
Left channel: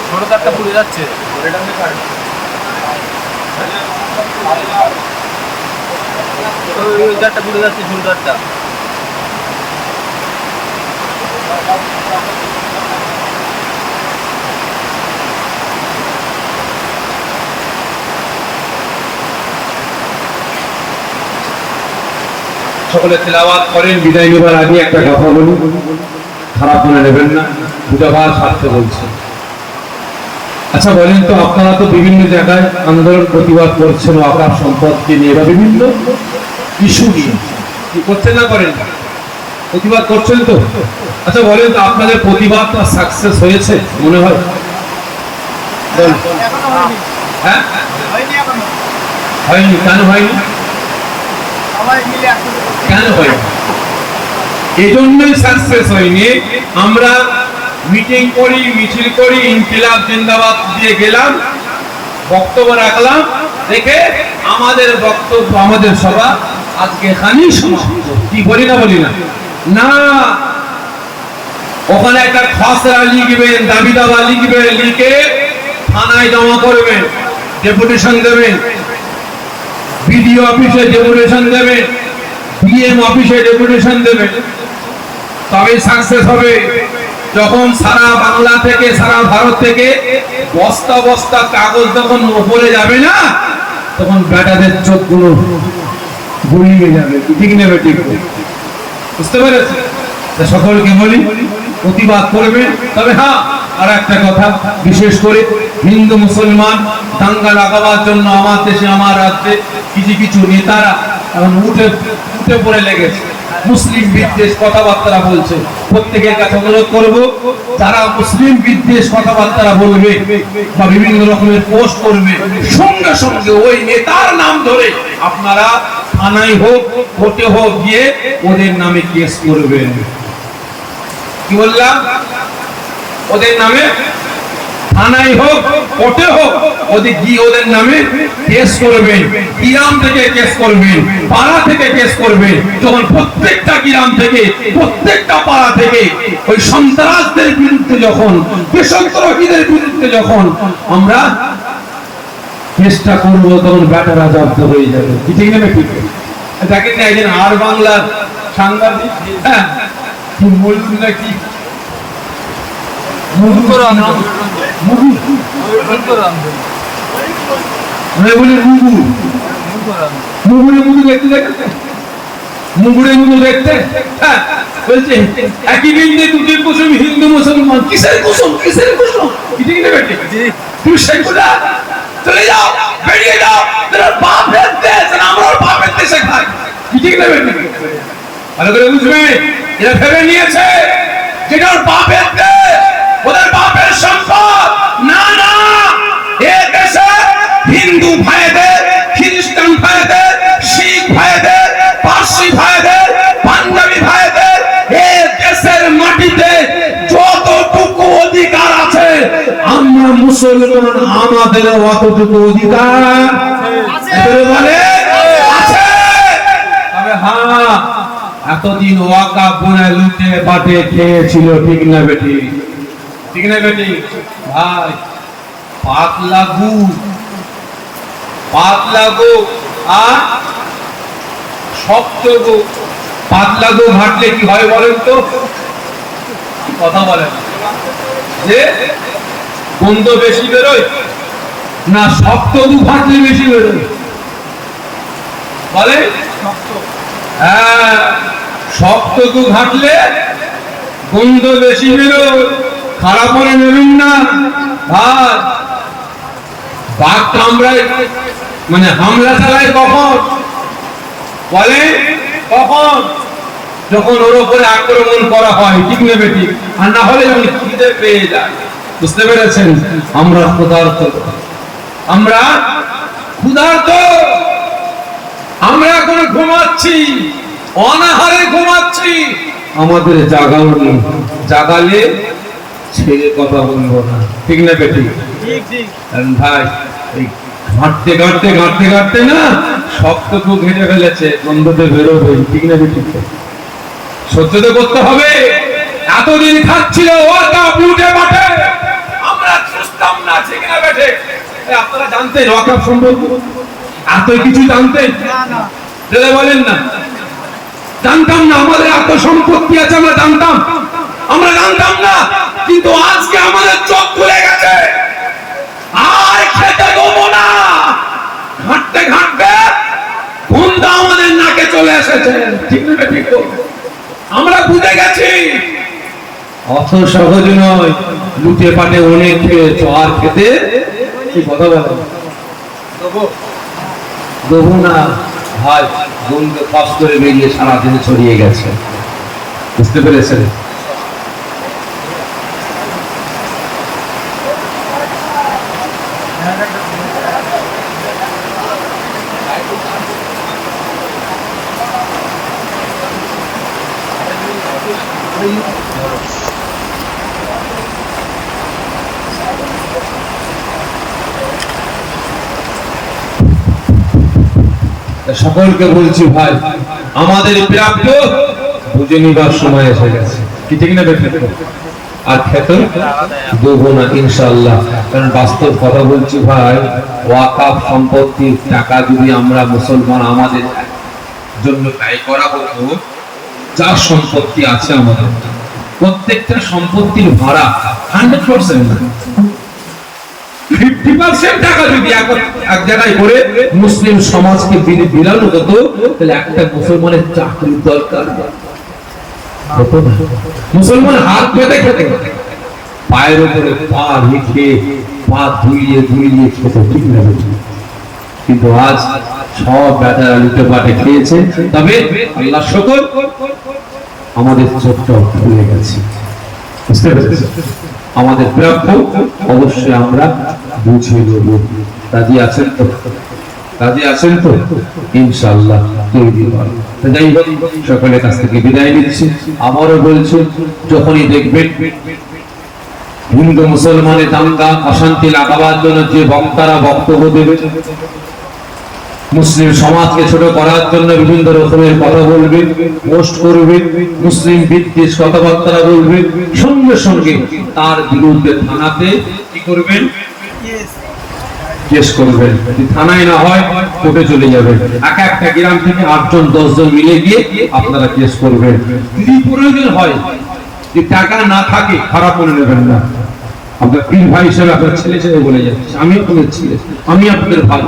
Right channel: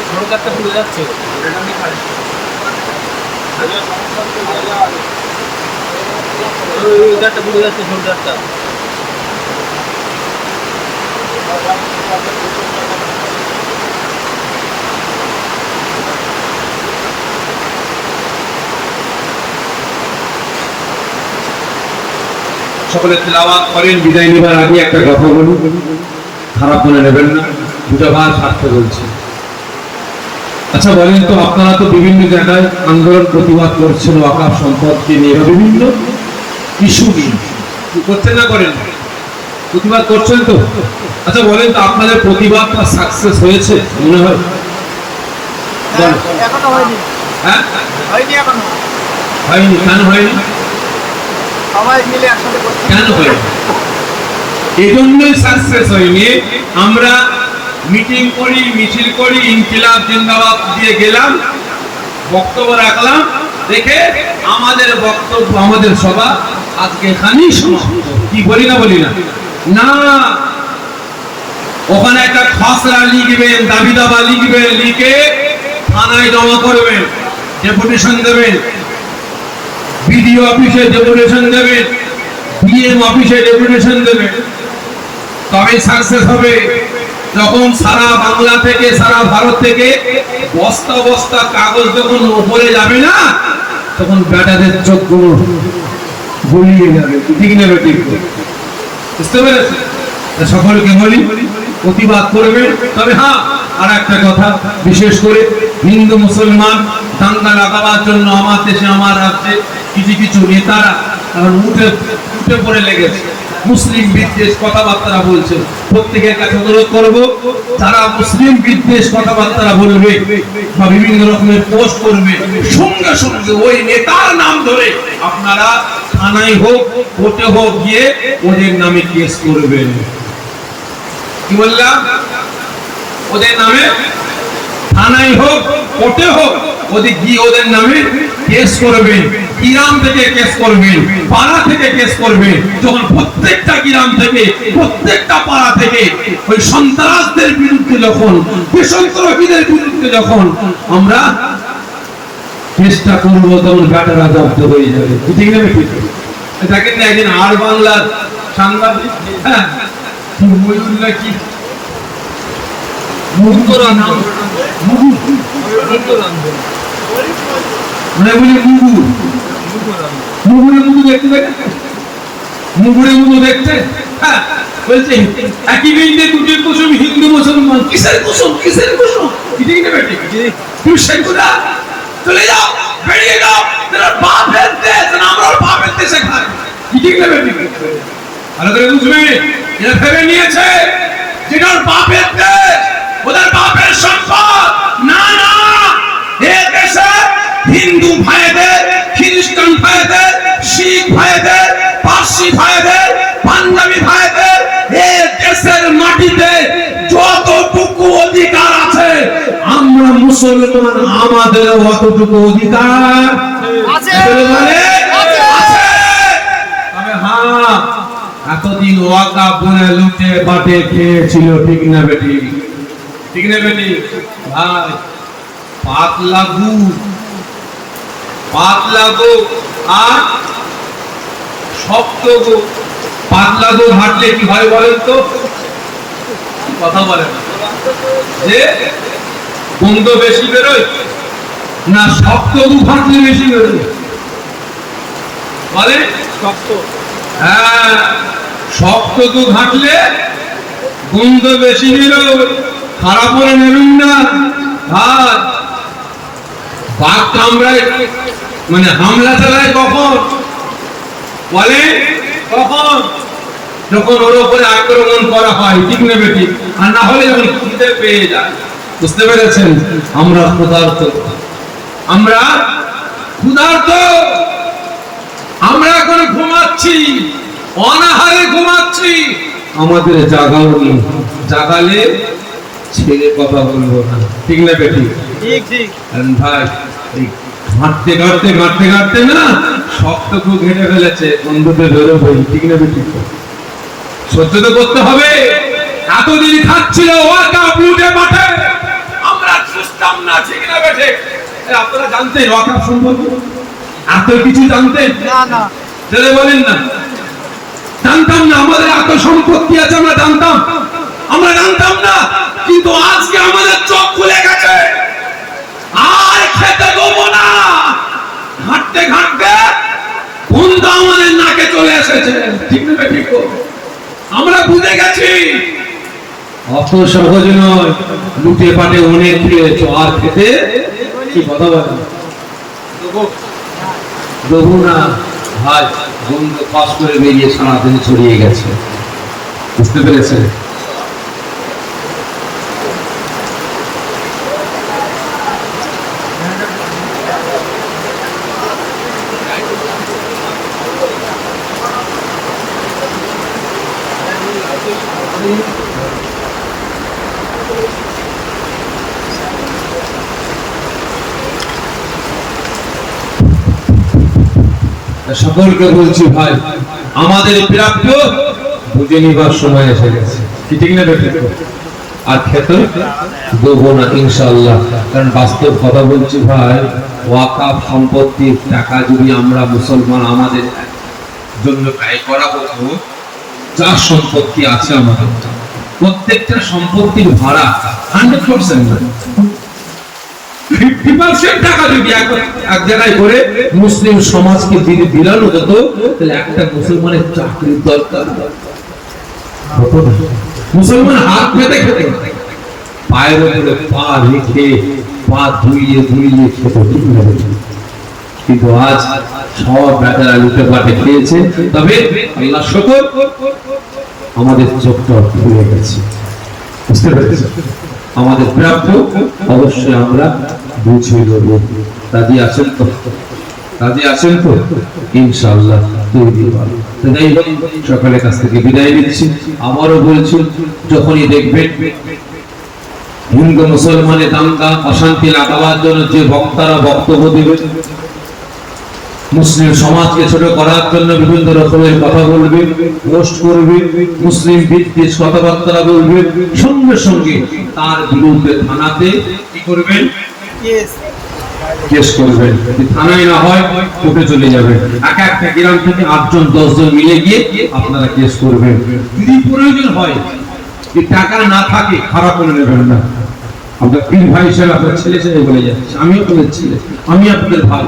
ছোট তারটা পুড়ে যাচ্ছে। ওই তারটা পুড়ে যাচ্ছে, ছোট তারটা। সকলে তেলাওয়াত করেন। বিদায় নেবার আগে একটা কথা বলুন, খারাপ মনে নেবেন না, দুটো ভাই স্বার্থে বলছি। আচ্ছা বলেন তো, আপনারা তো বিভিন্ন জায়গায় আন্দোলন প্রতিবাদ করছেন ওয়াকফ সম্পত্তি নিয়ে বা বিভিন্ন ইস্যু নিয়ে, কি করছেন না করেন? প্রতিবাদ করছেন তো। আচ্ছা বলেন তো, আপনাদের প্রতিবাদটা সাকসেস হয়েছে মনে হয়? হ্যাঁ, হয়নি। কেন হয়নি? কেন হয়নি? এই জন্যই সাকসেস হয়নি। আমরা মিটিং করি, মিছিল করি, ইনকিলাব জিন্দাবাদ দিয়ে গেলাম, বক্তব্য রাখলাম, দেখে আমাদের বক্তব্য, আমাদের সভা আজকে এখানেই সমাপ্ত। কি বলি না বলি না? না, ওখানে একটা খসড়া লিখবেন, দাবি দাবা লিখবেন, লিখে থানায় জমা করবেন, ডেপুটেশন দেবেন, বিডিও অফিসে ডেপুটেশন দেবেন, বিএম অফিসে ডেপুটেশন দেবেন, তবে সাকসেস হবে। যখন সারা বাংলা থেকে, সারা ভারত থেকে বস্তা বস্তা কাগজ যখন উপরে যাবে না, তখন বেটাদের চোখগুলো গুলিয়ে যাবে। ঠিক নেবে? ঠিক, বুঝতে পেরেছি? সকলকে বলি প্রতিবাদ করবে। তবে হ্যাঁ, আর একটা কথা, বিশেষ করে হিন্দু মুসলমান দাঙ্গা লাগাবার জন্য আমার দেশে, আমার রাজ্যে কিছু কিছু নেতারা এখন উঠে পড়ে লেগেছে, মুসলিম বিদ্বেষ কথাবার্তা বলছে। প্রত্যেকের কাছে অনুরোধ করবো, যারা মুসলিম বিদ্বেষ কথাবার্তা বলবে বা বিভিন্ন রকমের পোস্ট করবে, সঙ্গে সঙ্গে ওই নেতার নাম ধরে আপনারা থানায় হোক, কোর্টে হোক গিয়ে ওদের নামে কেস করবেন। কি বললাম? ওদের নামে থানায় হোক, কোর্টে হোক, ওদের গিয়ে ওদের নামে কেস করবেন। গ্রাম থেকে কেস করবেন, পাড়া থেকে কেস করবেন। যখন প্রত্যেকটা গ্রাম থেকে, প্রত্যেকটা পাড়া থেকে ওই সন্ত্রাসদের বিরুদ্ধে, যখন বেসরকারীদের বিরুদ্ধে যখন আমরা চেষ্টা করবো, তখন ব্যাটারা জব্দ হয়ে যাবে। ঠিক নেবে? ঠিক। দেখেন না, একজন আর বাংলার সাংবাদিক, হ্যাঁ, কি মজুর নাকি মুগুর দেখতে, হ্যাঁ, বলছে একই বৃন্দে দুটি কুসুম, হিন্দু মুসলমান। কিসের কুসুম, কিসের কুসুম? ঠিক নেবে? ঠিক। তুমি সেগুলা চলে যাও, বেরিয়ে যাও, তোরা বাপের দেশ, আমরা বাপের দেশে খাই। ঠিক নেবে? ঠিক। ভালো করে বুঝবি, এরা ভেবে নিয়েছে যেটা বাপের দেশ, ওদের বাপের সম্পদ। না না, এ দেশে হিন্দু ভাইদের, খ্রিস্টান ভাইদের, শিখ ভাইদের, পার্সি ভাইদের, পাঞ্জাবি ভাইদের, এ দেশের মাটিতে যতটুকু অধিকার আছে, আমরা মুসলমান আমাদের অতটুকু অধিকার আছে। তবে হ্যাঁ, এতদিন ওয়াকা বনে লুটে বাটে খেয়েছিল। ঠিক না বেটি? ঠিক না বেটি? ভাই, পাতলা গো আর শক্ত গো। পাতলা গো ঘাটলে কি হয় বলেন তো? কথা বলেন যে গন্ধ বেশি বেরোয় না শক্ত গো ঘাটলে বেশি বেরোয়? বলে হ্যাঁ, শক্ত গো ঘাটলে গন্ধ বেশি বেরোয়। খারাপ করে নেবেন না। বাঘ কামড়ায় মানে হামলা চালায় কখন? বলে কখন? যখন ওর উপরে আক্রমণ করা হয়, ঠিক না বেটি? আর না হলে যখন খিদে পেয়ে যায়। বুঝতে পেরেছেন? আমরা ক্ষুধার্ত, আমরা ক্ষুধার্ত, আমরা এখন ঘুমাচ্ছি, অনাহারে ঘুমাচ্ছি, আমাদের জাগাও নেই। জাগালে ছেলে কথা বলবো না, ঠিক না বেটি? ঠিক ঠিক। ভাই ঘাটতে ঘাটতে ঘাটতে ঘাটতে না সবটুকু ঘেটে ফেলেছে, বন্ধুদের বেরোবে, ঠিক না বেটি? সহ্য তো করতে হবে। এতদিন খাচ্ছিল ওয়াকাপ লুটে মাঠে, আমরা বুঝতাম না, ঠিক না বেটে? আপনারা জানতেন ওয়াকাপ সম্পর্কে? এত কিছু জানতেন না না, তাহলে বলেন না? জানতাম না। আমাদের এত সম্পত্তি আছে আমরা জানতাম? আমরা জানতাম না। কিন্তু আজকে আমাদের চোখ খুলে গেছে, আর খেতে দেবো না। ঘাটতে ঘাটতে ঘুমটা আমাদের নাকে চলে এসেছে, ঠিক না ঠিক? আমরা বুঝে গেছি অত সহজ নয়। লুটে পাটে অনেক খেয়েছো, আর খেতে কি কথা বলে দেবো না ভাই। গন্ধ ফাঁস করে বেরিয়ে সারাদিনে ছড়িয়ে গেছে, বুঝতে পেরেছেন? সকলকে বলছি ভাই, আমাদের প্রাপ্য বুঝে নিবার সময় এসে গেছে, কি ঠিক না বেটা? আর খেতে দেবো না ইনশাআল্লাহ। কারণ বাস্তব কথা বলছি ভাই, ওয়াকাফ সম্পত্তির টাকা যদি আমরা মুসলমান আমাদের জন্য ব্যয় করা হতো, যা সম্পত্তি আছে আমাদের, প্রত্যেকটা সম্পত্তির ভাড়া 100% 50% টাকা যদি এক জায়গায় করে মুসলিম সমাজকে যদি বিলানো হতো, তাহলে একটা মুসলমানের চাকরির দরকার হতো না। মুসলমান হাত পেতে খেতে, পায়ের উপরে পা রেখে, পা ধুইয়ে ধুইয়ে খেতে, ঠিক না? কিন্তু আজ সব বেটারা লুটে পাটে খেয়েছে। তবে আল্লাহ শুকর, আমাদের চোখটা খুলে গেছে, বুঝতে পেরেছি? আমাদের প্রাপ্য অবশ্যই আমরা বুঝে নেব। রাজি আছেন তো? রাজি আছেন তো? ইনশাআল্লাহ তাই সকালের কাছ থেকে বিদায় নিচ্ছি। আমারও বলছি, যখনই দেখবেন হিন্দু মুসলমানের দাঙ্গা অশান্তি লাগাবার জন্য যে বক্তারা বক্তব্য দেবে, মুসলিম সমাজকে ছোট করার জন্য বিভিন্ন রকমের কথা বলবে, পোস্ট করবে, মুসলিম বিদ্বেষ কথাবার্তা বলবে, সঙ্গে সঙ্গে তার বিরুদ্ধে থানাতে কি করবেন? কেস করবেন। থানায় না হয় কোর্টে চলে যাবেন। এক একটা গ্রাম থেকে 8জন 10জন মিলে গিয়ে আপনারা কেস করবেন। যদি প্রয়োজন হয়, যে টাকা না থাকে, খারাপ মনে নেবেন না। আমরা পীর ভাই হিসেবে আপনার ছেলে ছেলে বলে যাচ্ছি, আমিও আপনাদের ছেলে, আমি আপনাদের ভাই।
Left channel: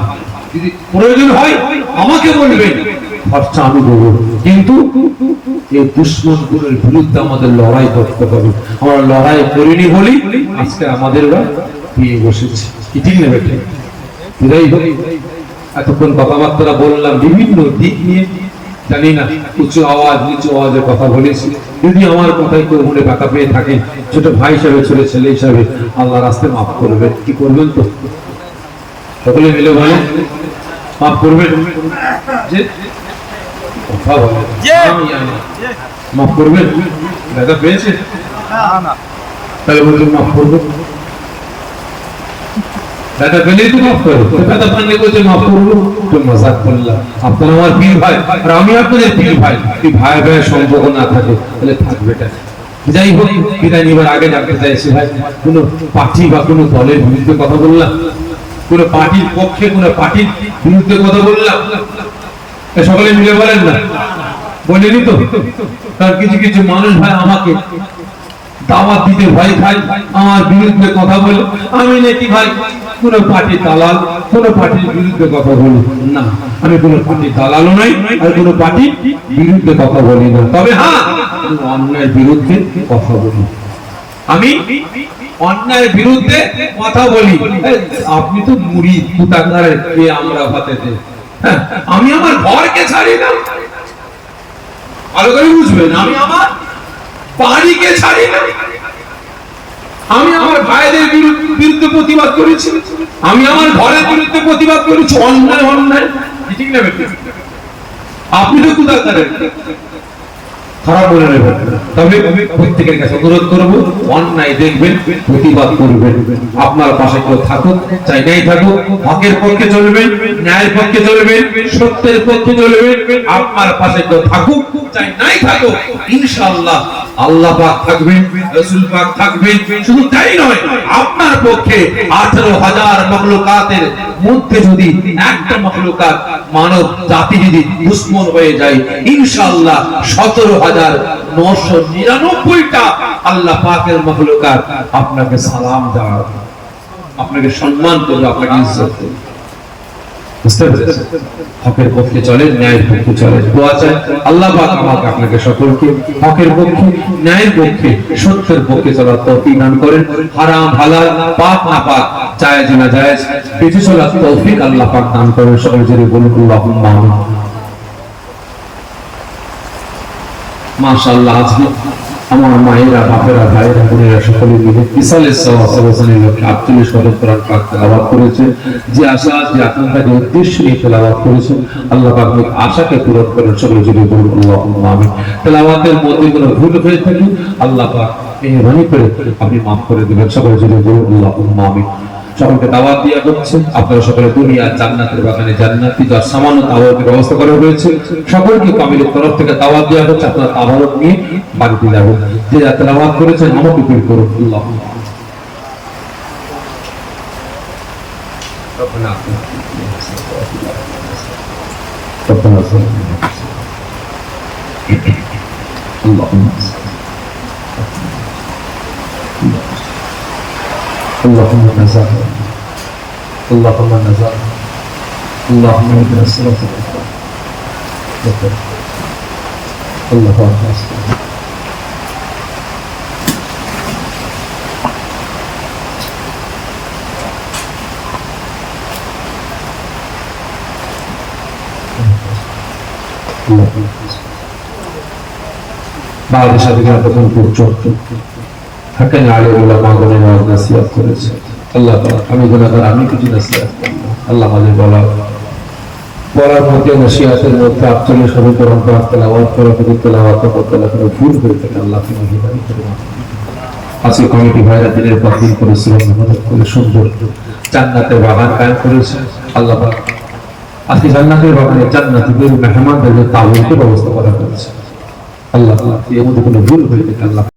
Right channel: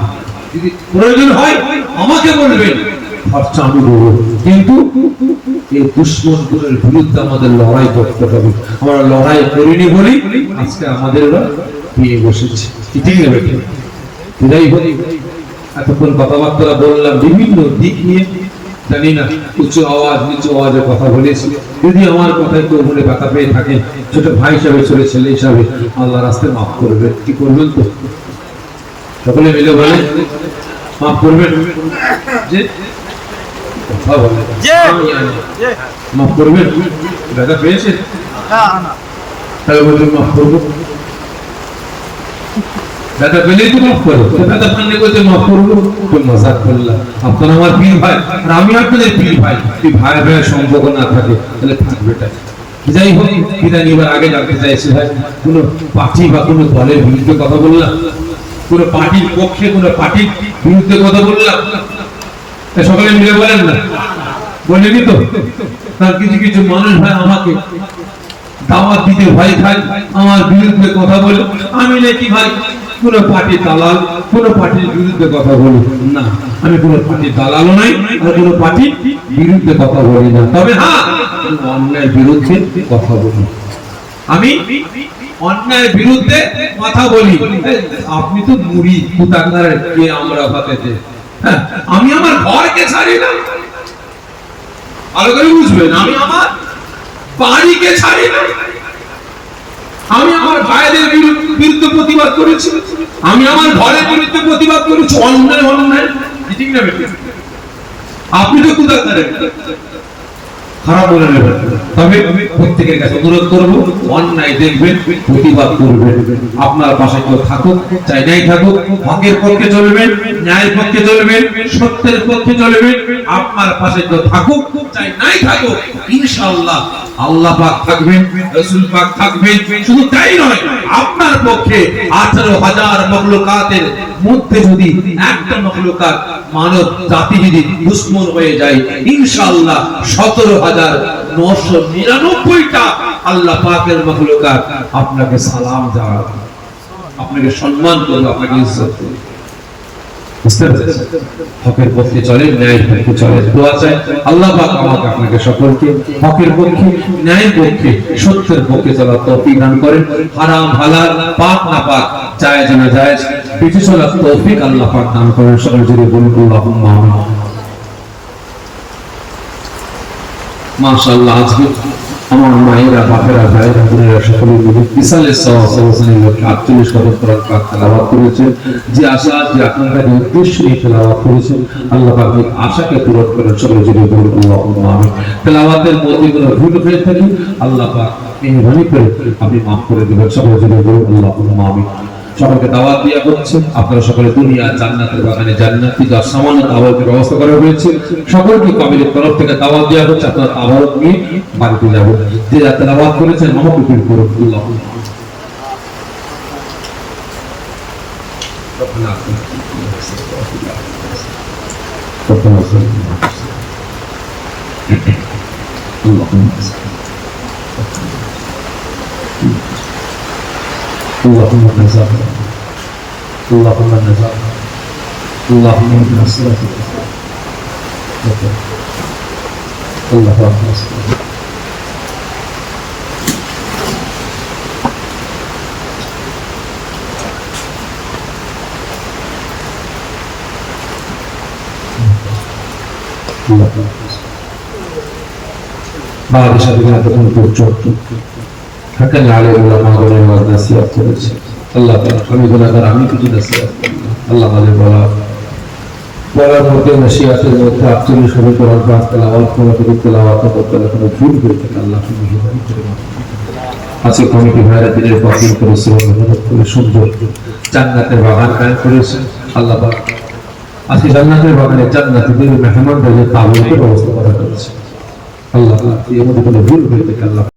যদি প্রয়োজন হয় আমাকে বলবেন, খরচা আমি দেবো। কিন্তু এই দুশ্মনগুলোর বিরুদ্ধে আমাদের লড়াই করতে হবে। আমরা লড়াই করিনি বলি আজকে আমাদের পেয়ে বসেছি, ঠিক না বেটা? এতক্ষণ কথাবার্তা বললাম বিভিন্ন দিক নিয়ে, জানি না উঁচু আওয়াজ নিচু আওয়াজে কথা বলেছি। যদি আমার কথায় কেউ মনে ব্যথা পেয়ে থাকে, ছোট ভাই হিসাবে, ছোট ছেলে হিসাবে, আল্লাহ রাস্তায় মাফ করবেন। কি করবেন তো? সকলে মিলে বলেন, মাফ করবেন। যে কথা বলে মাফ করবেন। ব্যথা পেয়েছে তাই বলতে মাফ করবো। ব্যথা পেলেই তো মাফ করো, ব্যথা পাননি বলতে মাফ করবো। কোন মজাক করলাম। আপনারা আমার পীর ভাই আর আমি আপনাদের পীর ভাই। যদি ভাই ভাইয়ের সম্পর্ক না থাকে তাহলে থাকবে এটা। যাই হোক, বিদায় নিবার আগে জানতে চাইছি ভাই, কোন পার্টি বা কোন দলের বিরুদ্ধে কথা বললাম? কোন পার্টির পক্ষে, কোন পার্টির বিরুদ্ধে কথা বললাম? সকলে মিলে বলেন না, বলেনি তো? কারণ কিছু কিছু মানুষ ভাই আমাকে দাওয়াত দিতে ভয় খায়, আমার বিরুদ্ধে কথা বলে। আমি নাকি ভাই কোন পার্টির দালাল, কোন পার্টির বিরুদ্ধে কথা বলি না। আমি কোন পার্টির দালালও নাই, আর কোন পার্টির বিরুদ্ধে কথা বলি না। তবে হ্যাঁ, অন্যায়ের বিরুদ্ধে কথা বলি। আমি অন্যায়ের বিরুদ্ধে কথা বলি। আপনি তো মুড়ি কুতাকার কে আমরা হাতেতে, হ্যাঁ, আমি আমার ঘরকে ছাড়ি না, ভালো করে বুঝবেন, আমি আমার বাড়িকে ছাড়ি না। আমি আমার ভাইদের বিরুদ্ধে প্রতিবাদ করেছি, আমি আমার ঘরের বিরুদ্ধে প্রতিবাদ করেছি। অন্যায় অন্যায়, ঠিক না বেটি? আপনি তো কুতাকারের খারাপ বলে নেবেন, তবে প্রত্যেকের কাছে অনুরোধ করবো, অন্যায় দেখবেন, প্রতিবাদ করবেন। আপনার পাশে কেউ থাকুক চাই নাই থাকুক, হকের পক্ষে চলবেন, ন্যায়ের পক্ষে চলবেন, সত্যের পক্ষে চলবেন। আপনার পাশে কেউ থাকুক চাই নাই থাকুক, ইনশাআল্লাহ আল্লাহ পাক থাকবেন, রাসূল পাক থাকবেন। শুধু তাই নয়, আপনার পক্ষে 18,000 মখলুকাতের মধ্যে যদি একটা মখলুকাত মানব জাতি যদি দুশমন হয়ে যায়, ইনশাআল্লাহ 17,999টা আল্লাহ পাকের মখলুকাত আপনাকে সালাম দেওয়া, আপনাকে সম্মান করবে, আপনাকে ইজ্জত দেবে। হকের পক্ষে চলে, ন্যায়ের পক্ষে চলে। দোয়া চাই আল্লাহ পাক আমাকে আপনাকে সকলকে হকের পক্ষে, ন্যায়ের পক্ষে, সত্যের পক্ষে চলার তৌফিক দান করেন। হারাম হালাল, পাক না পাক, জায়েজ না জায়েজ বেঁচে চলার তৌফিক আল্লাহ পাক দান করেন। সকল জুড়ে বলুন আল্লাহুম্মা আমিন। মাশাআল্লাহ, আজকে আমার মায়েরা, বাপেরা, ভাইরা, বোনেরা সকলে মিলে বিশালের সওয়াবের লক্ষ্যে 48 কদম কোরআন পাক তেলাওয়াত করেছে। যে আশা, যে আকাঙ্ক্ষা, যে উদ্দেশ্য নিয়ে তেলাওয়াত করেছে, আল্লাহ পাক এই আশাকে পূরণ করেন। সকলে জুড়ে বলুন আল্লাহুম্মা আমিন। তেলাওয়াতের মধ্যে কোনো ভুল হয়ে থাকে আল্লাহ পাক মেহেরবানি করে আপনি মাফ করে দেবেন। সকলে জুড়ে বলুন আল্লাহুম্মা আমিন। সকলকে দাওয়াত দেওয়া হচ্ছে, আপনারা সকলে দুনিয়া জান্নাতের বাগানে জান্নাতি যা সামান্য দাওয়াতের ব্যবস্থা করা হয়েছে, সকলকে কাবিলের তরফ থেকে দাওয়াত দেওয়া হচ্ছে। আপনারা দাওয়াত নিয়ে বাড়িতে যাবেন, যে যাতে দাওয়াত করেছেন মহব্বত করুন। আল্লাহুম্মা اللهم نزل اللهم نزل اللهم اهدنا الصراط المستقيم اللهم نزل بعد شهر প্রথম পর্যন্ত থাকেন আলে উলামা গণের নাসিহত করেছে। আল্লাহ পাক আমি গুনাহগার, আমি কিছু নাসিহত করি, আল্লাহ আমাদের বলার মধ্যে নাসিহতের মধ্যে 48 শত কোরআন পাক তেলাওয়াত করা থেকে তেলাওয়াত করতে কোনো ভুল হয়ে থাকে আল্লাহ আপনি মেহেরবানি করে। আজকে কমিটি ভাইরা দিনের পর দিন করেছে, মেহনত করে সুন্দর জান্নাতের বাগান কায়েম করেছে। আল্লাহ পাক আজকে জান্নাতের বাগানে জান্নাতীদের মেহমানদের তাবুরকে ব্যবস্থা করা হয়েছে। আল্লাহ এর মধ্যে কোনো ভুল হয়ে থাকে আল্লাহ